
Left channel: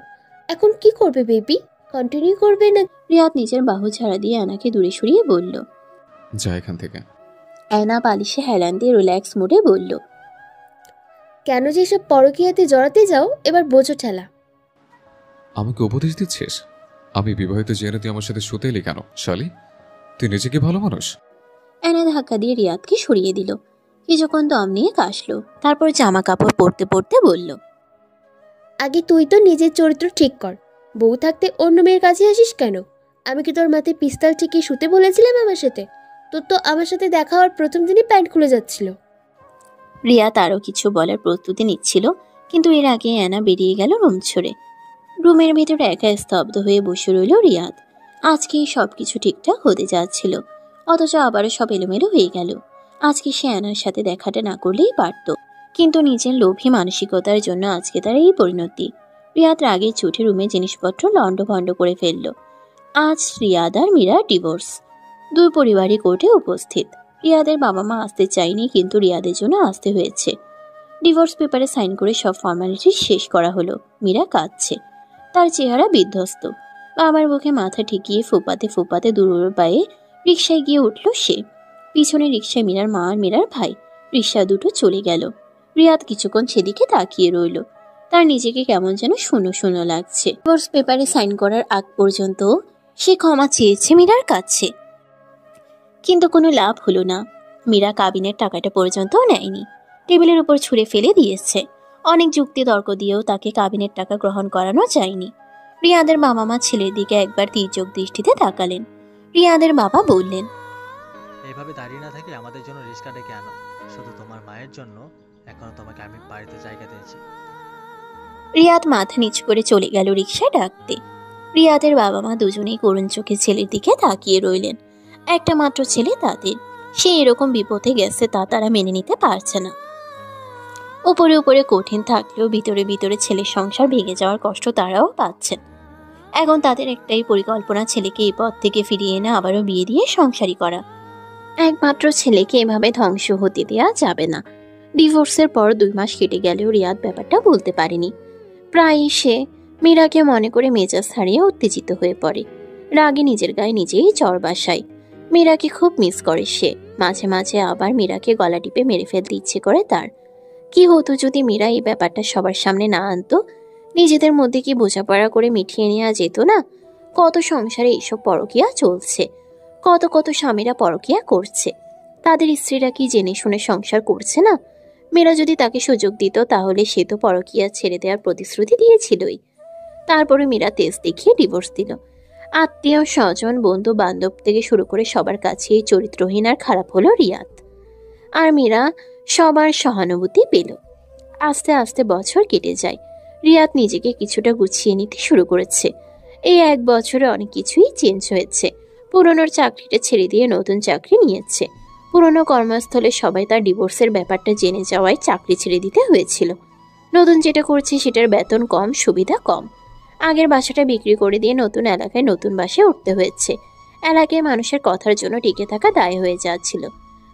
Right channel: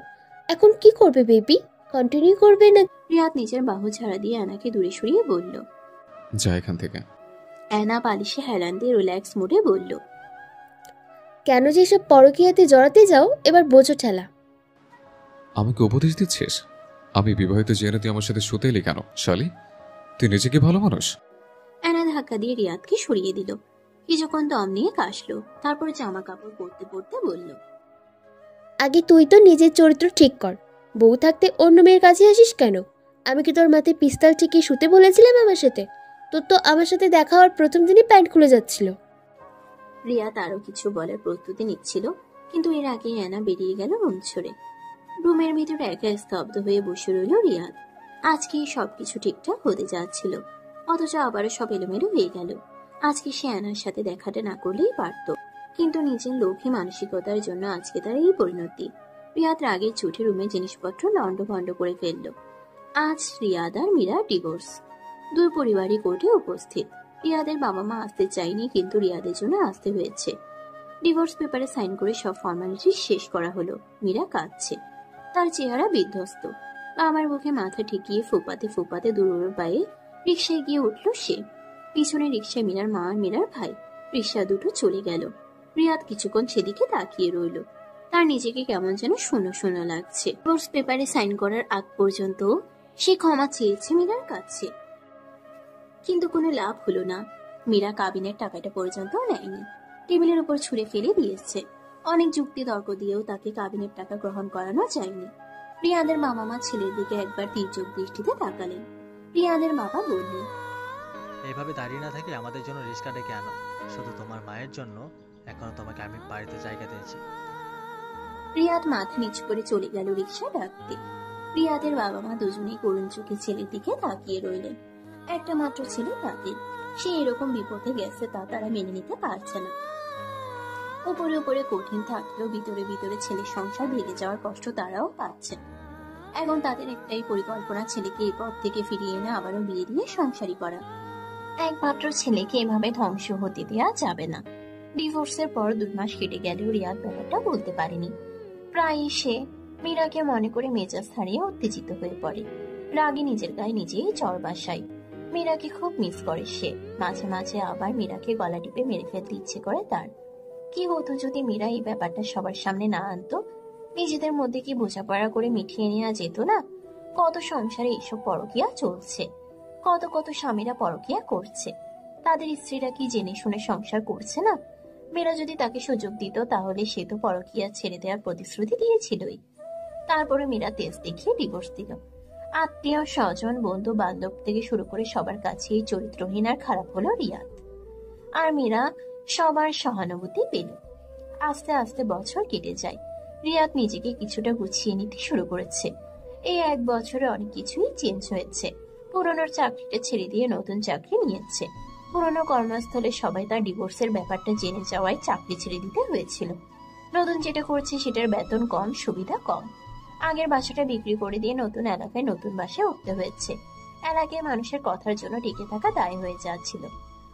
এখন কি করবে বেবি? কন্টিনিউ করবে না? রিয়াদ নিজের বাহু ছাড়া দিয়ে অ্যানাকে দূরে সরিয়ে বলল, যা এখান থেকে। অ্যানা বালিশে হেলান দিয়ে রিল্যাক্স মুডে বলল, কেন যে এসব পরকীয়াতে জড়াতে যাও, এবার বোঝো ঠেলা। আমাকে উপদেশ দিচ্ছিস? আমি বিবাহিত জেনে তুই আমার সাথে শুতে এলি কেন শালি? তুই নিজে কি ভালো মানুষ? অ্যানা ধাক্কা দিয়ে রিয়াদকে সরিয়ে দিল। কিছুক্ষণ দম নিয়ে কাশলো, তারপর জামা কাপড় পরতে পরতে বলল, আগে তুই তো নিজের চরিত্র ঠিক কর। বউ থাকতে অন্য মেয়ের কাছে আসিস কেন? আমি কি তোর মাথায় পিস্তল ঠেকিয়ে শুতে বলেছিলাম আমার সাথে? তোর তো আমার সাথে দেখা হওয়ার প্রথম দিনই প্যান্ট খুলে যাচ্ছিল। রিয়াদ আরও কিছু বলার প্রস্তুতি নিচ্ছিল, কিন্তু এর আগে অ্যানা বেরিয়ে গেল রুম ছেড়ে। রুমের ভেতরে একা স্তব্ধ হয়ে বসে রইল রিয়াদ। আজকে সবকিছু ঠিকঠাক হতে যাচ্ছিল, অথচ আবারও সব এলোমেলো হয়ে গেল। আজকে সে অ্যানার সাথে দেখাটা না করলেই পারত, কিন্তু নিজের লোভী মানসিকতার জন্য আজকে তার এই পরিণতি। রিয়াদ রাগে চোটে রুমে জিনিসপত্র লণ্ডভণ্ড করে ফেলল। আজ রিয়াদ আর মীরার ডিভোর্স। দুই পরিবারই কোর্টে উপস্থিত। রিয়াদের বাবা মা আসতে চায়নি, কিন্তু রিয়াদের জন্য আসতে হয়েছে। ডিভোর্স পেপারে সাইন করে সব ফর্মালিটি শেষ করা হলো। মীরা কাঁদছে, তার চেহারা বিধ্বস্ত। বাবার বুকে মাথা ঠেকিয়ে ফোপাতে ফোপাতে দূর পায়ে রিকশায় গিয়ে উঠল সে। পিছনে রিকশায় মীরার মা আর মীরার ভাই। রিকশা দুটো চলে গেল। রিয়াদ কিছুক্ষণ সেদিকে তাকিয়ে রইল। তার নিজেকে কেমন যেন শূন্য শূন্য লাগছে। ডিভোর্স পেপারে সাইন করার আগ পর্যন্ত সে ক্ষমা চেয়েছে মীরার কাছে, কিন্তু কোনো লাভ হলো না। মীরা কাবিনের টাকাটা পর্যন্ত নেয়নি, টেবিলের উপর ছুঁড়ে ফেলে দিয়েছে। অনেক যুক্তি তর্ক দিয়েও তাকে কাবিনের টাকা গ্রহণ করানো যায়নি। রিয়াদের বাবা মা ছেলের দিকে একবার তীর্যক দৃষ্টিতে তাকালেন। রিয়াদের বাবা বললেন, এইভাবে দাঁড়িয়ে না থেকে আমাদের জন্য রিক্সা ডেকে আনো। শুধু তোমার মায়ের জন্য এখনো তোমাকে আমি বাড়িতে জায়গা দিয়েছি। রিয়াদ মাথা নিচু করে চলে গেল রিক্সা ডাকতে। রিয়াদের বাবা মা দুজনেই করুণ চোখে ছেলের দিকে তাকিয়ে রইলেন। একটা মাত্র ছেলে তাদের, সে এরকম বিপদে গেছে তা তারা মেনে নিতে পারছে না। উপরে উপরে কঠিন থাকলেও ভিতরে ভিতরে ছেলের সংসার ভেঙে যাওয়ার কষ্ট তারাও পাচ্ছেন। এখন তাদের একটাই পরিকল্পনা, ছেলেকে এই পথ থেকে ফিরিয়ে এনে আবারও বিয়ে দিয়ে সংসারী করা। একমাত্র ছেলেকে এভাবে ধ্বংস হতে দেওয়া যাবে না। ডিভোর্সের পর 2 মাস কেটে গেলেও রিয়াদ ব্যাপারটা বলতে পারেনি। প্রায়ই সে মীরাকে মনে করে মেজাজ হারিয়ে উত্তেজিত হয়ে পড়ে। রাগে নিজের গায়ে নিজেই চড় বাসায়। মীরাকে খুব মিস করে সে। মাঝে মাঝে আবার মীরাকে গলা টিপে মেরে ফেলতে ইচ্ছে করে তার। কি হতো যদি মীরা এই ব্যাপারটা সবার সামনে না আনতো? নিজেদের মধ্যে কি বোঝাপড়া করে মিটিয়ে নেওয়া যেত না? কত সংসারে এইসব পরকীয়া চলছে, কত কত স্বামীরা পরকীয়া করছে। তাদের স্ত্রীরা কি জেনে শুনে সংসার করছে না? মীরা যদি তাকে সুযোগ দিত তাহলে সে তো পরকীয়া ছেড়ে দেওয়ার প্রতিশ্রুতি দিয়েছিলই। তারপরে মীরা তেজ দেখিয়ে ডিভোর্স দিল। আত্মীয় স্বজন বন্ধু বান্ধব থেকে শুরু করে সবার কাছেই চরিত্রহীন আর খারাপ হলো রিয়াদ। আর মীরা সবার সহানুভূতি পেল। আস্তে আস্তে বছর কেটে যায়। রিয়াদ নিজেকে কিছুটা গুছিয়ে নিতে শুরু করেছে। এই 1 বছরে অনেক কিছুই চেঞ্জ হয়েছে। পুরনোর চাকরিটা ছেড়ে দিয়ে নতুন চাকরি নিয়েছে। পুরনো কর্মস্থলে সবাই তার ডিভোর্সের ব্যাপারটা জেনে যাওয়ায় চাকরি ছেড়ে দিতে হয়েছিল। নতুন যেটা করছে সেটার বেতন কম, সুবিধা কম। আগের বাসাটা বিক্রি করে দিয়ে নতুন এলাকায় নতুন বাসায় উঠতে হয়েছে। এলাকায় মানুষের কথার জন্য টিকে থাকা দায় হয়ে যাচ্ছিল।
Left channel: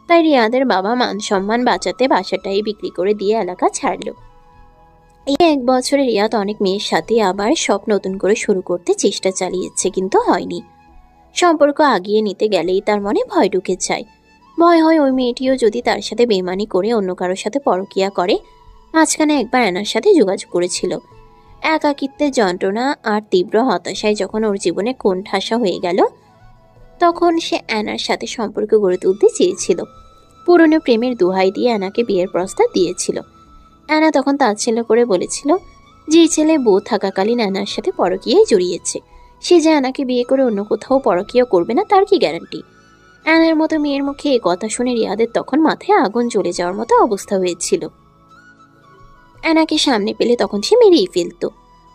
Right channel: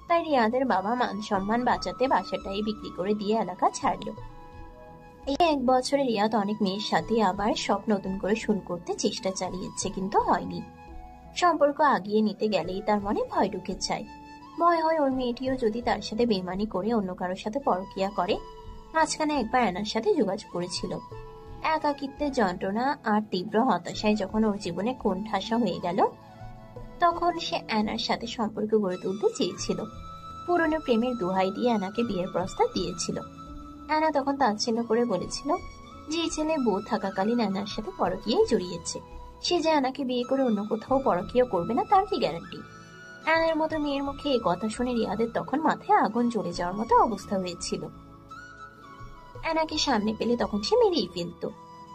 তাই রিয়াদের বাবা মান সম্মান বাঁচাতে বাসাটাই বিক্রি করে দিয়ে এলাকা ছাড়ল। এই 1 বছরে রিয়াদ অনেক মেয়ের সাথে আবার সব নতুন করে শুরু করতে চেষ্টা চালিয়েছে, কিন্তু হয়নি। সম্পর্ক আগিয়ে নিতে গেলেই তার মনে ভয় ঢুকে যায়। ভয় হয় ওই মেয়েটিও যদি তার সাথে বেমানি করে অন্য কারোর সাথে পরকীয়া করে। মাঝখানে একবার অ্যানার সাথে যোগাযোগ করেছিল। একাকিত্বের যন্ত্রণা আর তীব্র হতাশায় যখন ওর জীবনে কোণঠাসা হয়ে গেল, তখন সে অ্যানার সাথে সম্পর্ক গড়ে তুলতে চেয়েছিল। পুরনো প্রেমের দোহাই দিয়ে অ্যানাকে বিয়ের প্রস্তাব দিয়েছিল। অ্যানা তখন তাচ্ছিল্য করে বলেছিল, যে ছেলে বউ থাকাকালীন অ্যানার সাথে পরকীয়ায় জড়িয়েছে, সে যে অ্যানাকে বিয়ে করে অন্য কোথাও পরকীয়া করবে না তার কি গ্যারান্টি? অ্যানার মতো মেয়ের মুখে এই কথা শুনে রিয়াদের তখন মাথায় আগুন জ্বলে যাওয়ার মতো অবস্থা হয়েছিল। অ্যানাকে সামনে পেলে তখন সে মেরেই ফেলত।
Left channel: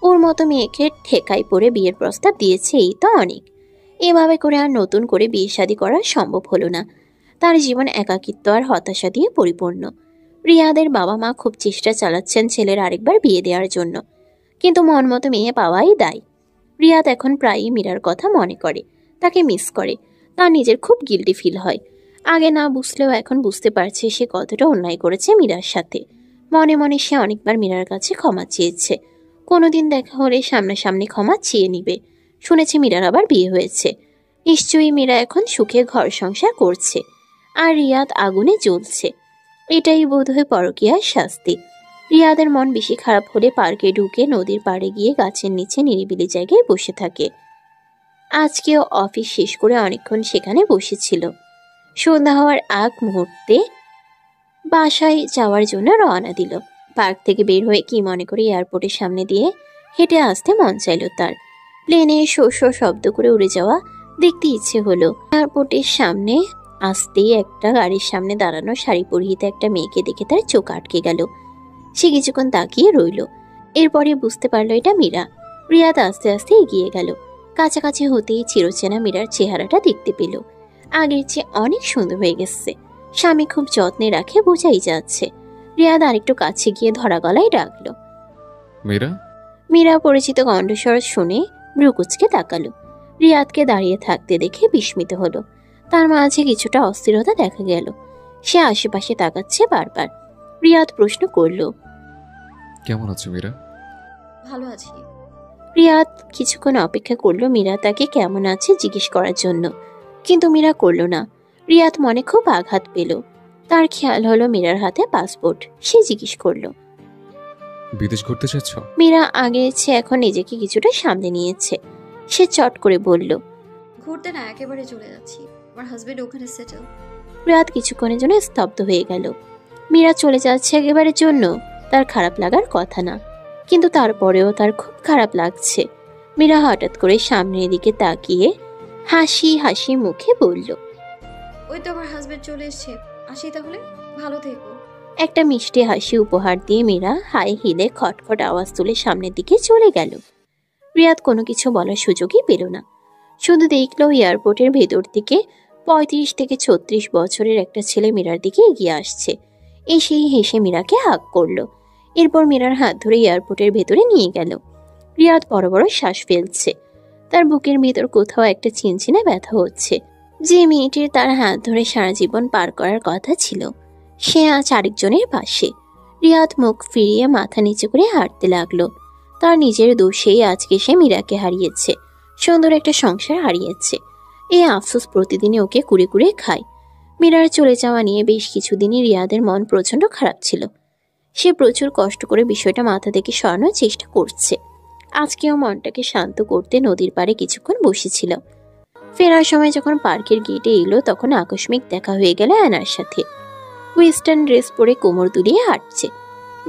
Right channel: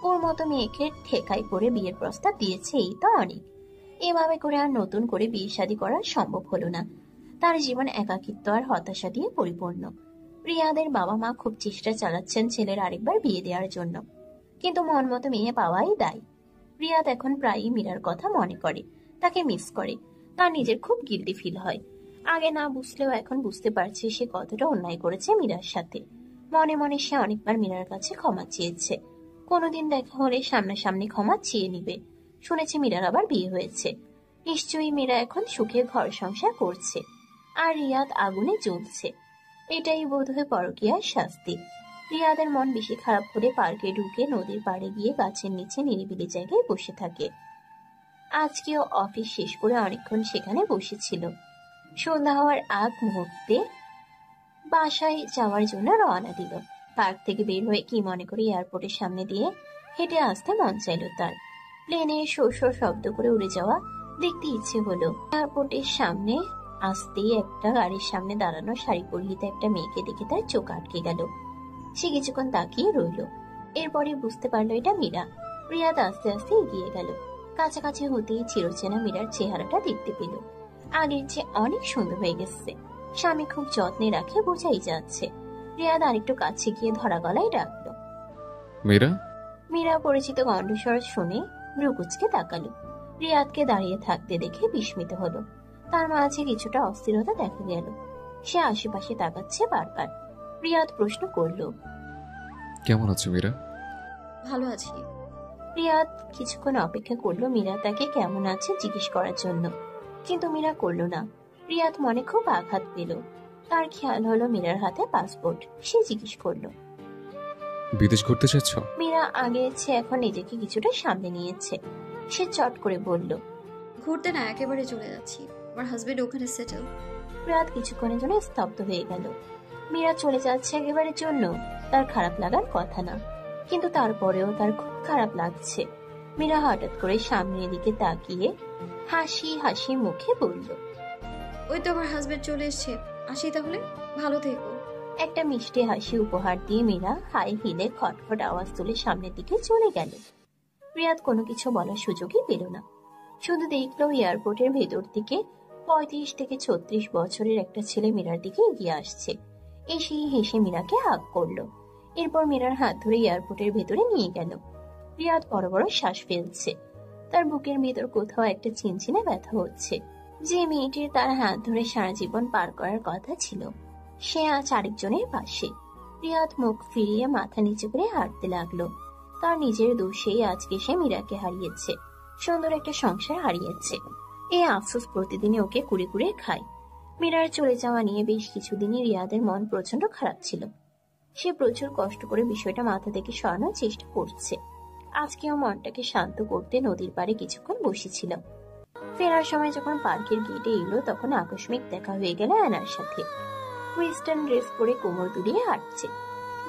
ওর মতো মেয়েকে ঠেকাই পড়ে বিয়ের প্রস্তাব দিয়েছে, এই তো অনেক। এভাবে করে আর নতুন করে বিয়ে শাদী করা সম্ভব হলো না। তার জীবন একাকিত্ব আর হতাশা দিয়ে পরিপূর্ণ। রিয়াদের বাবা মা খুব চেষ্টা চালাচ্ছেন ছেলের আরেকবার বিয়ে দেওয়ার জন্য, কিন্তু মন মতো মেয়ে পাওয়াই দায়। রিয়াদ এখন প্রায়ই মীরার কথা মনে করে, তাকে মিস করে। তার নিজের খুব গিল্টি ফিল হয়। আগে না বুঝলেও এখন বুঝতে পারছে সে কতটা অন্যায় করেছে মীরার সাথে। মনে মনে সে অনেকবার মীরার কাছে ক্ষমা চেয়েছে। কোনোদিন দেখা হলে সামনাসামনি ক্ষমা চেয়ে নিবে। শুনেছে মীরার আবার বিয়ে হয়েছে। নিশ্চয়ই মীরা এখন সুখে ঘর সংসার করছে, আর রিয়াদ আগুনে জ্বলছে। এটাই বোধহয় পরকীয়ার শাস্তি। রিয়াদের মন বেশি খারাপ হলে পার্কে ঢুকে নদীর পাড়ে গিয়ে গাছের নিচে নিরিবিলি জায়গায় বসে থাকে। আজকেও অফিস শেষ করে অনেকক্ষণ সেখানে বসেছিল। সন্ধ্যা হওয়ার আগ মুহূর্তে বাসায় যাওয়ার জন্য রওনা দিল। পার্ক থেকে বের হয়ে কি মনে করে এয়ারপোর্টের সামনে দিয়ে হেঁটে আসতে মন চাইল তার। প্লেনে শো শো শব্দ করে উড়ে যাওয়া দেখতে ইচ্ছে হলো। এয়ারপোর্টের সামনে আসতেই একটা গাড়ির সামনে দাঁড়ানো শাড়ি পরিহিত একটা মেয়েকে দেখে তার চোখ আটকে গেল। সে কিছুক্ষণ তাকিয়ে রইল। এরপরে বুঝতে পারলো এটা মীরা। রিয়াদ আস্তে আস্তে এগিয়ে গেল। কাছাকাছি হতেই চিরচেনা মীরার চেহারাটা দেখতে পেল। আগের চেয়ে অনেক সুন্দর হয়ে গেছে। স্বামী খুব যত্নে রাখে, বোঝাই যাচ্ছে। রিয়াদ আরেকটু কাছে গিয়ে ধরা গলায় ডাকলো, মীরা। মীরা পরিচিত কণ্ঠস্বর শুনে ভ্রুকুচকে তাকালো। রিয়াদকে দাঁড়িয়ে থাকতে দেখে বিস্মিত হলো। তার মাঝে কিছুটা অস্থিরতা দেখা গেল। সে আশেপাশে তাকাচ্ছে বারবার। রিয়াদ প্রশ্ন করল, কেমন আছো মীরা? ভালো আছি। রিয়াদ কিছুক্ষণ অপেক্ষা করলো মীরা তাকে কেমন আছে জিজ্ঞেস করার জন্য, কিন্তু মীরা করল না। রিয়াদ মনে খুব আঘাত পেল। তার খেয়াল হলো মীরার হাতে পাসপোর্ট। সে জিজ্ঞেস করলো, বিদেশ ঘুরতে চাচ্ছ? মীরা আগের চেয়ে এখন নিজেকে কিছুটা সামলে নিয়েছে। সে চট করে বলল, ঘুরতে না, একেবারে চলে যাচ্ছি। আমার হাজবেন্ড ওখানে সেটেল। রাত কিছুক্ষণের জন্য স্তব্ধ হয়ে গেল। মীরা চলে যাচ্ছে একেবারের জন্য তার খারাপ লাগার কথা না, কিন্তু তারপরেও তার খুব খারাপ লাগছে। মীরা হঠাৎ করে সামনের দিকে তাকিয়ে হাসি হাসি মুখে বলল, ওই তো আমার হাজবেন্ড চলে এসছে, আসি তাহলে, ভালো থেকো। একটা মিষ্টি হাসি উপহার দিয়ে মীরা হাই হিলে খটখট আওয়াজ তুলে সামনের দিকে চলে গেল। রিয়াদ কোনো কিছু বলার সুযোগই পেল না, শুধু দেখল এয়ারপোর্টের ভেতর থেকে 35 থেকে 36 বছরের একটা ছেলে মীরার দিকে এগিয়ে আসছে। এসেই হেসে মীরাকে হাক করলো। এরপর মীরার হাত ধরে এয়ারপোর্টের ভেতরে নিয়ে গেল। রিয়াদ বড় বড় শ্বাস ফেলছে। তার বুকের ভেতর কোথাও একটা চিনচিনে ব্যথা হচ্ছে। যে মেয়েটির তার হাত ধরে সারা জীবন পার করার কথা ছিল, সে আজ আরেকজনের পাশে। রিয়াদ মুখ ফিরিয়ে মাথা নিচু করে হাঁটতে লাগলো। তার নিজের দোষেই আজকে সে মীরাকে হারিয়েছে, সুন্দর একটা সংসার হারিয়েছে। এই আফসোস প্রতিদিনই ওকে কুড়ে কুড়ে খায়। মীরার চলে যাওয়া নিয়ে বেশ কিছুদিনই রিয়াদের মন প্রচণ্ড খারাপ ছিল। সে প্রচুর কষ্ট করে বিষয়টা মাথা থেকে সরানোর চেষ্টা করছে। আজকেও মনটাকে শান্ত করতে নদীর পাড়ে কিছুক্ষণ বসেছিল। ফেরার সময় যখন পার্কের গেটে এলো, তখন আকস্মিক দেখা হয়ে গেল অ্যানার সাথে। ওয়েস্টার্ন ড্রেস পরে কোমর দুলিয়ে হাঁটছে।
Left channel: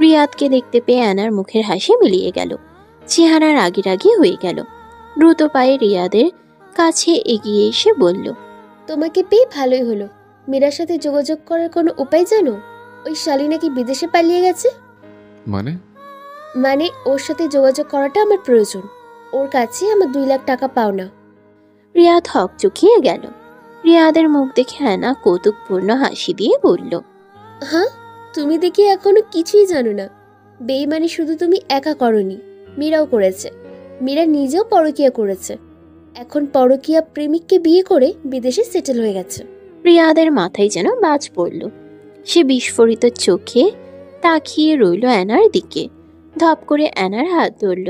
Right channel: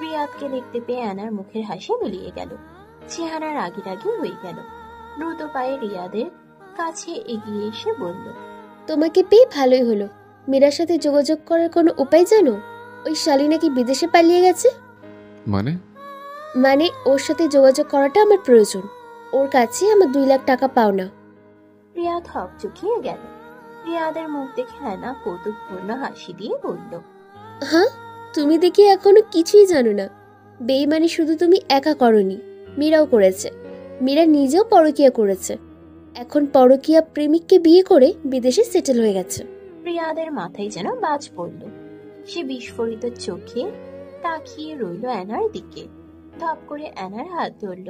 রিয়াদকে দেখতে পেয়ে অ্যানার মুখের হাসি মিলিয়ে গেল, চেহারা রাগি রাগি হয়ে গেল। দ্রুত পায়ে রিয়াদের কাছে এগিয়ে এসে বলল, তোমাকে পেয়ে ভালোই হলো। মীরার সাথে যোগাযোগ করার কোনো উপায় জানো? ওই শালি নাকি বিদেশে পালিয়ে গেছে। মানে ওর সাথে যোগাযোগ করাটা আমার প্রয়োজন। ওর কাছে আমার 2 লাখ টাকা পাওনা। রিয়াদ হক চুকিয়ে গেল। রিয়াদের মুখ দেখে অ্যানা কৌতুকপূর্ণ হাসি দিয়ে বলল, হ্যাঁ, তুমি দেখি এখনো কিছুই জানো না। বেইমানি শুধু তুমি একা করনি, মীরাও করেছে। মীরা নিজেও পরকীয়া করেছে। এখন পরকীয়া প্রেমিককে বিয়ে করে বিদেশে সেটেল হয়ে গেছে। রিয়াদের মাথায় যেন বাজ পড়ল। সে বিস্ফোরিত চোখে তাকিয়ে রইল অ্যানার দিকে। ধপ করে অ্যানার হাত ধরল,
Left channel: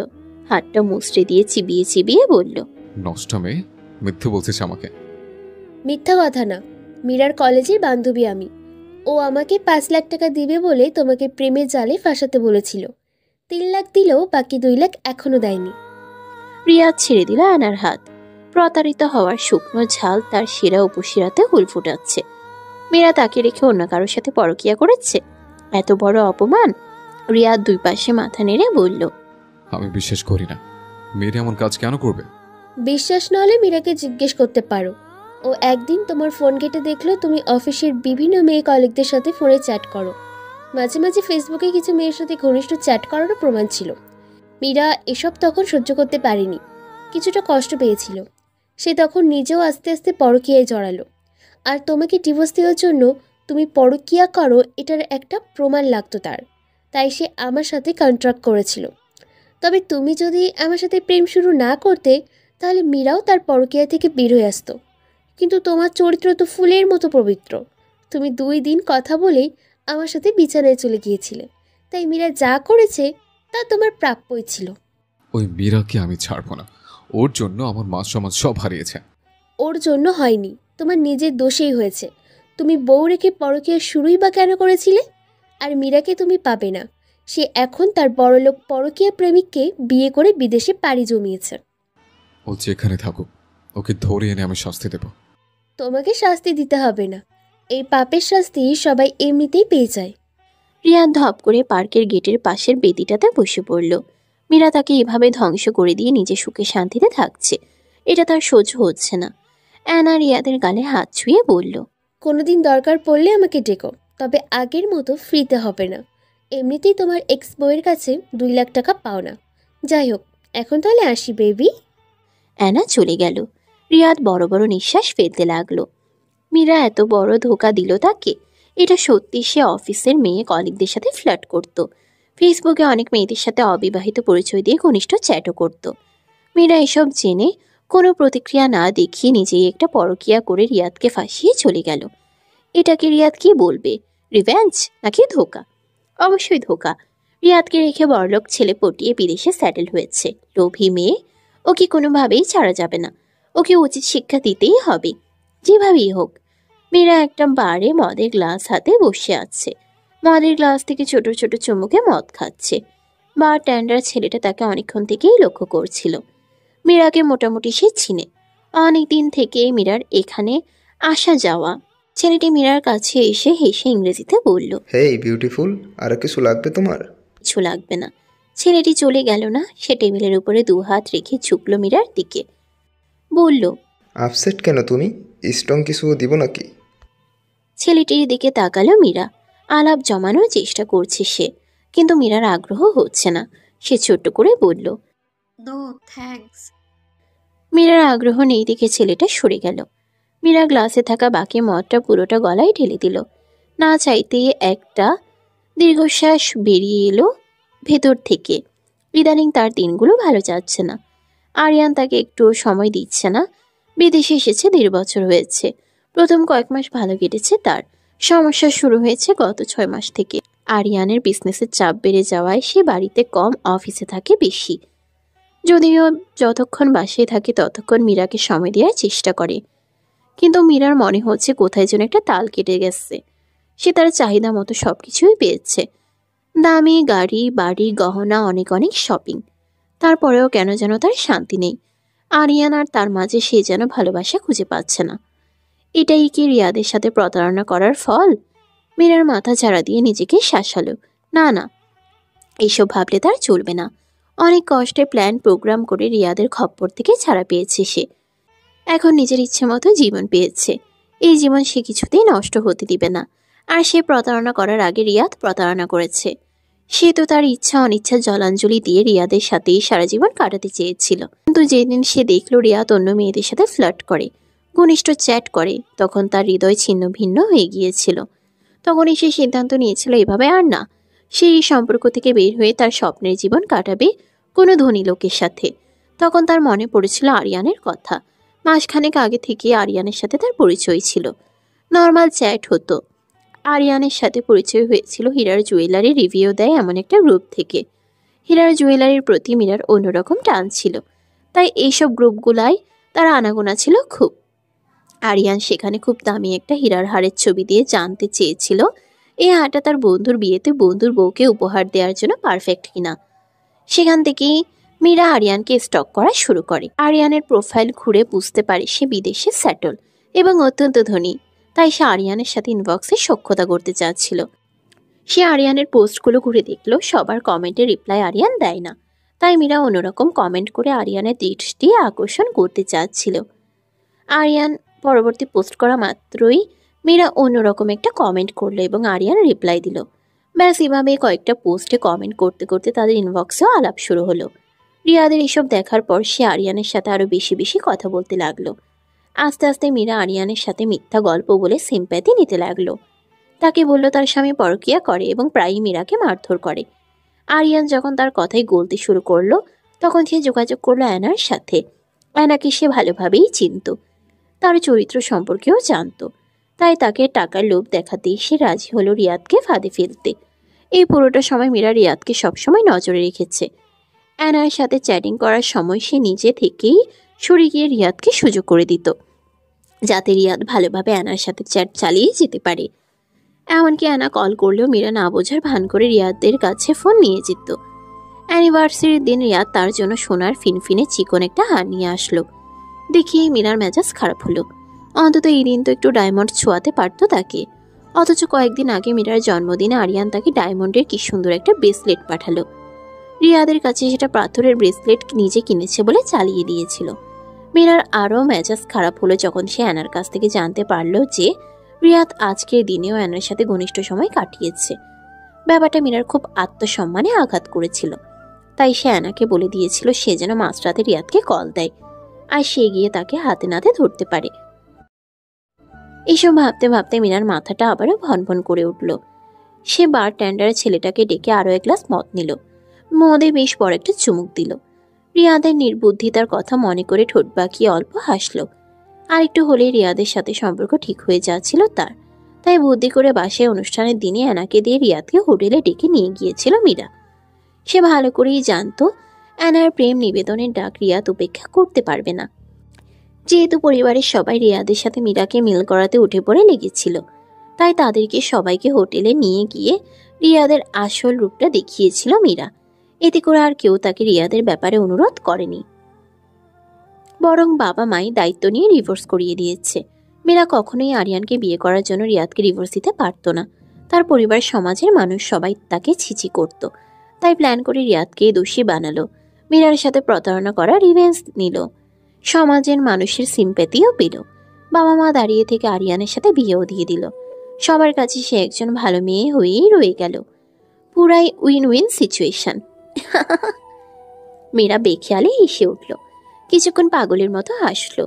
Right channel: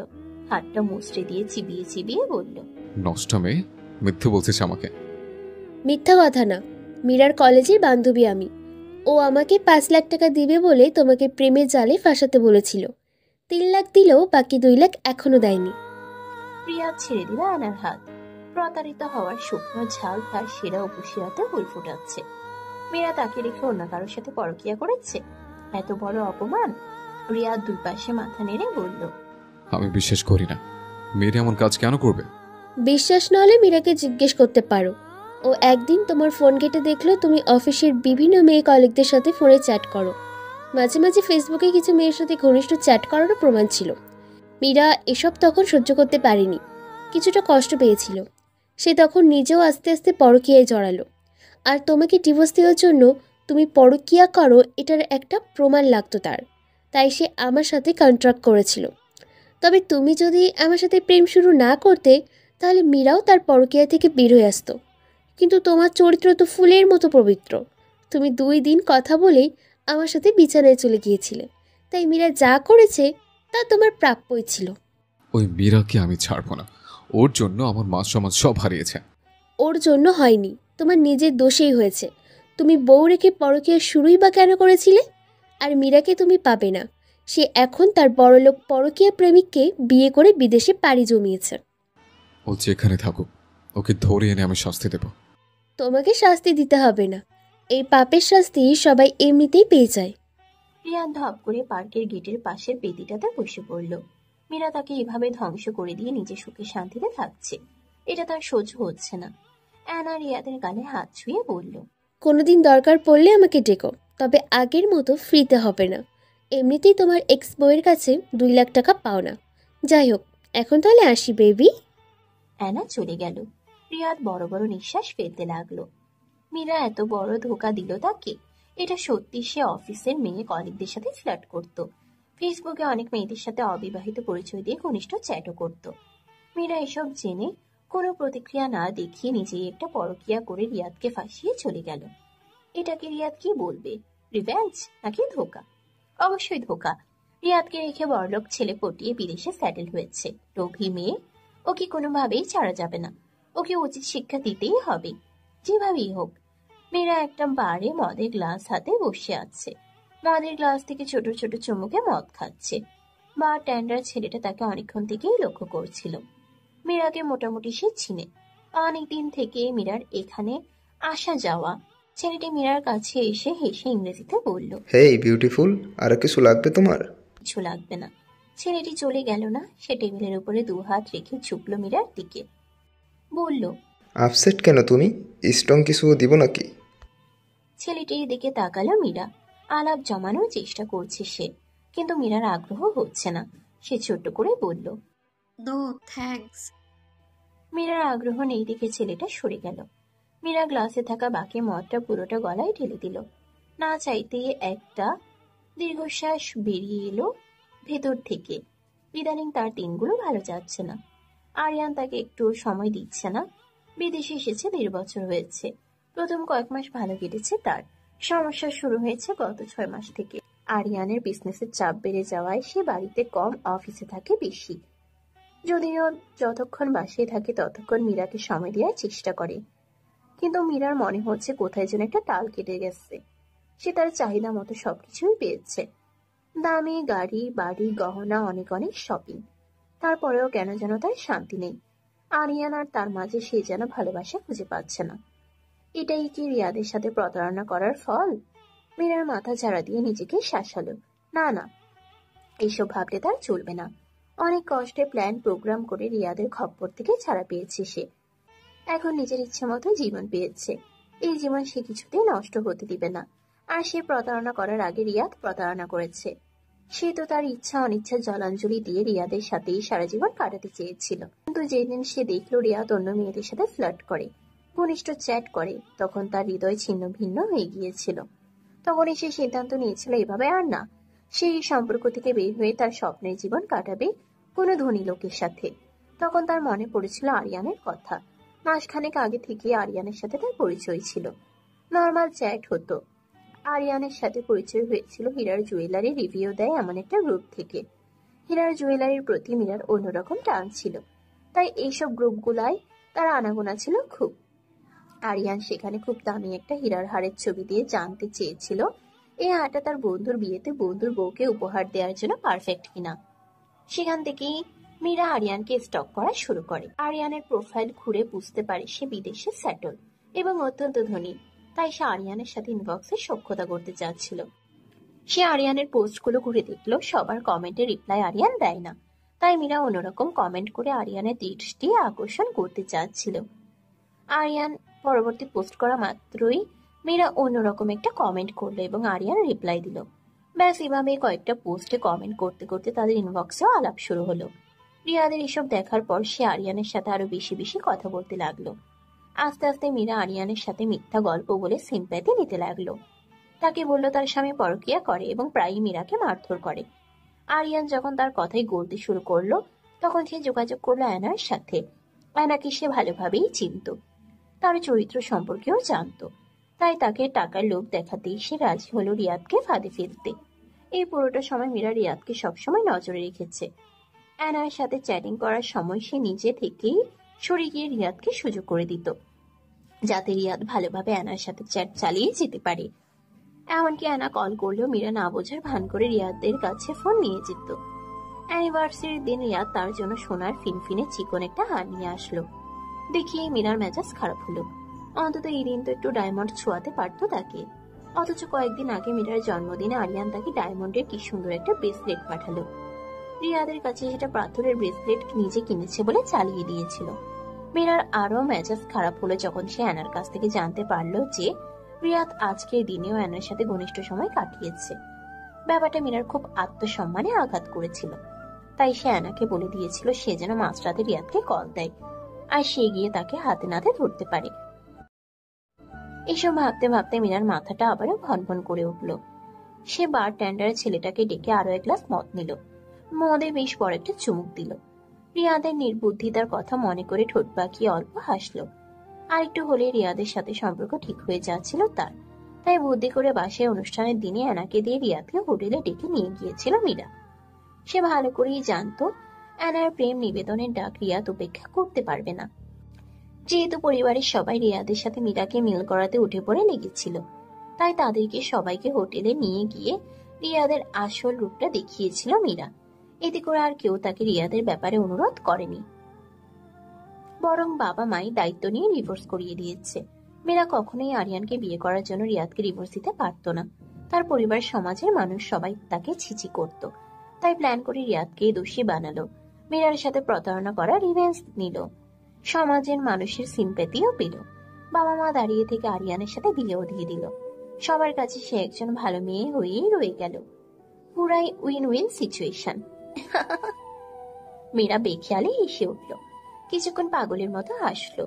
হাতটা মুচড়ে দিয়ে চিবিয়ে চিবিয়ে বলল, নষ্ট মেয়ে, মিথ্যে বলছিস আমাকে। মিথ্যা কথা না, মীরার কলেজের বান্ধবী আমি। ও আমাকে 5 লাখ টাকা দিবে বলে তোমাকে প্রেমের জালে ফাঁসাতে বলেছিল। 3 লাখ দিলেও বাকি 2 লাখ এখনো দেয়নি। রিয়াদ ছেড়ে দিল অ্যানার হাত। প্রতারিত হওয়ার শুকনো ঝাল তার শিরা উপশিরাতে হুল ফুটাচ্ছে। মীরা তাকে রেখে অন্য কারোর সাথে পরকীয়া করেছে? এত বড় অপমান! রিয়াদ 2 পাশে মাথা নেড়ে বলল, আমি বিশ্বাস করি না। মেয়েরা এমন কাজ কেন করবে? বিশ্বাস না হলে মীরাকে জিজ্ঞেস করতে পারো। ও একদিন তোমার ফোন ঘেটে দেখলো তুমি অফিসের বিভিন্ন মেয়ে কলিগদের সাথে ফোনে চ্যাট করো। মাঝে মাঝে ফেসবুকে কিছু মেয়ের সাথে ঘনিষ্ঠ চ্যাট করারও প্রমাণ ছিল। মীরা এসব তখন সহ্য করতে পারেনি, কিছুটা কষ্ট পেয়েছিল। সে তখন নিজেও আস্তে আস্তে পরকীয়ায় জড়ালো। আর তোমাকে ডিভোর্স দেওয়ার জন্য তুমি পরকীয়া করো এটার একটা প্রমাণ লাগতো তার। তাই সে আমার সাথে কন্ট্রাক্ট করেছিল। তবে তুমি যদি আমার সাথে প্রেম শুরু না করতে, তাহলে মীরাও তার পরকীয়া থেকে বের হয়ে আসতো। কিন্তু তোমার চরিত্র তো ফুলের মতো পবিত্র। তুমি 2 দিন কথা বলেই আমার সাথে বিছানায় চলে গিয়েছিলে। তাই মীরা যা করেছে তা তোমার প্রাপ্যই ছিল। ওই মীরাকে আমি ছাড়বো না। ওর জন্য আমার মান সম্মান সব হারিয়েছে। ওর জন্য হয়নি, তোমার নিজের দোষেই হয়েছে। তুমি বউ রেখে পরকীয়া শুরুই বা কেন করেছিলে? আর মীরাকে তুমি পাবে না। সে এখন তার বড়লোক পরকীয়া প্রেমিককে বিয়ে করে বিদেশে পাড়ি জমিয়েছে। ও যেখানে থাকুক, ওকে ধরে এনে আমি শাস্তি দেব। তোমাকে শাস্তি দিতে হবে না, এই পাপের শাস্তি সবাই এমনিতেই পেয়ে যায়। রিয়াদ ধপ করে পার্কের গেটের পাশের বেদিটাতে বসে পড়ল। মীরা তাকে এভাবে ধ্বংস করে দিয়ে নিজে সুখে শান্তিতে থাকছে, এটা তার সহ্য হচ্ছে না। অ্যানা রিয়াদের গালে হাত ছুঁয়ে বলল, কোনোদিন দরকার পড়লে আমাকে ডেকো, তবে আগের মতো ফ্রিতে হবে না। এমনিতেই তোমার এক্স বউয়ের কাছে 2 লাখ টাকা পাও না। যাই হোক, এখন তাহলে আসি বেবি। অ্যানা চলে গেল। রিয়াদ বড় বড় নিঃশ্বাস ফেলতে লাগলো। মীরা এত বড় ধোকা দিল তাকে। এটা সত্যি সে অফিসের মেয়ে কলিগদের সাথে ফ্লার্ট করত। ফেসবুকে অনেক মেয়েদের সাথে অবিবাহিত পরিচয় দিয়ে ঘনিষ্ঠ চ্যাটও করত। মীরা এসব জেনে কোনো প্রতিক্রিয়া না দেখিয়ে নিজেই একটা পরকীয়া করে রিয়াদকে ফাঁসিয়ে চলে গেল। এটাকে রিয়াদ কি বলবে? রিভেঞ্জ নাকি ধোকা? অবশ্যই ধোকা। রিয়াদকে রেখে বড়লোক ছেলে পটিয়ে বিদেশে সেটেল হয়েছে। লোভী মেয়ে, ওকে কোনোভাবেই ছাড়া যাবে না। ওকে উচিত শিক্ষা দিতেই হবে, যেভাবেই হোক। মীরা একটা বারে মদের গ্লাস হাতে বসে আছে। মদের গ্লাস থেকে ছোট ছোট চুমুকে মদ খাচ্ছে। বার ট্যান্ডার ছেলেটা তাকে অনেকক্ষণ থেকেই লক্ষ্য করছিল। মীরাকে মোটামুটি সে চিনে। অনেক দিন থেকে মীরার এখানে আসা যাওয়া। ছেলেটি মীরার কাছে এসে হেসে ইংরেজিতে বলল, হেই বিউটিফুল, আর কিছু লাগবে তোমার? কিছু লাগবে না। ছেলেটি চলে গেল না। সে টেবিলের উপরে 2 হাত রেখে ঝুঁকল মীরার দিকে। বলল, আপসেট কেন তুমি? স্ট্রং কিছু দিব নাকি? ছেলেটির দিকে তাকালো মীরা। আলাপ জমানোর চেষ্টা করছে সে, কিন্তু মীরার আগ্রহ হচ্ছে না। সে ছোট্ট করে বলল, নো থ্যাঙ্কস। মীরার আগ্রহ নেই দেখে ছেলেটা সরে গেল। মীরা গ্লাসে থাকা বাকি মদটা পুরোটা গলায় ঢেলে দিল। না চাইতেই একটা দীর্ঘশ্বাস বেরিয়ে এলো ভেতর থেকে। ইদানিং তার দিনগুলো ভালো যাচ্ছে না। আরিয়ান তাকে একটু সময় দিচ্ছে না। বিদেশে এসেছে 1.5 বছর হয়েছে। প্রথম কয়েক মাস ভালো কেটেছে তার। সমস্যা শুরু হয়েছে গত 6 মাস থেকে। আরিয়ানের বিজনেসের চাপ বেড়ে যাওয়ায় সে বাড়িতে কম, অফিসে থাকে বেশি। যদিও যতক্ষণ বাসায় থাকে ততক্ষণ মীরাকে সময় দেওয়ার চেষ্টা করে, কিন্তু মীরার মনে হচ্ছে কোথায় যেন একটা তাল কেটে গেছে। সে তার চাহিদা মতো সব কিছুই পেয়েছে। দামি গাড়ি, বাড়ি, গহনা, অনেক অনেক শপিং। তারপরেও কেন যেন তার শান্তি নেই। আরিয়ান আর তার মাঝে সে যেন ভালোবাসা খুঁজে পাচ্ছে না। এটাই কি রিয়াদের সাথে প্রতারণা করার ফল? মীরার মাথা ঝাড়া দিয়ে নিজেকে শাসালো। না না, এইসব ভাবলে তার চলবে না। অনেক কষ্টে প্ল্যান প্রোগ্রাম করে রিয়াদের খপ্পর থেকে ছাড়া পেয়েছে সে। এখন নিজের ইচ্ছে মতো জীবন পেয়েছে। এই জীবন সে কিছুতেই নষ্ট হতে দিবে না। আর সে প্রতারণা করার আগে রিয়াদ প্রতারণা করেছে। সে তো তার ইচ্ছা অনিচ্ছা জলাঞ্জলি দিয়ে রিয়াদের সাথেই সারা জীবন কাটাতে চেয়েছিল। কিন্তু যেদিন সে দেখল রিয়াদ অন্য মেয়েদের সাথে ফ্লার্ট করে, ঘনিষ্ঠ চ্যাট করে, তখন তার হৃদয় ছিন্ন ভিন্ন হয়ে গিয়েছিল। তখনই সে সিদ্ধান্ত নিয়েছিল এভাবে আর না। সে এই সম্পর্ক থেকে বের হয়ে তার স্বপ্নের জীবন কাটাবে কোনো ধনী লোকের সাথে। তখন তার মনে পড়েছিল আরিয়ানের কথা। মাসখানেক আগে থেকে আরিয়ানের সাথে তার পরিচয় ছিল। নর্মাল চ্যাট হতো। আরিয়ানের সাথে পরিচয় হয়েছিল হীরার জুয়েলারি রিভিউ দেয় এমন একটা গ্রুপ থেকে। হীরার জুয়েলারির প্রতি মীরার অন্যরকম টান ছিল, তাই এইসব গ্রুপগুলায় তার আনাগোনা ছিল খুব। আরিয়ান সেখানে খুব দামি একটা হীরার হারের ছবি দিয়ে জানতে চেয়েছিল এই হারটা তার বন্ধুর বিয়েতে বন্ধুর বউকে উপহার দেওয়ার জন্য পারফেক্ট কিনা। সেখান থেকেই মীরা আরিয়ানকে স্টক করা শুরু করে। আরিয়ানের প্রোফাইল ঘুরে বুঝতে পারে সে বিদেশে সেটল এবং অত্যন্ত ধনী। তাই সে আরিয়ানের সাথে ইনবক্সে সখ্যতা করতে চাচ্ছিল। সে আরিয়ানের পোস্টগুলো ঘুরে দেখলো সবার কমেন্টে রিপ্লাই আরিয়ান দেয় না। তাই মীরা অন্যরকম কমেন্ট করে আরিয়ানের দৃষ্টি আকর্ষণ করতে চাচ্ছিল। আরিয়ান পরবর্তী পোস্ট করা মাত্রই মীরা অন্যরকম একটা কমেন্ট করলো এবং আরিয়ান রিপ্লাই দিল। ব্যাস এভাবে কয়েকটা পোস্টে কমেন্ট করতে করতে তাদের ইনবক্সেও আলাপ শুরু হলো। রিয়াদের এসব দেখার পর সে আরিয়ানের সাথে আরো বেশি বেশি কথা বলতে লাগলো। আস্তে আস্তে মীরা আরিয়ানের সাথে মিথ্যা গল্প বলে সিম্প্যাথি নিতে লাগলো। তাকে বলল তার স্বামী পরকীয়া করে এবং প্রায়ই মীরাকে মারধর করে। আরিয়ান যখন তার কথাই গলতে শুরু করলো, তখন সে যোগাযোগ করলো অ্যানার সাথে। অ্যানাকে সে ভালোভাবেই চিনত, তার চরিত্র সম্পর্কেও জানত। তাই তাকে টাকার লোভ দেখাতেই সে রাজি হলো রিয়াদকে ফাঁদে ফেলতে। এই পুরোটা সময় মীরা রিয়াদকে সবসময় নজরে রেখেছে। অ্যানার সাথে চ্যাটিং করার সময় সে নিজে থেকেই সরে গিয়ে রিয়াদকে সুযোগ করে দিত, যাতে রিয়াদ ভালোভাবে অ্যানার সাথে চ্যাট চালিয়ে যেতে পারে। এমনকি অ্যানা কল করলেও মীরা না বোঝার ভান করে রিয়াদের কাছে ফোন নিয়ে যেত। অ্যানিভার্সারির দিন রিয়াদ তার জন্য সোনার ফিনফিনে চিকন একটা হার নিয়ে আসলো। দেখিয়ে মীরার মেজাজ খারাপ হলো। অন্তত এই দিন তো একটু ডায়মন্ড ছোঁয়াতে পারতো তাকে। অথচ কয়েকদিন আগে মীরার জন্মদিনে আরিয়ান তাকে ডায়মন্ডের কি সুন্দর একটা ব্রেসলেট পাঠালো। রিয়াদের কাছে সেটা পাথরের ব্রেসলেট নিজে কিনেছে বলে চালিয়ে দিয়েছিল। মীরার আরও মেজাজ খারাপ হলো যখন সে অ্যানার কাছ থেকে জানতে পারলো যে রিয়াদ আজকের দিনেও অ্যানার সাথে ঘনিষ্ঠ সময় কাটিয়েছে। ব্যাপারটা মীরার খুব আত্মসম্মানে আঘাত করেছিল। তাই সে অ্যানাকে বলে দিয়েছিল সে যেন মাঝরাতে রিয়াদকে কল দেয়, আর সে গিয়ে তাকে হাতে নাতে ধরতে পারে। এইসব ভাবতে ভাবতে মীরার মাথাটা আবারও ভনভন করে উঠল। সে বার ট্যান্ডার ছেলেটাকে ডেকে আরও এক গ্লাস মদ নিল। মদে বেশ বড় একটা চুমুক দিল। রিয়াদের নির্বুদ্ধিতার কথা মনে করে ঠোঁট বাঁকিয়ে অল্প হাসল। আর একটু হলে রিয়াদের সাথে সম্পর্ক ঠিক হয়ে যাচ্ছিল তার। তাই বুদ্ধি করে বাসায় অনুষ্ঠানের দিনে অ্যানাকে দিয়ে রিয়াদকে হোটেলে ডেকে নিয়ে গিয়েছিল মীরা। সে ভালো করেই জানতো অ্যানার প্রেম নিবেদনের ডাক রিয়াদ উপেক্ষা করতে পারবে না। যেহেতু পরিবারের সবাই রিয়াদের সাথে মীরাকে মিল করাতে উঠে পড়ে লেগেছিল, তাই তাদেরকে সবাইকে হোটেলে নিয়ে গিয়ে রিয়াদের আসল রূপটা দেখিয়েছিল মীরা। এতে করে আর কেউ তাকে রিয়াদের ব্যাপারে অনুরোধ করেনি, বরং বাবা মাই দায়িত্ব নিয়ে ডিভোর্স করিয়ে দিয়েছে। মীরা কখনোই আরিয়ানকে বিয়ে করার জন্য রিয়াদকে ডিভোর্স দিতে পারত না। তার পরিবার, সমাজের মানুষ সবাই তাকে ছিছি করত, তাই প্ল্যান করে রিয়াদকে দোষী বানালো। মীরার সাথে প্রতারণা করা রিভেঞ্জ নিল, সমাজের মানুষের সিম্প্যাথিও পেল। বাবা মা দাঁড়িয়ে থেকে আরিয়ানের সাথে বিয়েও দিয়ে দিল। সবার কাছে সে একজন ভালো মেয়ে হয়েই রয়ে গেল। পুরাই উইন উইন সিচুয়েশন। মীরা বেখেয়ালে হেসে উঠল, কিছুক্ষণ পাগলের মতো হাসলো।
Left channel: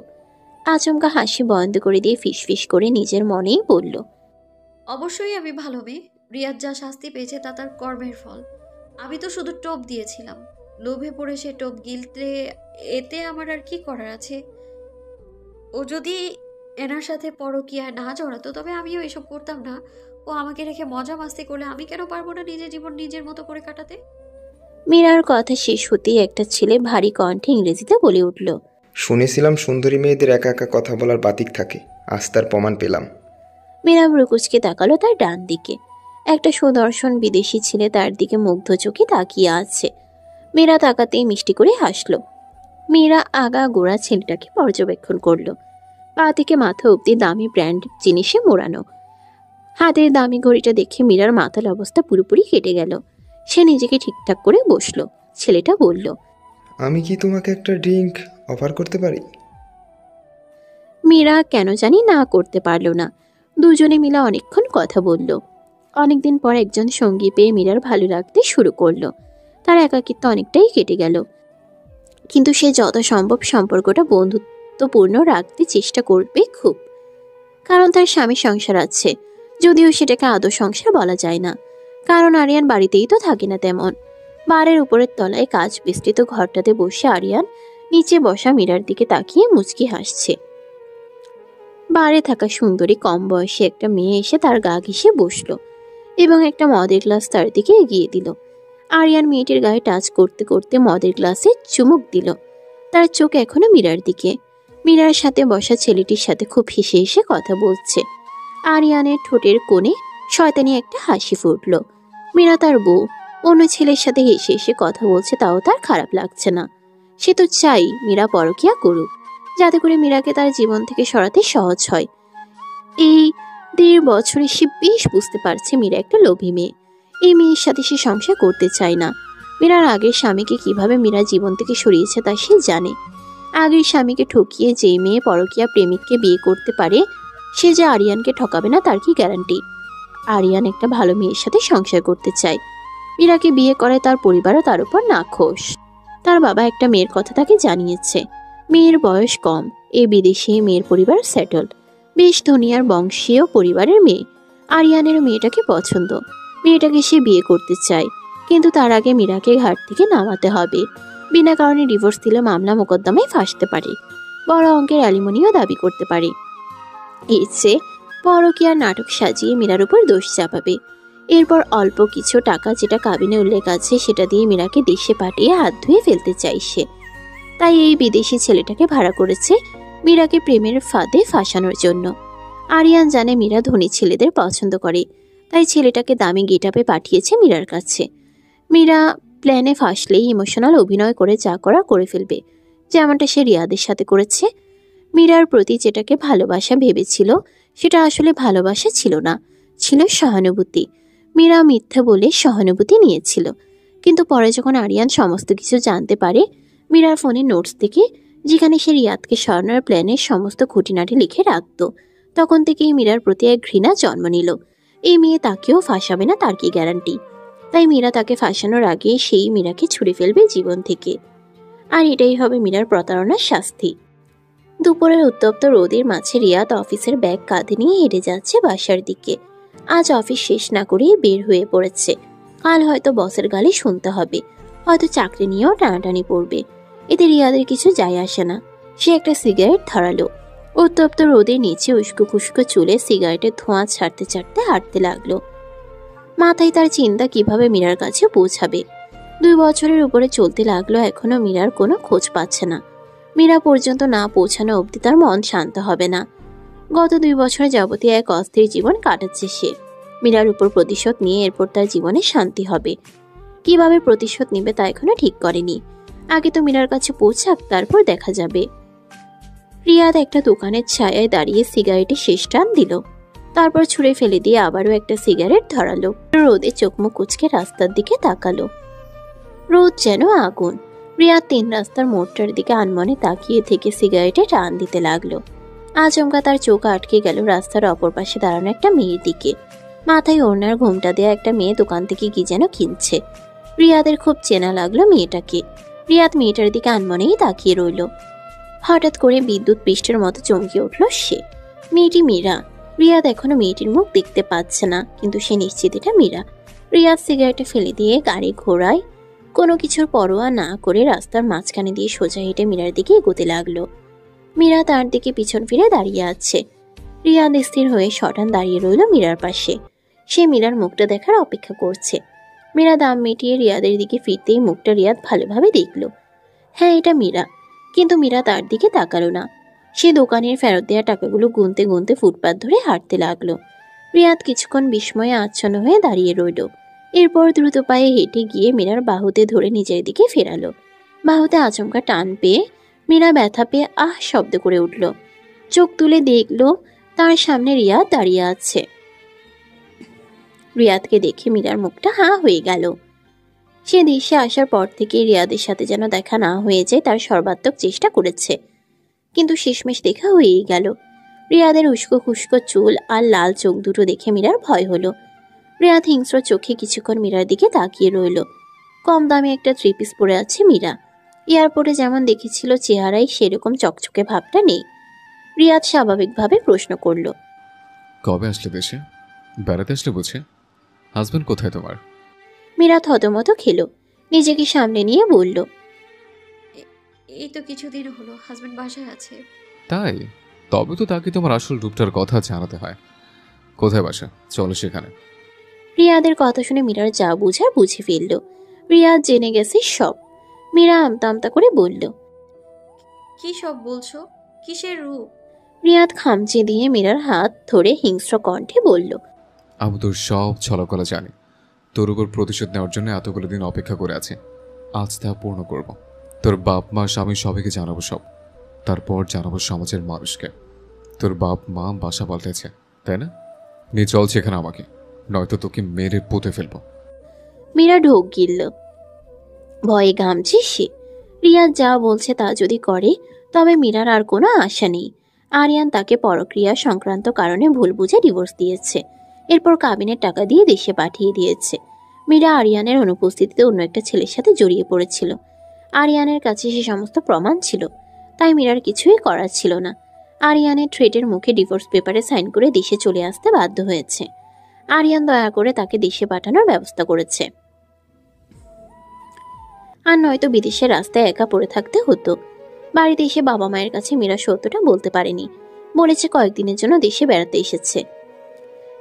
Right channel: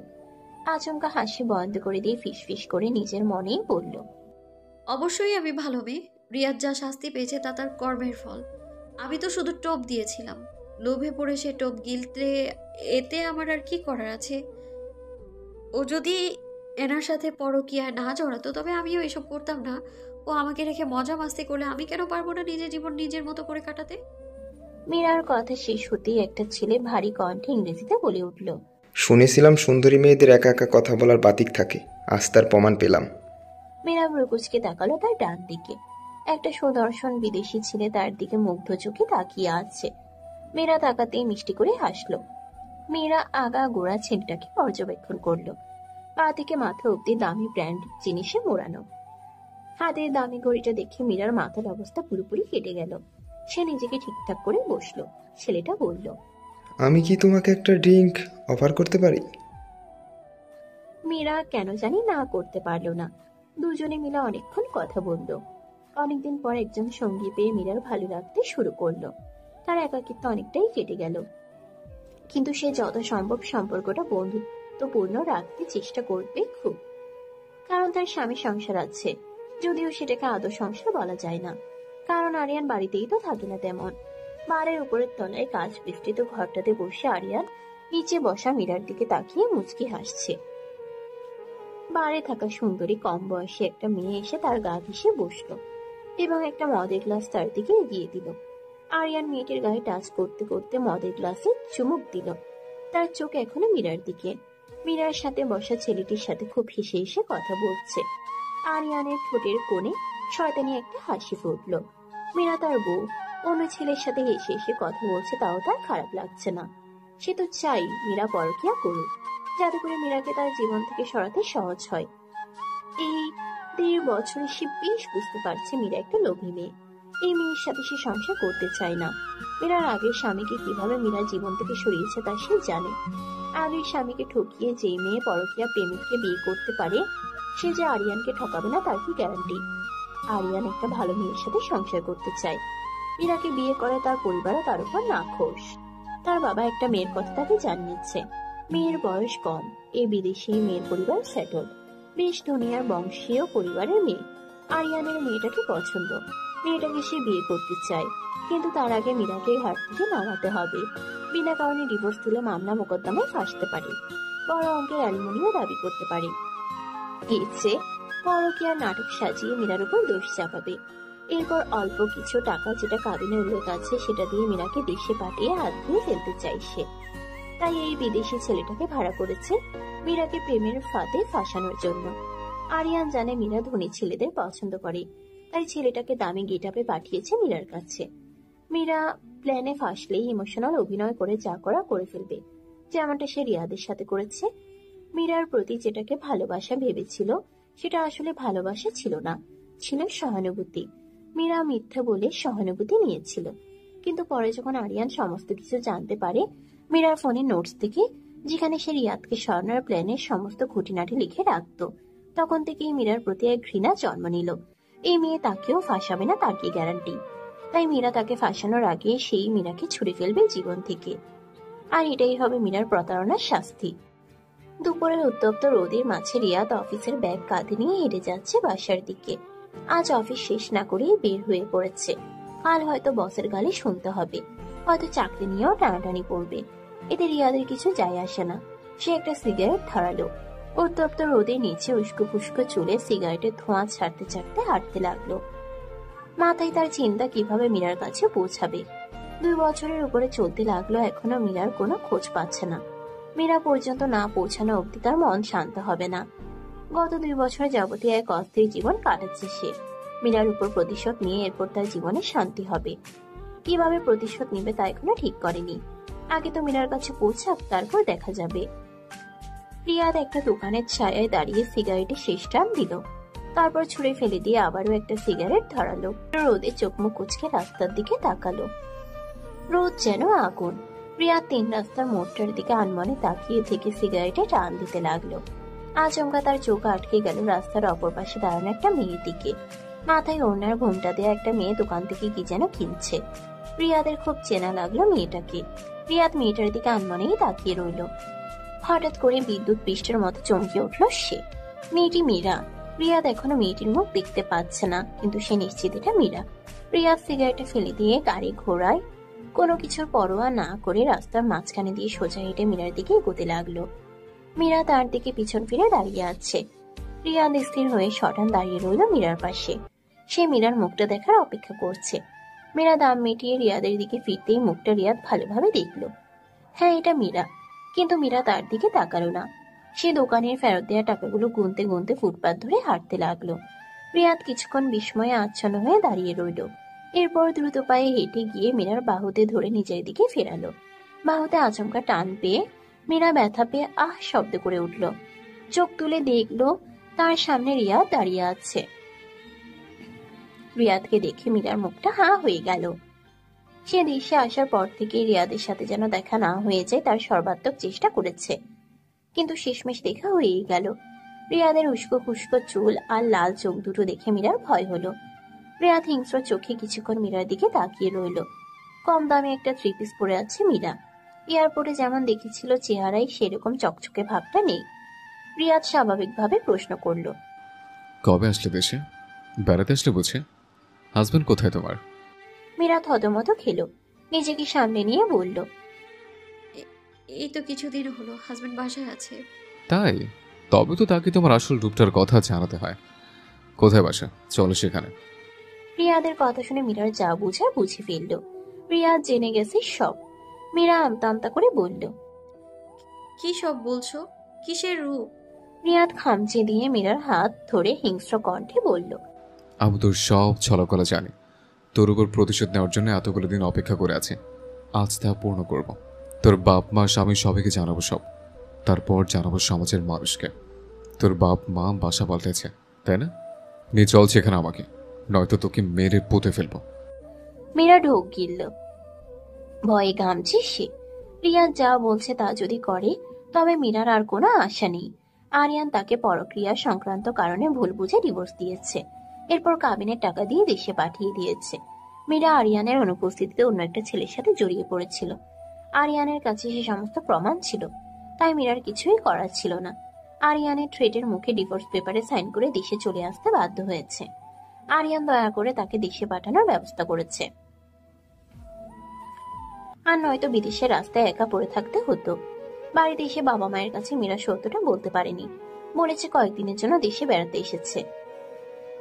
আচমকা হাসি বন্ধ করে দিয়ে ফিসফিস করে নিজের মনেই বলল, অবশ্যই আমি ভালো মেয়ে। রিয়াদ যা শাস্তি পেয়েছে তা তার কর্মের ফল। আমি তো শুধু টোপ দিয়েছিলাম, লোভে পড়ে সে টোপ গিলতে, এতে আমার আর কি করার আছে? ও যদি এনার সাথে পরকীয়ায় না জড়াতো তবে আমিও এসব করতাম না। ও আমাকে রেখে মজা মাস্তি করলে আমি কেন পারবো না নিজের জীবন নিজের মতো করে কাটাতে? মীরার কথা শেষ হতেই একটা ছেলে ভারী কণ্ঠে ইংরেজিতে বলে উঠল, শুনেছিলাম সুন্দরী মেয়েদের একা একা কথা বলার বাতিক থাকে, আজ তার প্রমাণ পেলাম। মীরা ব্রুকুচকে তাকালো তার ডান দিকে। একটা সুদর্শন বিদেশি ছেলে তার দিকে মুগ্ধ চোখে তাকিয়ে আছে। মীরা তাকাতেই মিষ্টি করে হাসলো। মীরা আগা গোড়া ছেলেটাকে পর্যবেক্ষণ করলো। পা থেকে মাথা অব্দি দামি ব্র্যান্ড জিনিসে মোড়ানো। হাতের দামি ঘড়িটা দেখে মীরার মাথার অবস্থা পুরোপুরি কেটে গেল। সে নিজেকে ঠিকঠাক করে বসলো। ছেলেটা বলল, আমি কি তোমাকে একটা ড্রিঙ্ক অফার করতে পারি? মীরা কেন জানি না করতে পারল না। দুজনে মিলে অনেকক্ষণ কথা বলল। অনেকদিন পর একজন সঙ্গী পেয়ে মীরার ভালো লাগতে শুরু করলো। তার একাকিত্ব অনেকটাই কেটে গেল, কিন্তু সে যত সম্ভব সম্পর্কটা বন্ধুত্বপূর্ণ রাখতে চেষ্টা করবে খুব, কারণ তার স্বামী সংসার আছে। যদিও সেটাকে আদৌ সংসার বলা যায় না, কারণ আরিয়ান বাড়িতেই তো থাকে না তেমন। বারের উপরের তলায় কাজ বিস্তৃত ঘরটাতে বসে আরিয়ান নিচে বসা মীরার দিকে তাকিয়ে মুচকি হাসছে। বারে থাকা সুন্দরী কম বয়সী একটা মেয়ে এসে তার গা ঘেঁষে বসলো এবং একটা মদের গ্লাস তার দিকে এগিয়ে দিল। আরিয়ান মেয়েটির গায়ে টাচ করতে করতে মদের গ্লাসে চুমুক দিল। তার চোখ এখনো মীরার দিকে। মীরার সাথে বসা ছেলেটির সাথে খুব হেসে হেসে কথা বলছে। আরিয়ানের ঠোঁটের কোণে শয়তানি একটা হাসি ফুটল। মীরা তার বউ অন্য ছেলের সাথে হেসে হেসে কথা বলছে, তাও তার খারাপ লাগছে না। সে তো চাই মীরা পরকীয়া করুক, যাতে করে মীরাকে তার জীবন থেকে সরাতে সহজ হয়। এই 1.5 বছরে সে বেশ বুঝতে পারছে মীরা একটা লোভী মেয়ে। এই মেয়ের সাথে সে সংসার করতে চায় না। মীরার আগের স্বামীকে কিভাবে মীরা জীবন থেকে সরিয়েছে তা সে জানে। আগের স্বামীকে ঠকিয়ে যেই মেয়ে পরকীয়া প্রেমিককে বিয়ে করতে পারে, সে যে আরিয়ানকে ঠকাবে না তার কি গ্যারান্টি? আরিয়ান একটা ভালো মেয়ের সাথে সংসার করতে চায়। মীরাকে বিয়ে করে তার পরিবারও তার উপর নাখোশ। তার বাবা একটা মেয়ের কথা তাকে জানিয়েছে। মেয়ের বয়স কম, এই বিদেশি মেয়ের পরিবার সেটল, বেশ ধনী আর বংশীয় পরিবারের মেয়ে। আরিয়ানের মেয়েটাকে পছন্দ, মেয়েটাকে সে বিয়ে করতে চায়, কিন্তু তার আগে মীরাকে ঘাট থেকে নামাতে হবে। বিনা কারণে ডিভোর্স দিলে মামলা মোকদ্দমায় ফাঁসতে পারে, বড় অঙ্কের অ্যালিমনিও দাবি করতে পারে। এর চেয়ে পরকীয়ার নাটক সাজিয়ে মীরার উপর দোষ চাপাবে। এরপর অল্প কিছু টাকা যেটা কাবিনে উল্লেখ আছে সেটা দিয়ে মীরাকে দেশে পাঠিয়ে হাত ধুয়ে ফেলতে চাইছে। তাই এই বিদেশি ছেলেটাকে ভাড়া করেছে মীরাকে প্রেমের ফাঁদে ফাঁসানোর জন্য। আরিয়ান জানে মীরা ধনী ছেলেদের পছন্দ করে, তাই ছেলেটাকে দামি গেটআপে পাঠিয়েছে মীরার কাছে। মীরা প্ল্যানে ফাঁসলেই ইমোশনাল অভিনয় করে যা করা করে ফেলবে, যেমনটা সে রিয়াদের সাথে করেছে। মীরার প্রতি যেটাকে ভালোবাসা ভেবেছিল সেটা আসলে ভালোবাসা ছিল না, ছিল সহানুভূতি। মীরা মিথ্যা বলে সহানুভূতি নিয়েছিল, কিন্তু পরে যখন আরিয়ান সমস্ত কিছু জানতে পারে মীরার ফোনে নোটস থেকে, যেখানে সে রিয়াদকে সরানোর প্ল্যানের সমস্ত খুঁটিনাটি লিখে রাখত, তখন থেকেই মীরার প্রতি এক ঘৃণা জন্ম নিল। এই মেয়ে তাকেও ফাঁসাবে না তার কি গ্যারান্টি? তাই মীরা তাকে ফাঁসানোর আগে সেই মীরাকে ছুড়ে ফেলবে জীবন থেকে। আর এটাই হবে মীরার প্রতারণার শাস্তি। দুপুরের উত্তপ্ত রোদের মাঝে রিয়াদ অফিসের ব্যাগ কাঁধে নিয়ে হেঁটে যাচ্ছে বাসার দিকে। আজ অফিস শেষ না করেই বের হয়ে পড়েছে। কাল হয়তো বসের গালি শুনতে হবে, হয়তো চাকরি নিয়েও টানাটানি পড়বে। এতে রিয়াদের কিছু যায় আসে না। সে একটা সিগারেট ধরালো। উত্তপ্ত রোদের নিচে উস্কো ফুস্কো চুলে সিগারেটের ধোঁয়া ছাড়তে ছাড়তে হাঁটতে লাগলো। মাথায় তার চিন্তা কিভাবে মীরার কাছে পৌঁছাবে। 2 বছরের উপরে চলতে লাগলো, এখনো মীরার কোনো খোঁজ পাচ্ছে না। মীরা পর্যন্ত না পৌঁছানো অবধি তার মন শান্ত হবে না। গত 2 বছর যাবতীয় এক অস্থির জীবন কাটাচ্ছে সে। মীরার উপর প্রতিশোধ নিয়ে এরপর তার জীবনে শান্তি হবে। কিভাবে প্রতিশোধ নিবে তা এখনো ঠিক করেনি। আগে তো মীরার কাছে পৌঁছাক, তারপর দেখা যাবে। রিয়াদ একটা দোকানের ছায়ায় দাঁড়িয়ে সিগারেটে শেষ টান দিল, তারপর ছুঁড়ে ফেলে দিয়ে আবারও একটা সিগারেট ধরালো। রোদে চোখ মুখ কুঁচকে রাস্তার দিকে তাকালো। রোদ যেন আগুন। রিয়াদ 3 রাস্তার মোড়টার দিকে আনমনে তাকিয়ে থেকে সিগারেটে টান দিতে লাগলো। আচমকা তার চোখ আটকে গেল রাস্তার অপর পাশে দাঁড়ানো একটা মেয়ের দিকে। মাথায় ওড়নার ঘোমটা দেয়া একটা মেয়ে দোকান থেকে কি যেন কিনছে। রিয়াদের খুব চেনা লাগলো মেয়েটাকে। রিয়াদ মেয়েটার দিকে আনমনেই তাকিয়ে রইল। হঠাৎ করে বিদ্যুৎ পৃষ্ঠের মতো চমকে উঠল সে। মেয়েটি মীরা। রিয়াদ এখনো মেয়েটির মুখ দেখতে পাচ্ছে না, কিন্তু সে নিশ্চিত এটা মীরা। রিয়াদ সিগারেটে ফেলে দিয়ে গাড়ি ঘোড়ায় কোনো কিছুর পরোয়া না করে রাস্তার মাঝখানে দিয়ে সোজা হেঁটে মীরার দিকে এগোতে লাগলো। মীরা তার দিকে পিছন ফিরে দাঁড়িয়ে আছে। রিয়াদ স্থির হয়ে সটান দাঁড়িয়ে রইল মীরার পাশে। সে মীরার মুখটা দেখার অপেক্ষা করছে। মীরা দাম মিটিয়ে রিয়াদের দিকে ফিরতেই মুখটা রিয়াদ ভালোভাবে দেখল। হ্যাঁ, এটা মীরা। কিন্তু মীরা তার দিকে তাকালো না। সে দোকানের ফেরত দেওয়া টাকাগুলো গুনতে গুনতে ফুটপাত ধরে হাঁটতে লাগলো। রিয়াদ কিছুক্ষণ বিস্ময়ে আচ্ছন্ন হয়ে দাঁড়িয়ে রইল। এরপর দ্রুত পায়ে হেঁটে গিয়ে মীরার বাহুতে ধরে নিজের দিকে ফেরালো। বাহুতে আচমকা টান পেয়ে মীরা ব্যথা পেয়ে আহ শব্দ করে উঠল। চোখ তুলে দেখল তার সামনে রিয়াদ দাঁড়িয়ে আছে। রিয়াদকে দেখে মীরার মুখটা হাঁ হয়ে গেল। সে দেশে আসার পর থেকে রিয়াদের সাথে যেন দেখা না হয়ে যায় তার সর্বাত্মক চেষ্টা করেছে, কিন্তু শেষমেশ দেখা হয়েই গেল। রিয়াদের উস্কো খুস্কো চুল আর লাল চোখ দুটো দেখে মীরার ভয় হলো। রিয়াদ হিংস্র চোখে কিছুক্ষণ মীরার দিকে তাকিয়ে রইল। কম দামে একটা 3 পিস পরে আছে মীরা। এয়ারপোর্টে যেমন দেখেছিল চেহারায় সেরকম চকচকে ভাবটা নেই। রিয়াদ স্বাভাবিকভাবে প্রশ্ন করল, কবে আসলে দেশে? বেড়াতে আসলে বুঝে? হাজবেন্ড কোথায় তোমার? মীরা থতমত খেলো। নিজেকে সামনে নিয়ে বলল, এই তো কিছুদিন হলো হাজবেন্ড বাসায় আছে। তাই? তবে তো তাকে তোমার আসল রূপটার কথা জানাতে হয়। কোথায় বাসা? চলো সেখানে। রিয়াদের কথা শুনে মীরার যা বুঝার বুঝে ফেলল। রিয়াদ জেনে গেছে সব। মীরা আমতা আমতা করে বলল, কি সব বলছো? কিসের রূপ? রিয়াদ খামচে দিয়ে মীরার হাত ধরে হিংস্র কণ্ঠে বলল, আমি তোর সব ছলকলা জানি। তোর উপর প্রতিশোধ নেওয়ার জন্য এতগুলো দিন অপেক্ষা করে আছি। আজ তা পূর্ণ করব। তোর বাপ মা স্বামী সবাইকে জানাবো সব। তারপর জানাবো সমাজের মানুষকে। তোর বাপ মা বাসা পাল্টেছে, তাই না? নিয়ে চল সেখানে আমাকে, নয়তো তোকে মেরে পুঁতে ফেলবো। মীরা ঢোক গিলল। ভয়ে ঘামছে সে। রিয়াদ যা বলছে তা যদি করে তবে মীরার আর কোনো আশা নেই। আরিয়ান তাকে পরক্রিয়া সংক্রান্ত কারণে ভুল বুঝে ডিভোর্স দিয়েছে। এরপর কাবিনের টাকা দিয়ে দেশে পাঠিয়ে দিয়েছে। মীরা আরিয়ানের অনুপস্থিতিতে অন্য একটা ছেলের সাথে জড়িয়ে পড়েছিল। আরিয়ানের কাছে সে সমস্ত প্রমাণ ছিল, তাই মীরার কিছুই করার ছিল না। আরিয়ানের থ্রেটের মুখে ডিভোর্স পেপারে সাইন করে দেশে চলে আসতে বাধ্য হয়েছে। আরিয়ান দয়া করে তাকে দেশে পাঠানোর ব্যবস্থা করেছে। আর নয়তো বিদেশের রাস্তায় একা পড়ে থাকতে হতো। বাড়িতে এসে বাবা মায়ের কাছে মীরা সত্যটা বলতে পারেনি। বলেছে কয়েকদিনের জন্য দেশে বেড়াতে এসেছে।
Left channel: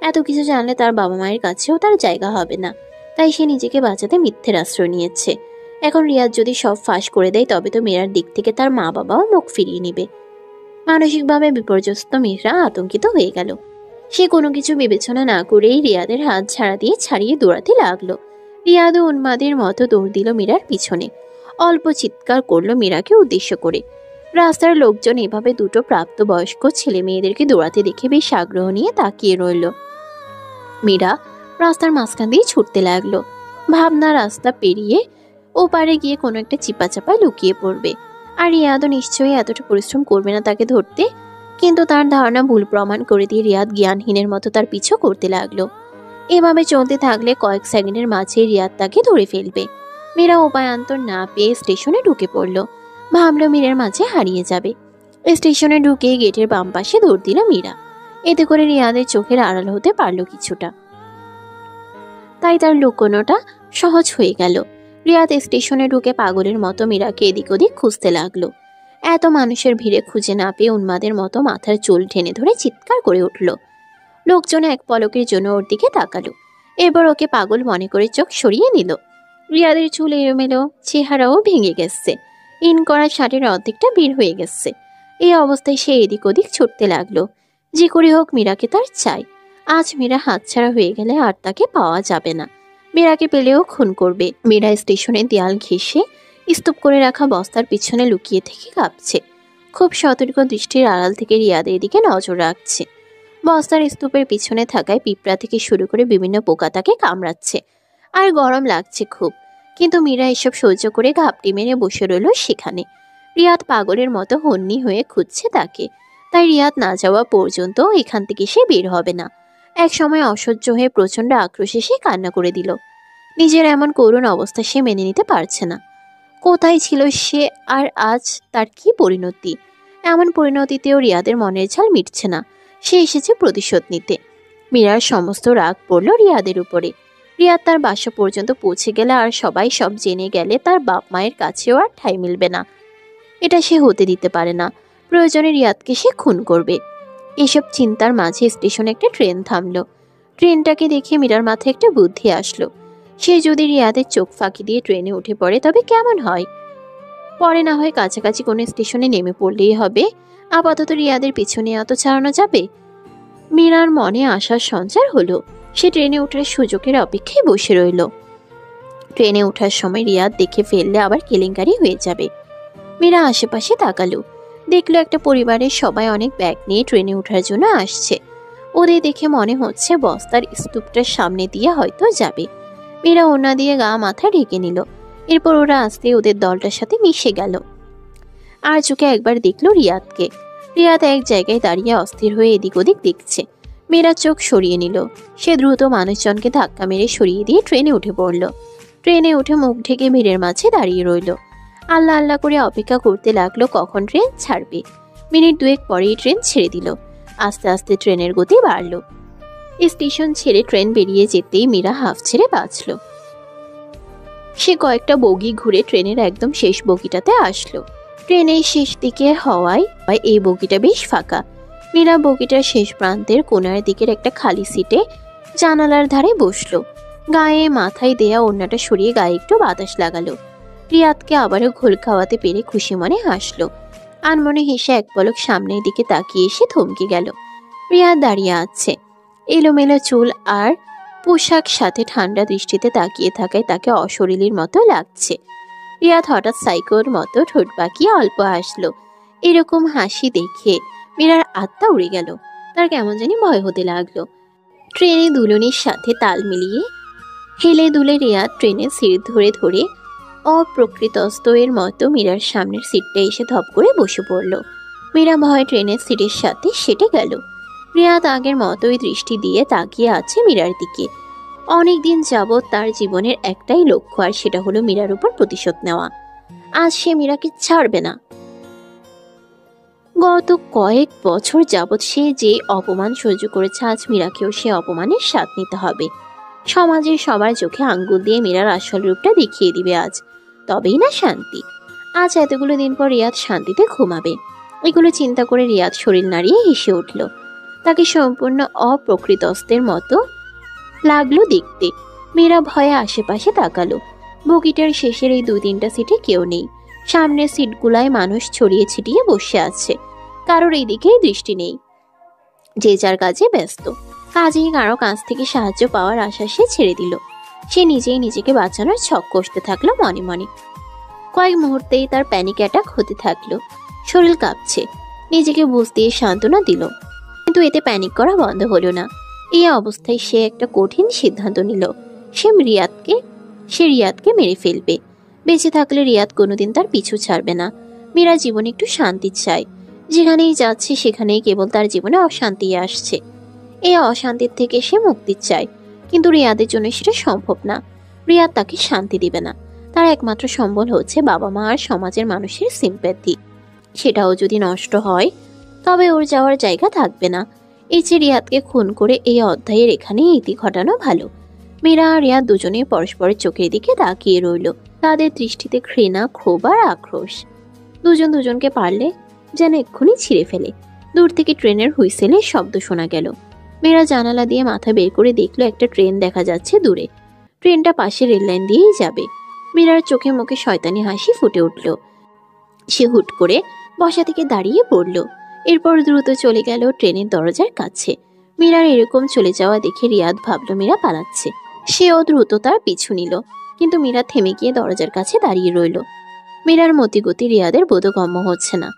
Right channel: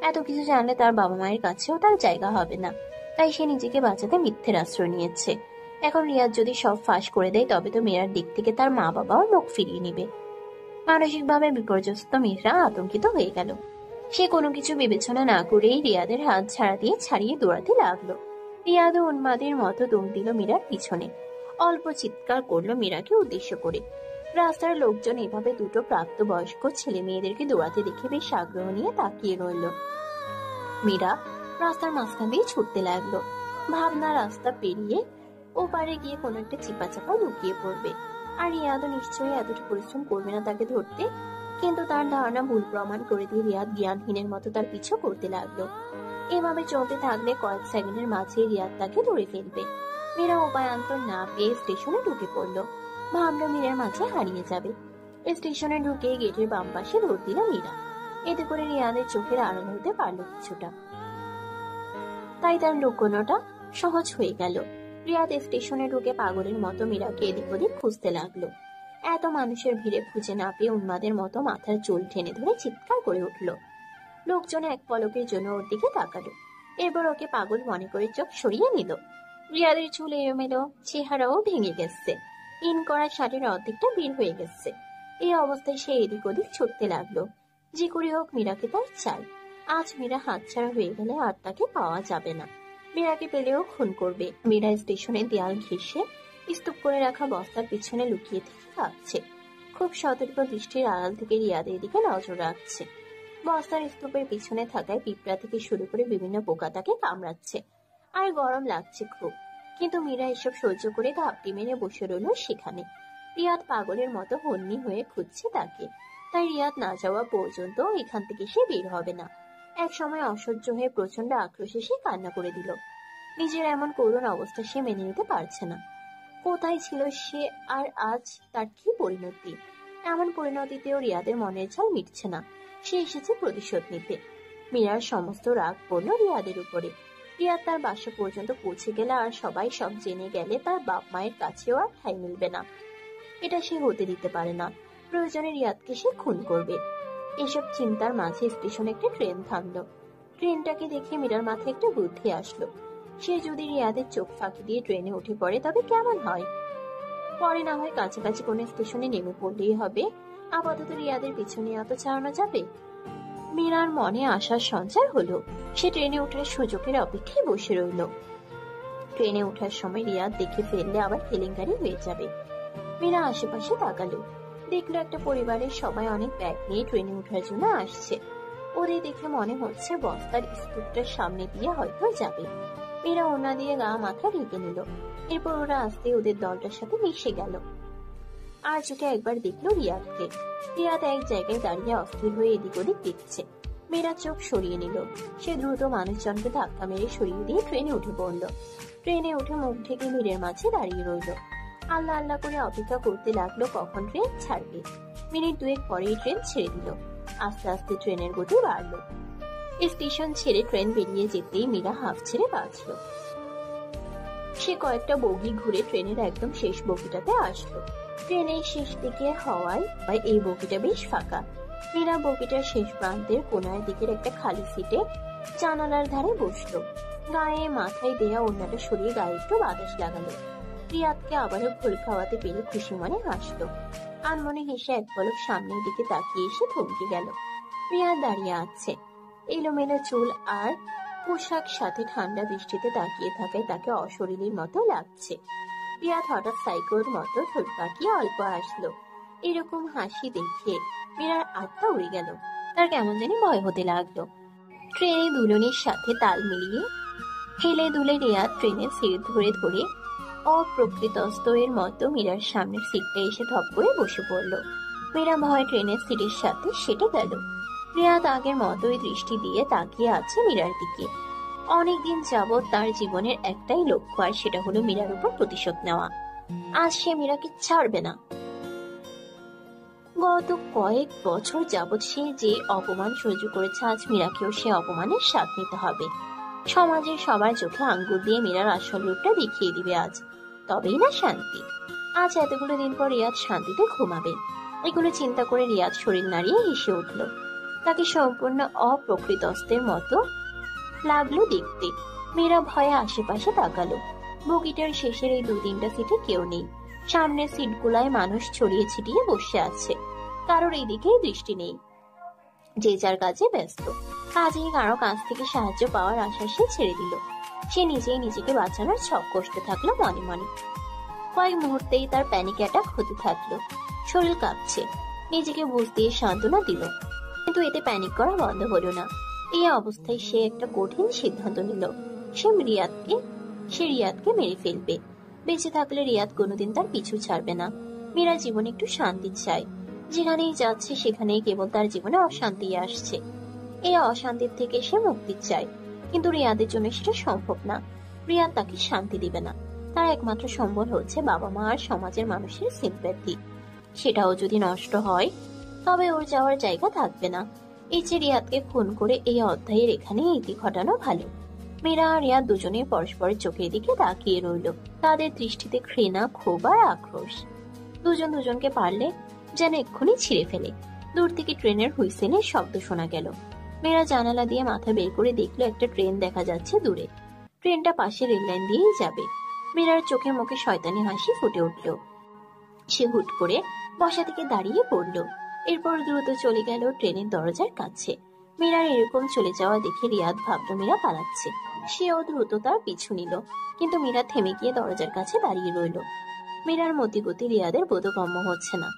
এত কিছু জানলে তার বাবা মায়ের কাছেও তার জায়গা হবে না, তাই সে নিজেকে বাঁচাতে মিথ্যের আশ্রয় নিয়েছে। এখন রিয়াদ যদি সব ফাঁস করে দেয় তবে তো মীরার দিক থেকে তার মা বাবাও মুখ ফিরিয়ে নেবে। মানসিকভাবে বিপর্যস্ত মীরা আতঙ্কিত হয়ে গেল। সে কোনো কিছু বিবেচনা না করেই রিয়াদের হাত ছাড়িয়ে দৌড়াতে লাগলো। রিয়াদও উন্মাদের মতো দৌড় দিল মীরার পিছনে। অল্প চিৎকার করলো মীরাকে উদ্দেশ্য করে। রাস্তার লোকজন এভাবে দুটো প্রাপ্তবয়স্ক ছেলে মেয়েদেরকে দৌড়াতে দেখে বেশ আগ্রহ নিয়ে তাকিয়ে রইল। মীরা রাস্তার মাঝখান দিয়ে ছুটতে লাগলো। ভাবনা রাস্তা পেরিয়ে ওপারে গিয়ে কোনো একটা চিপাচাপায় লুকিয়ে পড়বে। আর রিয়াদও নিশ্চয়ই এতটা পরিশ্রম করবে না তাকে ধরতে। কিন্তু তার ধারণা ভুল প্রমাণ করে দিয়ে রিয়াদ জ্ঞানহীনের মতো তার পিছু করতে লাগলো। এভাবে চলতে থাকলে কয়েক সেকেন্ডের মাঝে রিয়াদ তাকে ধরে ফেলবে। মীরা উপায়ান্তর না পেয়ে স্টেশনে ঢুকে পড়ল। ভাবলো মীরার মাঝে হারিয়ে যাবে। স্টেশনে ঢুকে গেটের বাম পাশে দৌড় দিল মীরা। এতে করে রিয়াদের চোখের আড়াল হতে পারল কিছুটা, তাই তার লুকোনোটা সহজ হয়ে গেল। রিয়াদ স্টেশনে ঢুকে পাগলের মতো মীরাকে এদিক ওদিক খুঁজতে লাগলো। এত মানুষের ভিড়ে খুঁজে না পেয়ে উন্মাদের মতো মাথার চুল টেনে ধরে চিৎকার করে উঠল। লোকজন এক পলকের জন্য ওর দিকে তাকালো। এবার ওকে পাগল মনে করে চোখ সরিয়ে নিল। রিয়াদের চুল এলোমেলো, চেহারাও ভেঙে গেছে। ইন করা শার্টের অর্ধেকটা বের হয়ে গেছে। এই অবস্থায় সে এদিক ওদিক ছুটতে লাগলো। যে করে হোক মীরাকে তার চাই। আজ মীরা হাতছাড়া হয়ে গেলে আর তাকে পাওয়া যাবে না। মীরাকে পেলেও খুন করবে। মীরা স্টেশনে দেয়াল ঘেঁষে স্তূপ করে রাখা বস্তার পিছনে লুকিয়ে থেকে কাঁপছে। খুব সতর্ক দৃষ্টির আড়াল থেকে রিয়াদের দিকে নজর রাখছে। বস্তার স্তূপের পিছনে থাকায় পিঁপড়া থেকে শুরু করে বিভিন্ন পোকা তাকে কামড়াচ্ছে, আর গরম লাগছে খুব। কিন্তু মীরা এসব সহ্য করে ঘাপটি মেরে বসে রইল সেখানে। রিয়াদ পাগলের মতো হন্যি হয়ে খুঁজছে তাকে। তাই রিয়াদ না যাওয়া পর্যন্ত এখান থেকে সে বের হবে না। এক সময় অসহ্য হয়ে প্রচণ্ড আক্রোশে সে কান্না করে দিল। নিজের এমন করুণ অবস্থা সে মেনে নিতে পারছে না। কোথায় ছিল সে, আর আজ তার কি পরিণতি? এমন পরিণতিতেও রিয়াদের মনের ঝাল মিটছে না। সে এসেছে প্রতিশোধ নিতে। মীরার সমস্ত রাগ পড়ল রিয়াদের উপরে। রিয়াদ তার বাসা পর্যন্ত পৌঁছে গেলে আর সবাই সব জেনে গেলে তার বাপ মায়ের কাছেও আর ঠাঁই মিলবে না। এটা সে হতে দিতে পারে না। প্রয়োজনে রিয়াদকে সে খুন করবে। এসব চিন্তার মাঝে স্টেশনে একটা ট্রেন থামলো। ট্রেনটাকে দেখে মীরার মাথায় একটা বুদ্ধি আসলো। সে যদি রিয়াদের চোখ ফাঁকি দিয়ে ট্রেনে উঠে পড়ে তবে কেমন হয়? পরে না হয় কাছাকাছি কোনো স্টেশনে নেমে পড়লেই হবে। আপাতত রিয়াদের পিছনে এত ছাড়ানো যাবে? মীরার মনে আসার সঞ্চার হলো। সে ট্রেনে ওঠার সুযোগের অপেক্ষায় বসে রইল। ট্রেনে ওঠার সময় রিয়াদ দেখে ফেললে আবার কেলেঙ্কারি হয়ে যাবে। মীরা আশেপাশে তাকালো। দেখলো একটা পরিবারের সবাই অনেক ব্যাগ নিয়ে ট্রেনে ওঠার জন্য আসছে। ওদের দেখে মনে হচ্ছে বস্তার স্তূপটার সামনে দিয়ে হয়তো যাবে। মীরা ওড়না দিয়ে গা মাথা ঢেকে নিল। এরপর ওরা আসতে ওদের দলটার সাথে মিশে গেল। আর চোখে একবার দেখলো রিয়াদকে। রিয়াদ এক জায়গায় দাঁড়িয়ে অস্থির হয়ে এদিক ওদিক দেখছে। মীরা চোখ সরিয়ে নিল। সে দ্রুত মানুষজনকে ধাক্কা মেরে সরিয়ে দিয়ে ট্রেনে উঠে পড়ল। ট্রেনে উঠে মুখ ঢেকে ভিড়ের মাঝে দাঁড়িয়ে রইল। আল্লাহ আল্লাহ করে অপেক্ষা করতে লাগলো কখন ট্রেন ছাড়বে। মিনিট দুয়েক পরেই ট্রেন ছেড়ে দিল। আস্তে আস্তে ট্রেনের গতি বাড়ল। স্টেশন ছেড়ে ট্রেন বেরিয়ে যেতেই মীরা হাঁফ ছেড়ে বাঁচল। সে কয়েকটা বগি ঘুরে ট্রেনের একদম শেষ বগিটাতে আসলো। ট্রেনের শেষ দিকে হওয়ায় এই বগিটা বেশ ফাঁকা। মীরা বগিটার শেষ প্রান্তের কোনার দিকের একটা খালি সিটে জানালার ধারে বসলো। গায়ে মাথায় দেয়া ওড়নাটা সরিয়ে গায়ে একটু বাতাস লাগালো। রিয়াদকে আবারও ঘোল খাওয়াতে পেরে খুশি মনে হাসলো। আনমনে হেসে এক পলক সামনের দিকে তাকিয়ে এসে থমকে গেল। রিয়াদ দাঁড়িয়ে আছে। এলোমেলো চুল আর পোশাক সাথে ঠান্ডা দৃষ্টিতে তাকিয়ে থাকায় তাকে অশরীরীর মতো লাগছে। রিয়াদ হঠাৎ সাইকোর মতো ঠোঁট পাকিয়ে অল্প হাসলো। এরকম হাসি দেখে মীরার আত্মা উড়ে গেল। তার কেমন জানি ভয় হতে লাগলো। ট্রেনে দুলনির সাথে তাল মিলিয়ে হেলে দুলে রিয়াদ ট্রেনের সিট ধরে ধরে অপ্রকৃতস্থ এর মতো মীরার সামনের সিটটা এসে ধপ করে বসে পড়ল। মীরা ভয় ট্রেনের সিটের সাথে সেটে গেল। রিয়াদ আগের মতোই দৃষ্টি দিয়ে তাকিয়ে আছে মীরার দিকে। অনেকদিন যাবৎ তার জীবনের একটাই লক্ষ্য, আর সেটা হলো মীরার উপর প্রতিশোধ নেওয়া। আজ সে মীরাকে ছাড়বে না। গত কয়েক বছর যাবৎ সে যে অপমান সহ্য করেছে, আজ মীরাকেও সে অপমানের স্বাদ নিতে হবে। সমাজের সবার চোখে আঙ্গুল দিয়ে মীরার আসল রূপটা দেখিয়ে দিবে আজ। তবেই না শান্তি। আজ এতগুলো দিন পর রিয়াদ শান্তিতে ঘুমাবে। এগুলো চিন্তা করে রিয়াদ শরীর নাড়িয়ে হেসে উঠল। তাকে সম্পূর্ণ অপ্রকৃতস্থের মতো লাগলো দেখতে। মীরা ভয়ে আশেপাশে তাকালো। বগিটার শেষের এই 2-3টা সিটে কেউ নেই। সামনের সিটগুলায় মানুষ ছড়িয়ে ছিটিয়ে বসে আছে। কারোর এই দিকেই দৃষ্টি নেই। যে যার কাজে ব্যস্ত। কাজেই কারো কাছ থেকে সাহায্য পাওয়ার আশা সে ছেড়ে দিল। সে নিজেই নিজেকে বাঁচানোর ছক কষতে থাকলো মনে মনে। কয়েক মুহূর্তেই তার প্যানিক অ্যাটাক হতে থাকলো। শরীর কাঁপছে। নিজেকে বুঝ দিয়ে সান্ত্বনা দিল, কিন্তু এতে প্যানিক করা বন্ধ হলো না। এই অবস্থায় সে একটা কঠিন সিদ্ধান্ত নিল। সে রিয়াদকে মেরে ফেলবে। বেঁচে থাকলে রিয়াদ কোনোদিন তার পিছু ছাড়বে না। মীরা জীবনে একটু শান্তি চায়। যেখানেই যাচ্ছে সেখানেই কেবল তার জীবনে অশান্তি আসছে। এই অশান্তির থেকে সে মুক্তি চায়, কিন্তু রিয়াদের জন্য সেটা সম্ভব না। রিয়াদ তাকে শান্তি দিবে না। তার একমাত্র সম্বল হচ্ছে বাবা মা আর সমাজের মানুষের সিম্প্যাথি। সেটাও যদি নষ্ট হয় তবে ওর যাওয়ার জায়গা থাকবে না। এই যে রিয়াদকে খুন করে এই অধ্যায়ের এখানে ইতি ঘটানো ভালো। মীরা আর রিয়াদ দুজনেই পরস্পরের চোখের দিকে তাকিয়ে রইল। তাদের দৃষ্টিতে ঘৃণা, ক্ষোভ আর আক্রোশ। দুজন দুজনকে পারলে যেন এক্ষুনি ছিঁড়ে ফেলে। দূর থেকে ট্রেনের হুইসেলের শব্দ শোনা গেল। মীরা জানালা দিয়ে মাথা বের করে দেখলো একটা ট্রেন দেখা যাচ্ছে দূরে। ট্রেনটা পাশে রেললাইন দিয়েই যাবে। মীরার চোখে মুখে শয়তানি হাসি ফুটে উঠল। সে হুট করে বসা থেকে দাঁড়িয়ে পড়ল। এরপর দ্রুত চলে গেল ট্রেনের দরজার কাছে। মীরার এরকম চলে যাওয়া দেখে রিয়াদ ভাবল মীরা পালাচ্ছে। সেও দ্রুত তার পিছু নিল, কিন্তু মীরা থেমে গিয়ে দরজার কাছে দাঁড়িয়ে রইল। মীরার মতিগতি রিয়াদের বোধগম্য হচ্ছে না।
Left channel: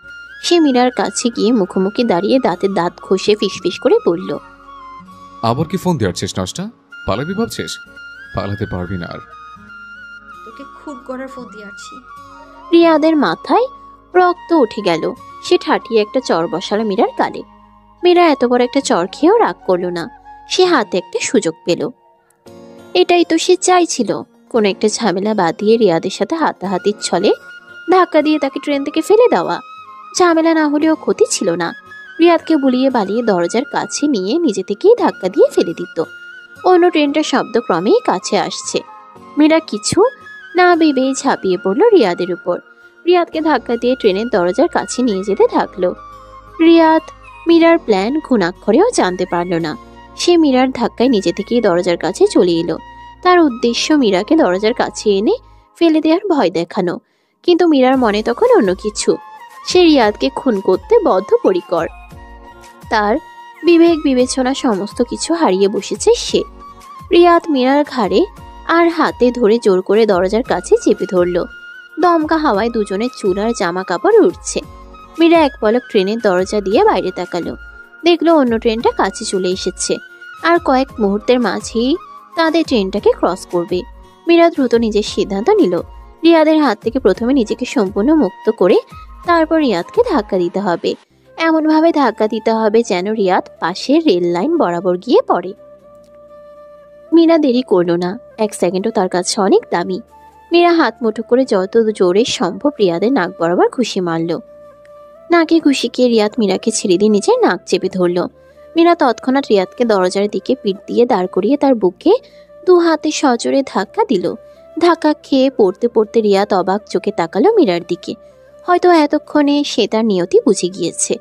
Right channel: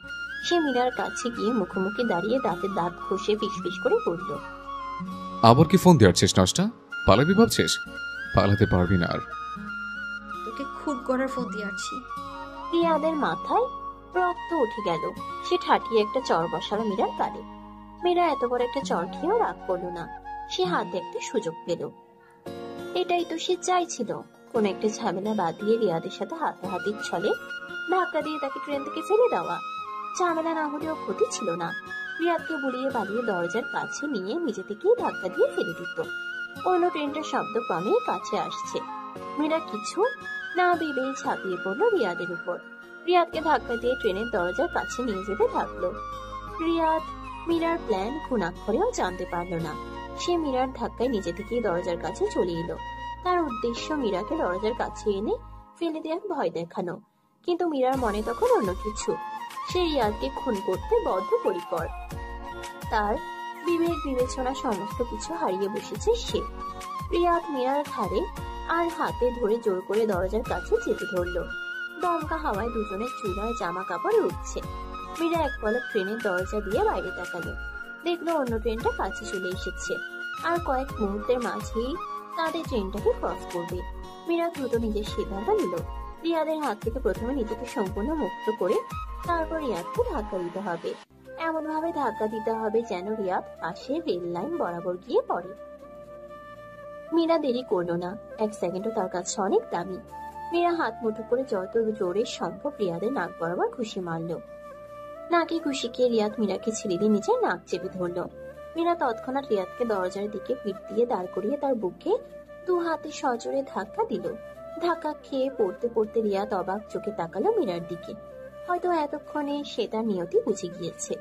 সে মীরার কাছে গিয়ে মুখোমুখি দাঁড়িয়ে দাঁতের দাঁত ঘষে ফিসফিস করে বলল, আবার কি ফোন দিয়েছিস নষ্টা? পালাবি ভাবছিস? পালাতে পারবি না আর। তোকে খুন করার ফোন দিয়ে আসছি। রিয়াদের মাথায় রক্ত উঠে গেল। সে ঠাটিয়ে একটা চর বসালো মীরার গালে। মীরা এত বড় একটা চর খেয়েও রাগ করলো না। সে হাতে একটা সুযোগ পেল। এটাই তো সে চাইছিল, কোনো একটা ঝামেলা বাঁধিয়ে রিয়াদের সাথে হাতাহাতির ছলে ধাক্কা দিয়ে তাকে ট্রেন থেকে ফেলে দেওয়া। ঝামেলা না হলেও ক্ষতি ছিল না। রিয়াদকে বুলিয়ে বালিয়ে দরজার কাছে নিয়ে নিজে থেকেই ধাক্কা দিয়ে ফেলে দিত। অন্য ট্রেনটার শব্দ ক্রমেই কাছে আসছে। মীরা কিছু না ভেবে ঝাঁপিয়ে পড়ল রিয়াদের উপর। রিয়াদকে ধাক্কা দিয়ে ট্রেনের দরজার কাছে নিয়ে যেতে থাকলো। রিয়াদ মীরার প্ল্যান ঘুণাক্ষরেও জানতে পারল না। সে মীরার ধাক্কায় নিজে থেকেই দরজার কাছে চলে এলো। তার উদ্দেশ্য মীরাকে দরজার কাছে এনে ফেলে দেওয়ার ভয় দেখানো। কিন্তু মীরার মনে তখন অন্য কিছু। সে রিয়াদকে খুন করতে বদ্ধপরিকর। তার বিবেক বিবেচনা সমস্ত কিছু হারিয়ে বসেছে সে। রিয়াদ মীরার ঘাড়ে আর হাতে ধরে জোর করে দরজার কাছে চেপে ধরল। দমকা হাওয়ায় দুজনের চুল আর জামা কাপড় উঠছে। মীরা এক পলক ট্রেনের দরজা দিয়ে বাইরে তাকালো। দেখলো অন্য ট্রেনটা কাছে চলে এসেছে, আর কয়েক মুহূর্তের মাঝেই তাদের ট্রেনটাকে ক্রস করবে। মীরা দ্রুত নিজের সিদ্ধান্ত নিল। রিয়াদের হাত থেকে প্রথমে নিজেকে সম্পূর্ণ মুক্ত করে তারপর রিয়াদকে ধাক্কা দিতে হবে। এমনভাবে ধাক্কা দিতে হবে যেন রিয়াদ পাশের রেল লাইন বরাবর গিয়ে পড়ে। মীরা দেরি করলো না। এক সেকেন্ডও তার কাছে অনেক দামি। মীরা হাত মুঠো করে যত জোরে সম্ভব রিয়াদের নাক বরাবর ঘুষি মারল। নাকে ঘুষি খেয়ে রিয়াদ মীরাকে ছেড়ে দিয়ে নিজের নাক চেপে ধরল। মীরা তৎক্ষণাৎ রিয়াদকে দরজার দিকে পিঠ দিয়ে দাঁড় করিয়ে তার বুকে দু হাতে সজোরে ধাক্কা দিল। ধাক্কা খেয়ে পড়তে পড়তে রিয়াদ অবাক চোখে তাকালো মীরার দিকে। হয়তো এতক্ষণে সে তার নিয়তি বুঝে গিয়েছে।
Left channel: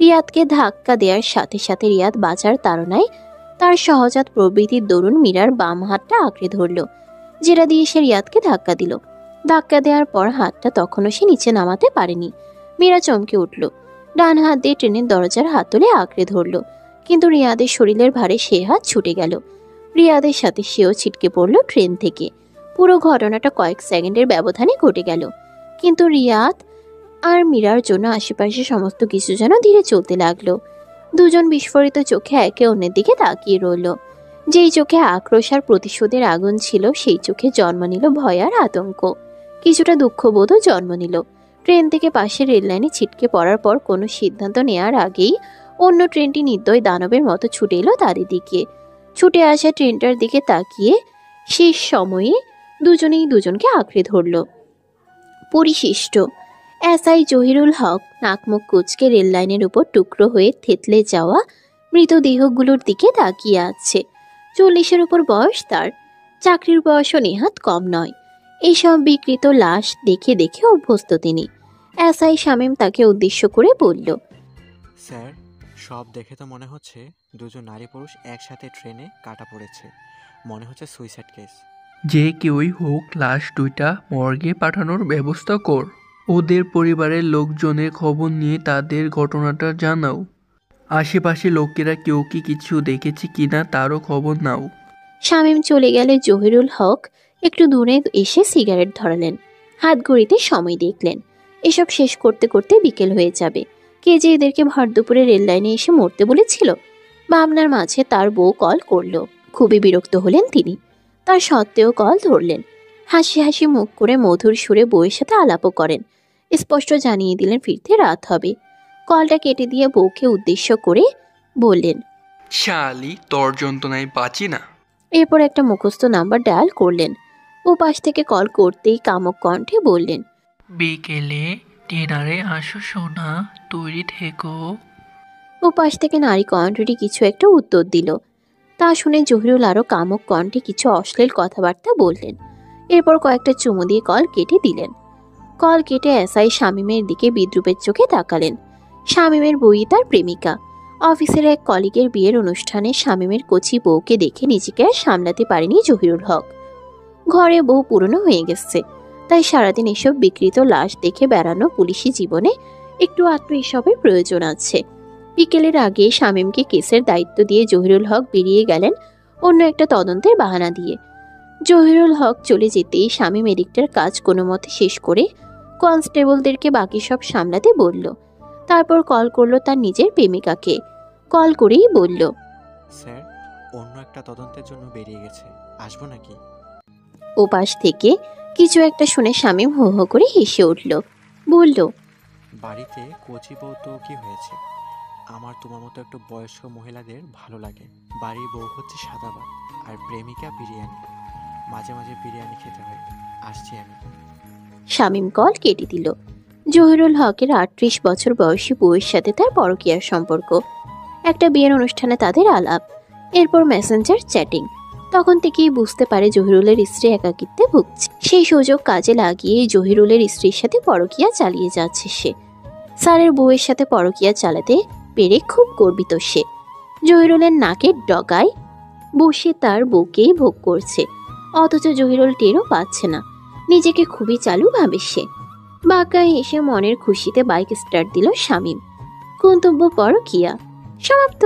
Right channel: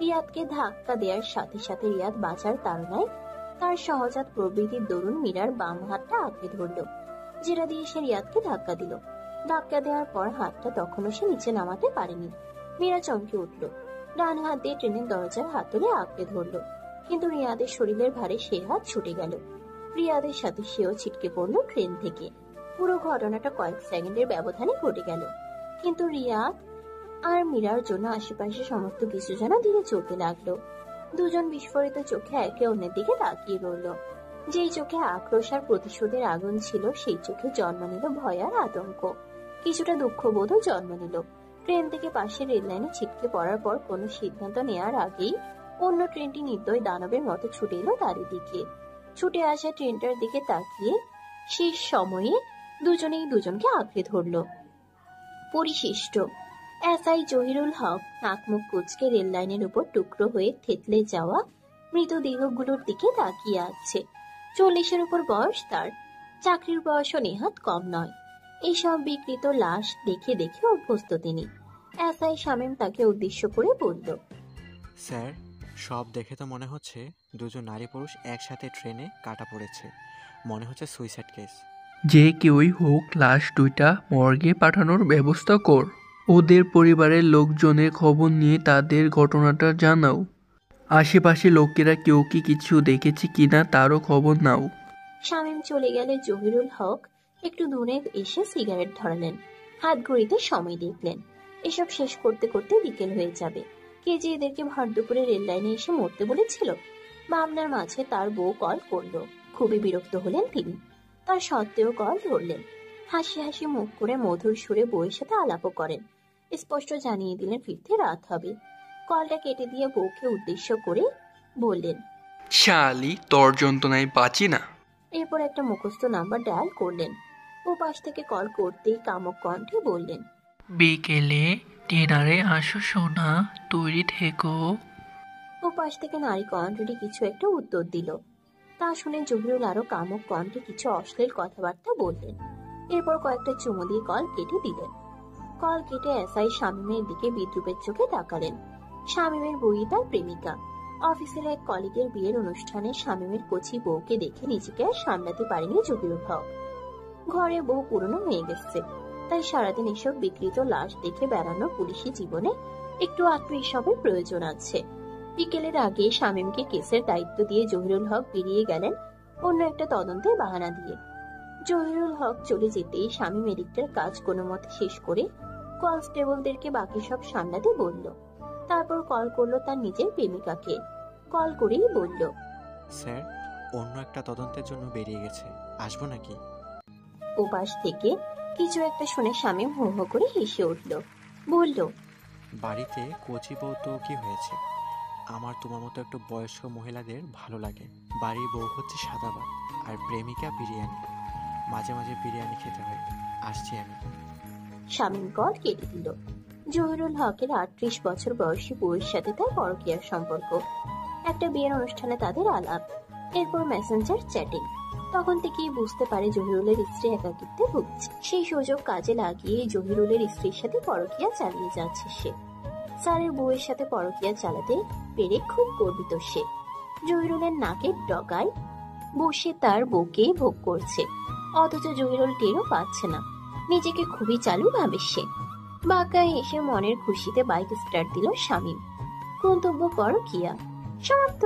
রিয়াদকে ধাক্কা দেওয়ার সাথে সাথে রিয়াদ বাঁচার তাড়নায় তার সহজাত প্রবৃত্তির দরুন মীরার বাম হাতটা আঁকড়ে ধরল, যেটা দিয়ে সে রিয়াদকে ধাক্কা দিল। ধাক্কা দেওয়ার পর হাতটা তখনও সে নিচে নামাতে পারেনি। মীরা চমকে উঠল। ডান হাত দিয়ে ট্রেনের দরজার হাতলে আঁকড়ে ধরল, কিন্তু রিয়াদের শরীরের ভারে সে হাত ছুটে গেল। রিয়াদের সাথে সেও ছিটকে পড়ল ট্রেন থেকে। পুরো ঘটনাটা কয়েক সেকেন্ডের ব্যবধানে ঘটে গেল, কিন্তু রিয়াদ আর মীরার জন্য আশেপাশে সমস্ত কিছু যেন ধীরে চলতে লাগলো। দুজন বিস্ফোরিত চোখে একে অন্যের দিকে তাকিয়ে রইল। যেই চোখে আক্রোশ আর প্রতিশোধের আগুন ছিল, সেই চোখে জন্ম নিল ভয় আর আতঙ্ক। কিছুটা দুঃখবোধও জন্ম নিল। ট্রেন থেকে পাশের রেল লাইনে ছিটকে পড়ার পর কোনো সিদ্ধান্ত নেওয়ার আগেই অন্য ট্রেনটি নির্দয় দানবের মতো ছুটে এলো তাদের দিকে। ছুটে আসা ট্রেনটার দিকে তাকিয়ে শেষ সময়ে দুজনেই দুজনকে আঁকড়ে ধরল। পরিশিষ্ট এসআই জহিরুল হক নাকমুখ কুচকে রেল লাইনের উপর টুকরো হয়ে থেতলে যাওয়া মৃতদেহগুলোর দিকে তাকিয়ে আছে। 40-এর উপর বয়স তার। চাকরির বয়সও নেহাত কম নয়। এইসব বিকৃত লাশ দেখে দেখে অভ্যস্ত তিনি। এসআই শামীম তাকে উদ্দেশ্য করে বলল, স্যার, সব দেখে তো মনে হচ্ছে দুজন নারী পুরুষ একসাথে ট্রেনে কাটা পড়েছে। মনে হচ্ছে সুইসাইড কেস। যে কেউই হোক, লাশ দুইটা মর্গে পাঠানোর ব্যবস্থা কর। ওদের পরিবারের লোকজনের খবর নিয়ে তাদের ঘটনাটা জানাও। আশেপাশে লোকেরা কেউ কি কিছু দেখেছে কিনা তারও খবর নাও। শামীম চলে গেলে জহিরুল হক একটু দূরে এসে সিগারেট ধরালেন। হাত ঘড়িতে সময় দেখলেন। এসব শেষ করতে করতে বিকেল হয়ে যাবে। কে যে এদেরকে ভর দুপুরে রেল লাইনে এসে মরতে বলেছিল? ভাবনার মাঝে তার বউ কল করলো। খুবই বিরক্ত হলেন তিনি। তার সত্ত্বেও কল ধরলেন। হাসি হাসি মুখ করে মধুর সুরে বউয়ের সাথে আলাপও করেন। স্পষ্ট জানিয়ে দিলেন ফিরতে রাত হবে। কলটা কেটে দিয়ে বউকে উদ্দেশ্য করে বললেন, শালি, তোর যন্ত্রণায় বাঁচি না। এরপর একটা মুখস্থ নাম্বার ডায়াল করলেন। ও পাশ থেকে কল করতেই কামক কণ্ঠে বললেন, বিকেলে ডিনারে আসো সোনা, তৈরি থেকো। ও পাশ থেকে নারী কণ্ঠটি কিছু একটা উত্তর দিল। তা শুনে জহিরুল আরও কামক কণ্ঠে কিছু অশ্লীল কথাবার্তা বললেন। এরপর কয়েকটা চুমু দিয়ে কল কেটে দিলেন। কল কেটে এসআই শামীমের দিকে বিদ্রুপের চোখে তাকালেন। শামীমের বই তার প্রেমিকা। অফিসের এক কলিগের বিয়ের অনুষ্ঠানে শামীমের কচি বউকে দেখে নিজেকে আর সামলাতে পারেনি জহিরুল হক। ঘরে বউ পুরনো হয়ে গেছে। তাই সারাদিন এসব বিকৃত লাশ দেখে বেড়ানো পুলিশি জীবনে একটু আধটু এসবের প্রয়োজন আছে। বিকেলের আগে শামীমকে কেসের দায়িত্ব দিয়ে জহিরুল হক বেরিয়ে গেলেন অন্য একটা তদন্তের বাহানা দিয়ে। জহিরুল হক চলে যেতেই শামীম এদিকটার কাজ কোনো মতে শেষ করে কনস্টেবলদেরকে বাকি সব সামলাতে বলল। তারপর কল করলো তার নিজের প্রেমিকাকে। কল করেই বলল, স্যার অন্য একটা তদন্তের জন্য বেরিয়ে গেছে, আসবো নাকি? ওপাশ থেকে কিছু একটা শুনে শামীম হো হো করে হেসে উঠল। বলল, বাড়িতে কচি বউ তো কি হয়েছে, আমার তোমার মতো একটু বয়স্ক মহিলাদের ভালো লাগে। বাড়ির বউ হচ্ছে সাদা ভাত আর প্রেমিকা বিরিয়ানি, মাঝে মাঝে বিরিয়ানি খেতে হয়। আসছি আমি। শামীম কল কেটে দিল। জহিরুল হকের 38 বছর বয়সী বউয়ের সাথে তার পরকীয়ার সম্পর্ক। একটা বিয়ের অনুষ্ঠানে তাদের আলাপ, এরপর মেসেঞ্জার চ্যাটিং। তখন থেকেই বুঝতে পারে জহিরুলের স্ত্রী একাকিত্বে ভুগছে। সেই সুযোগ কাজে লাগিয়ে জহিরুলের স্ত্রীর সাথে পরকীয়া চালিয়ে যাচ্ছে সে। স্যারের বউয়ের সাথে পরকীয়া চালাতে পেরে খুব গর্বিত সে। জহিরুলের নাকের ডগায় বসে তার বউকে ভোগ করছে, অথচ জহিরুল টেরও পাচ্ছে না। নিজেকে খুবই চালু ভাবে সে। বাঁকায় এসে মনের খুশিতে বাইক স্টার্ট দিল শামীম। গন্তব্য পরকীয়া। সমাপ্ত।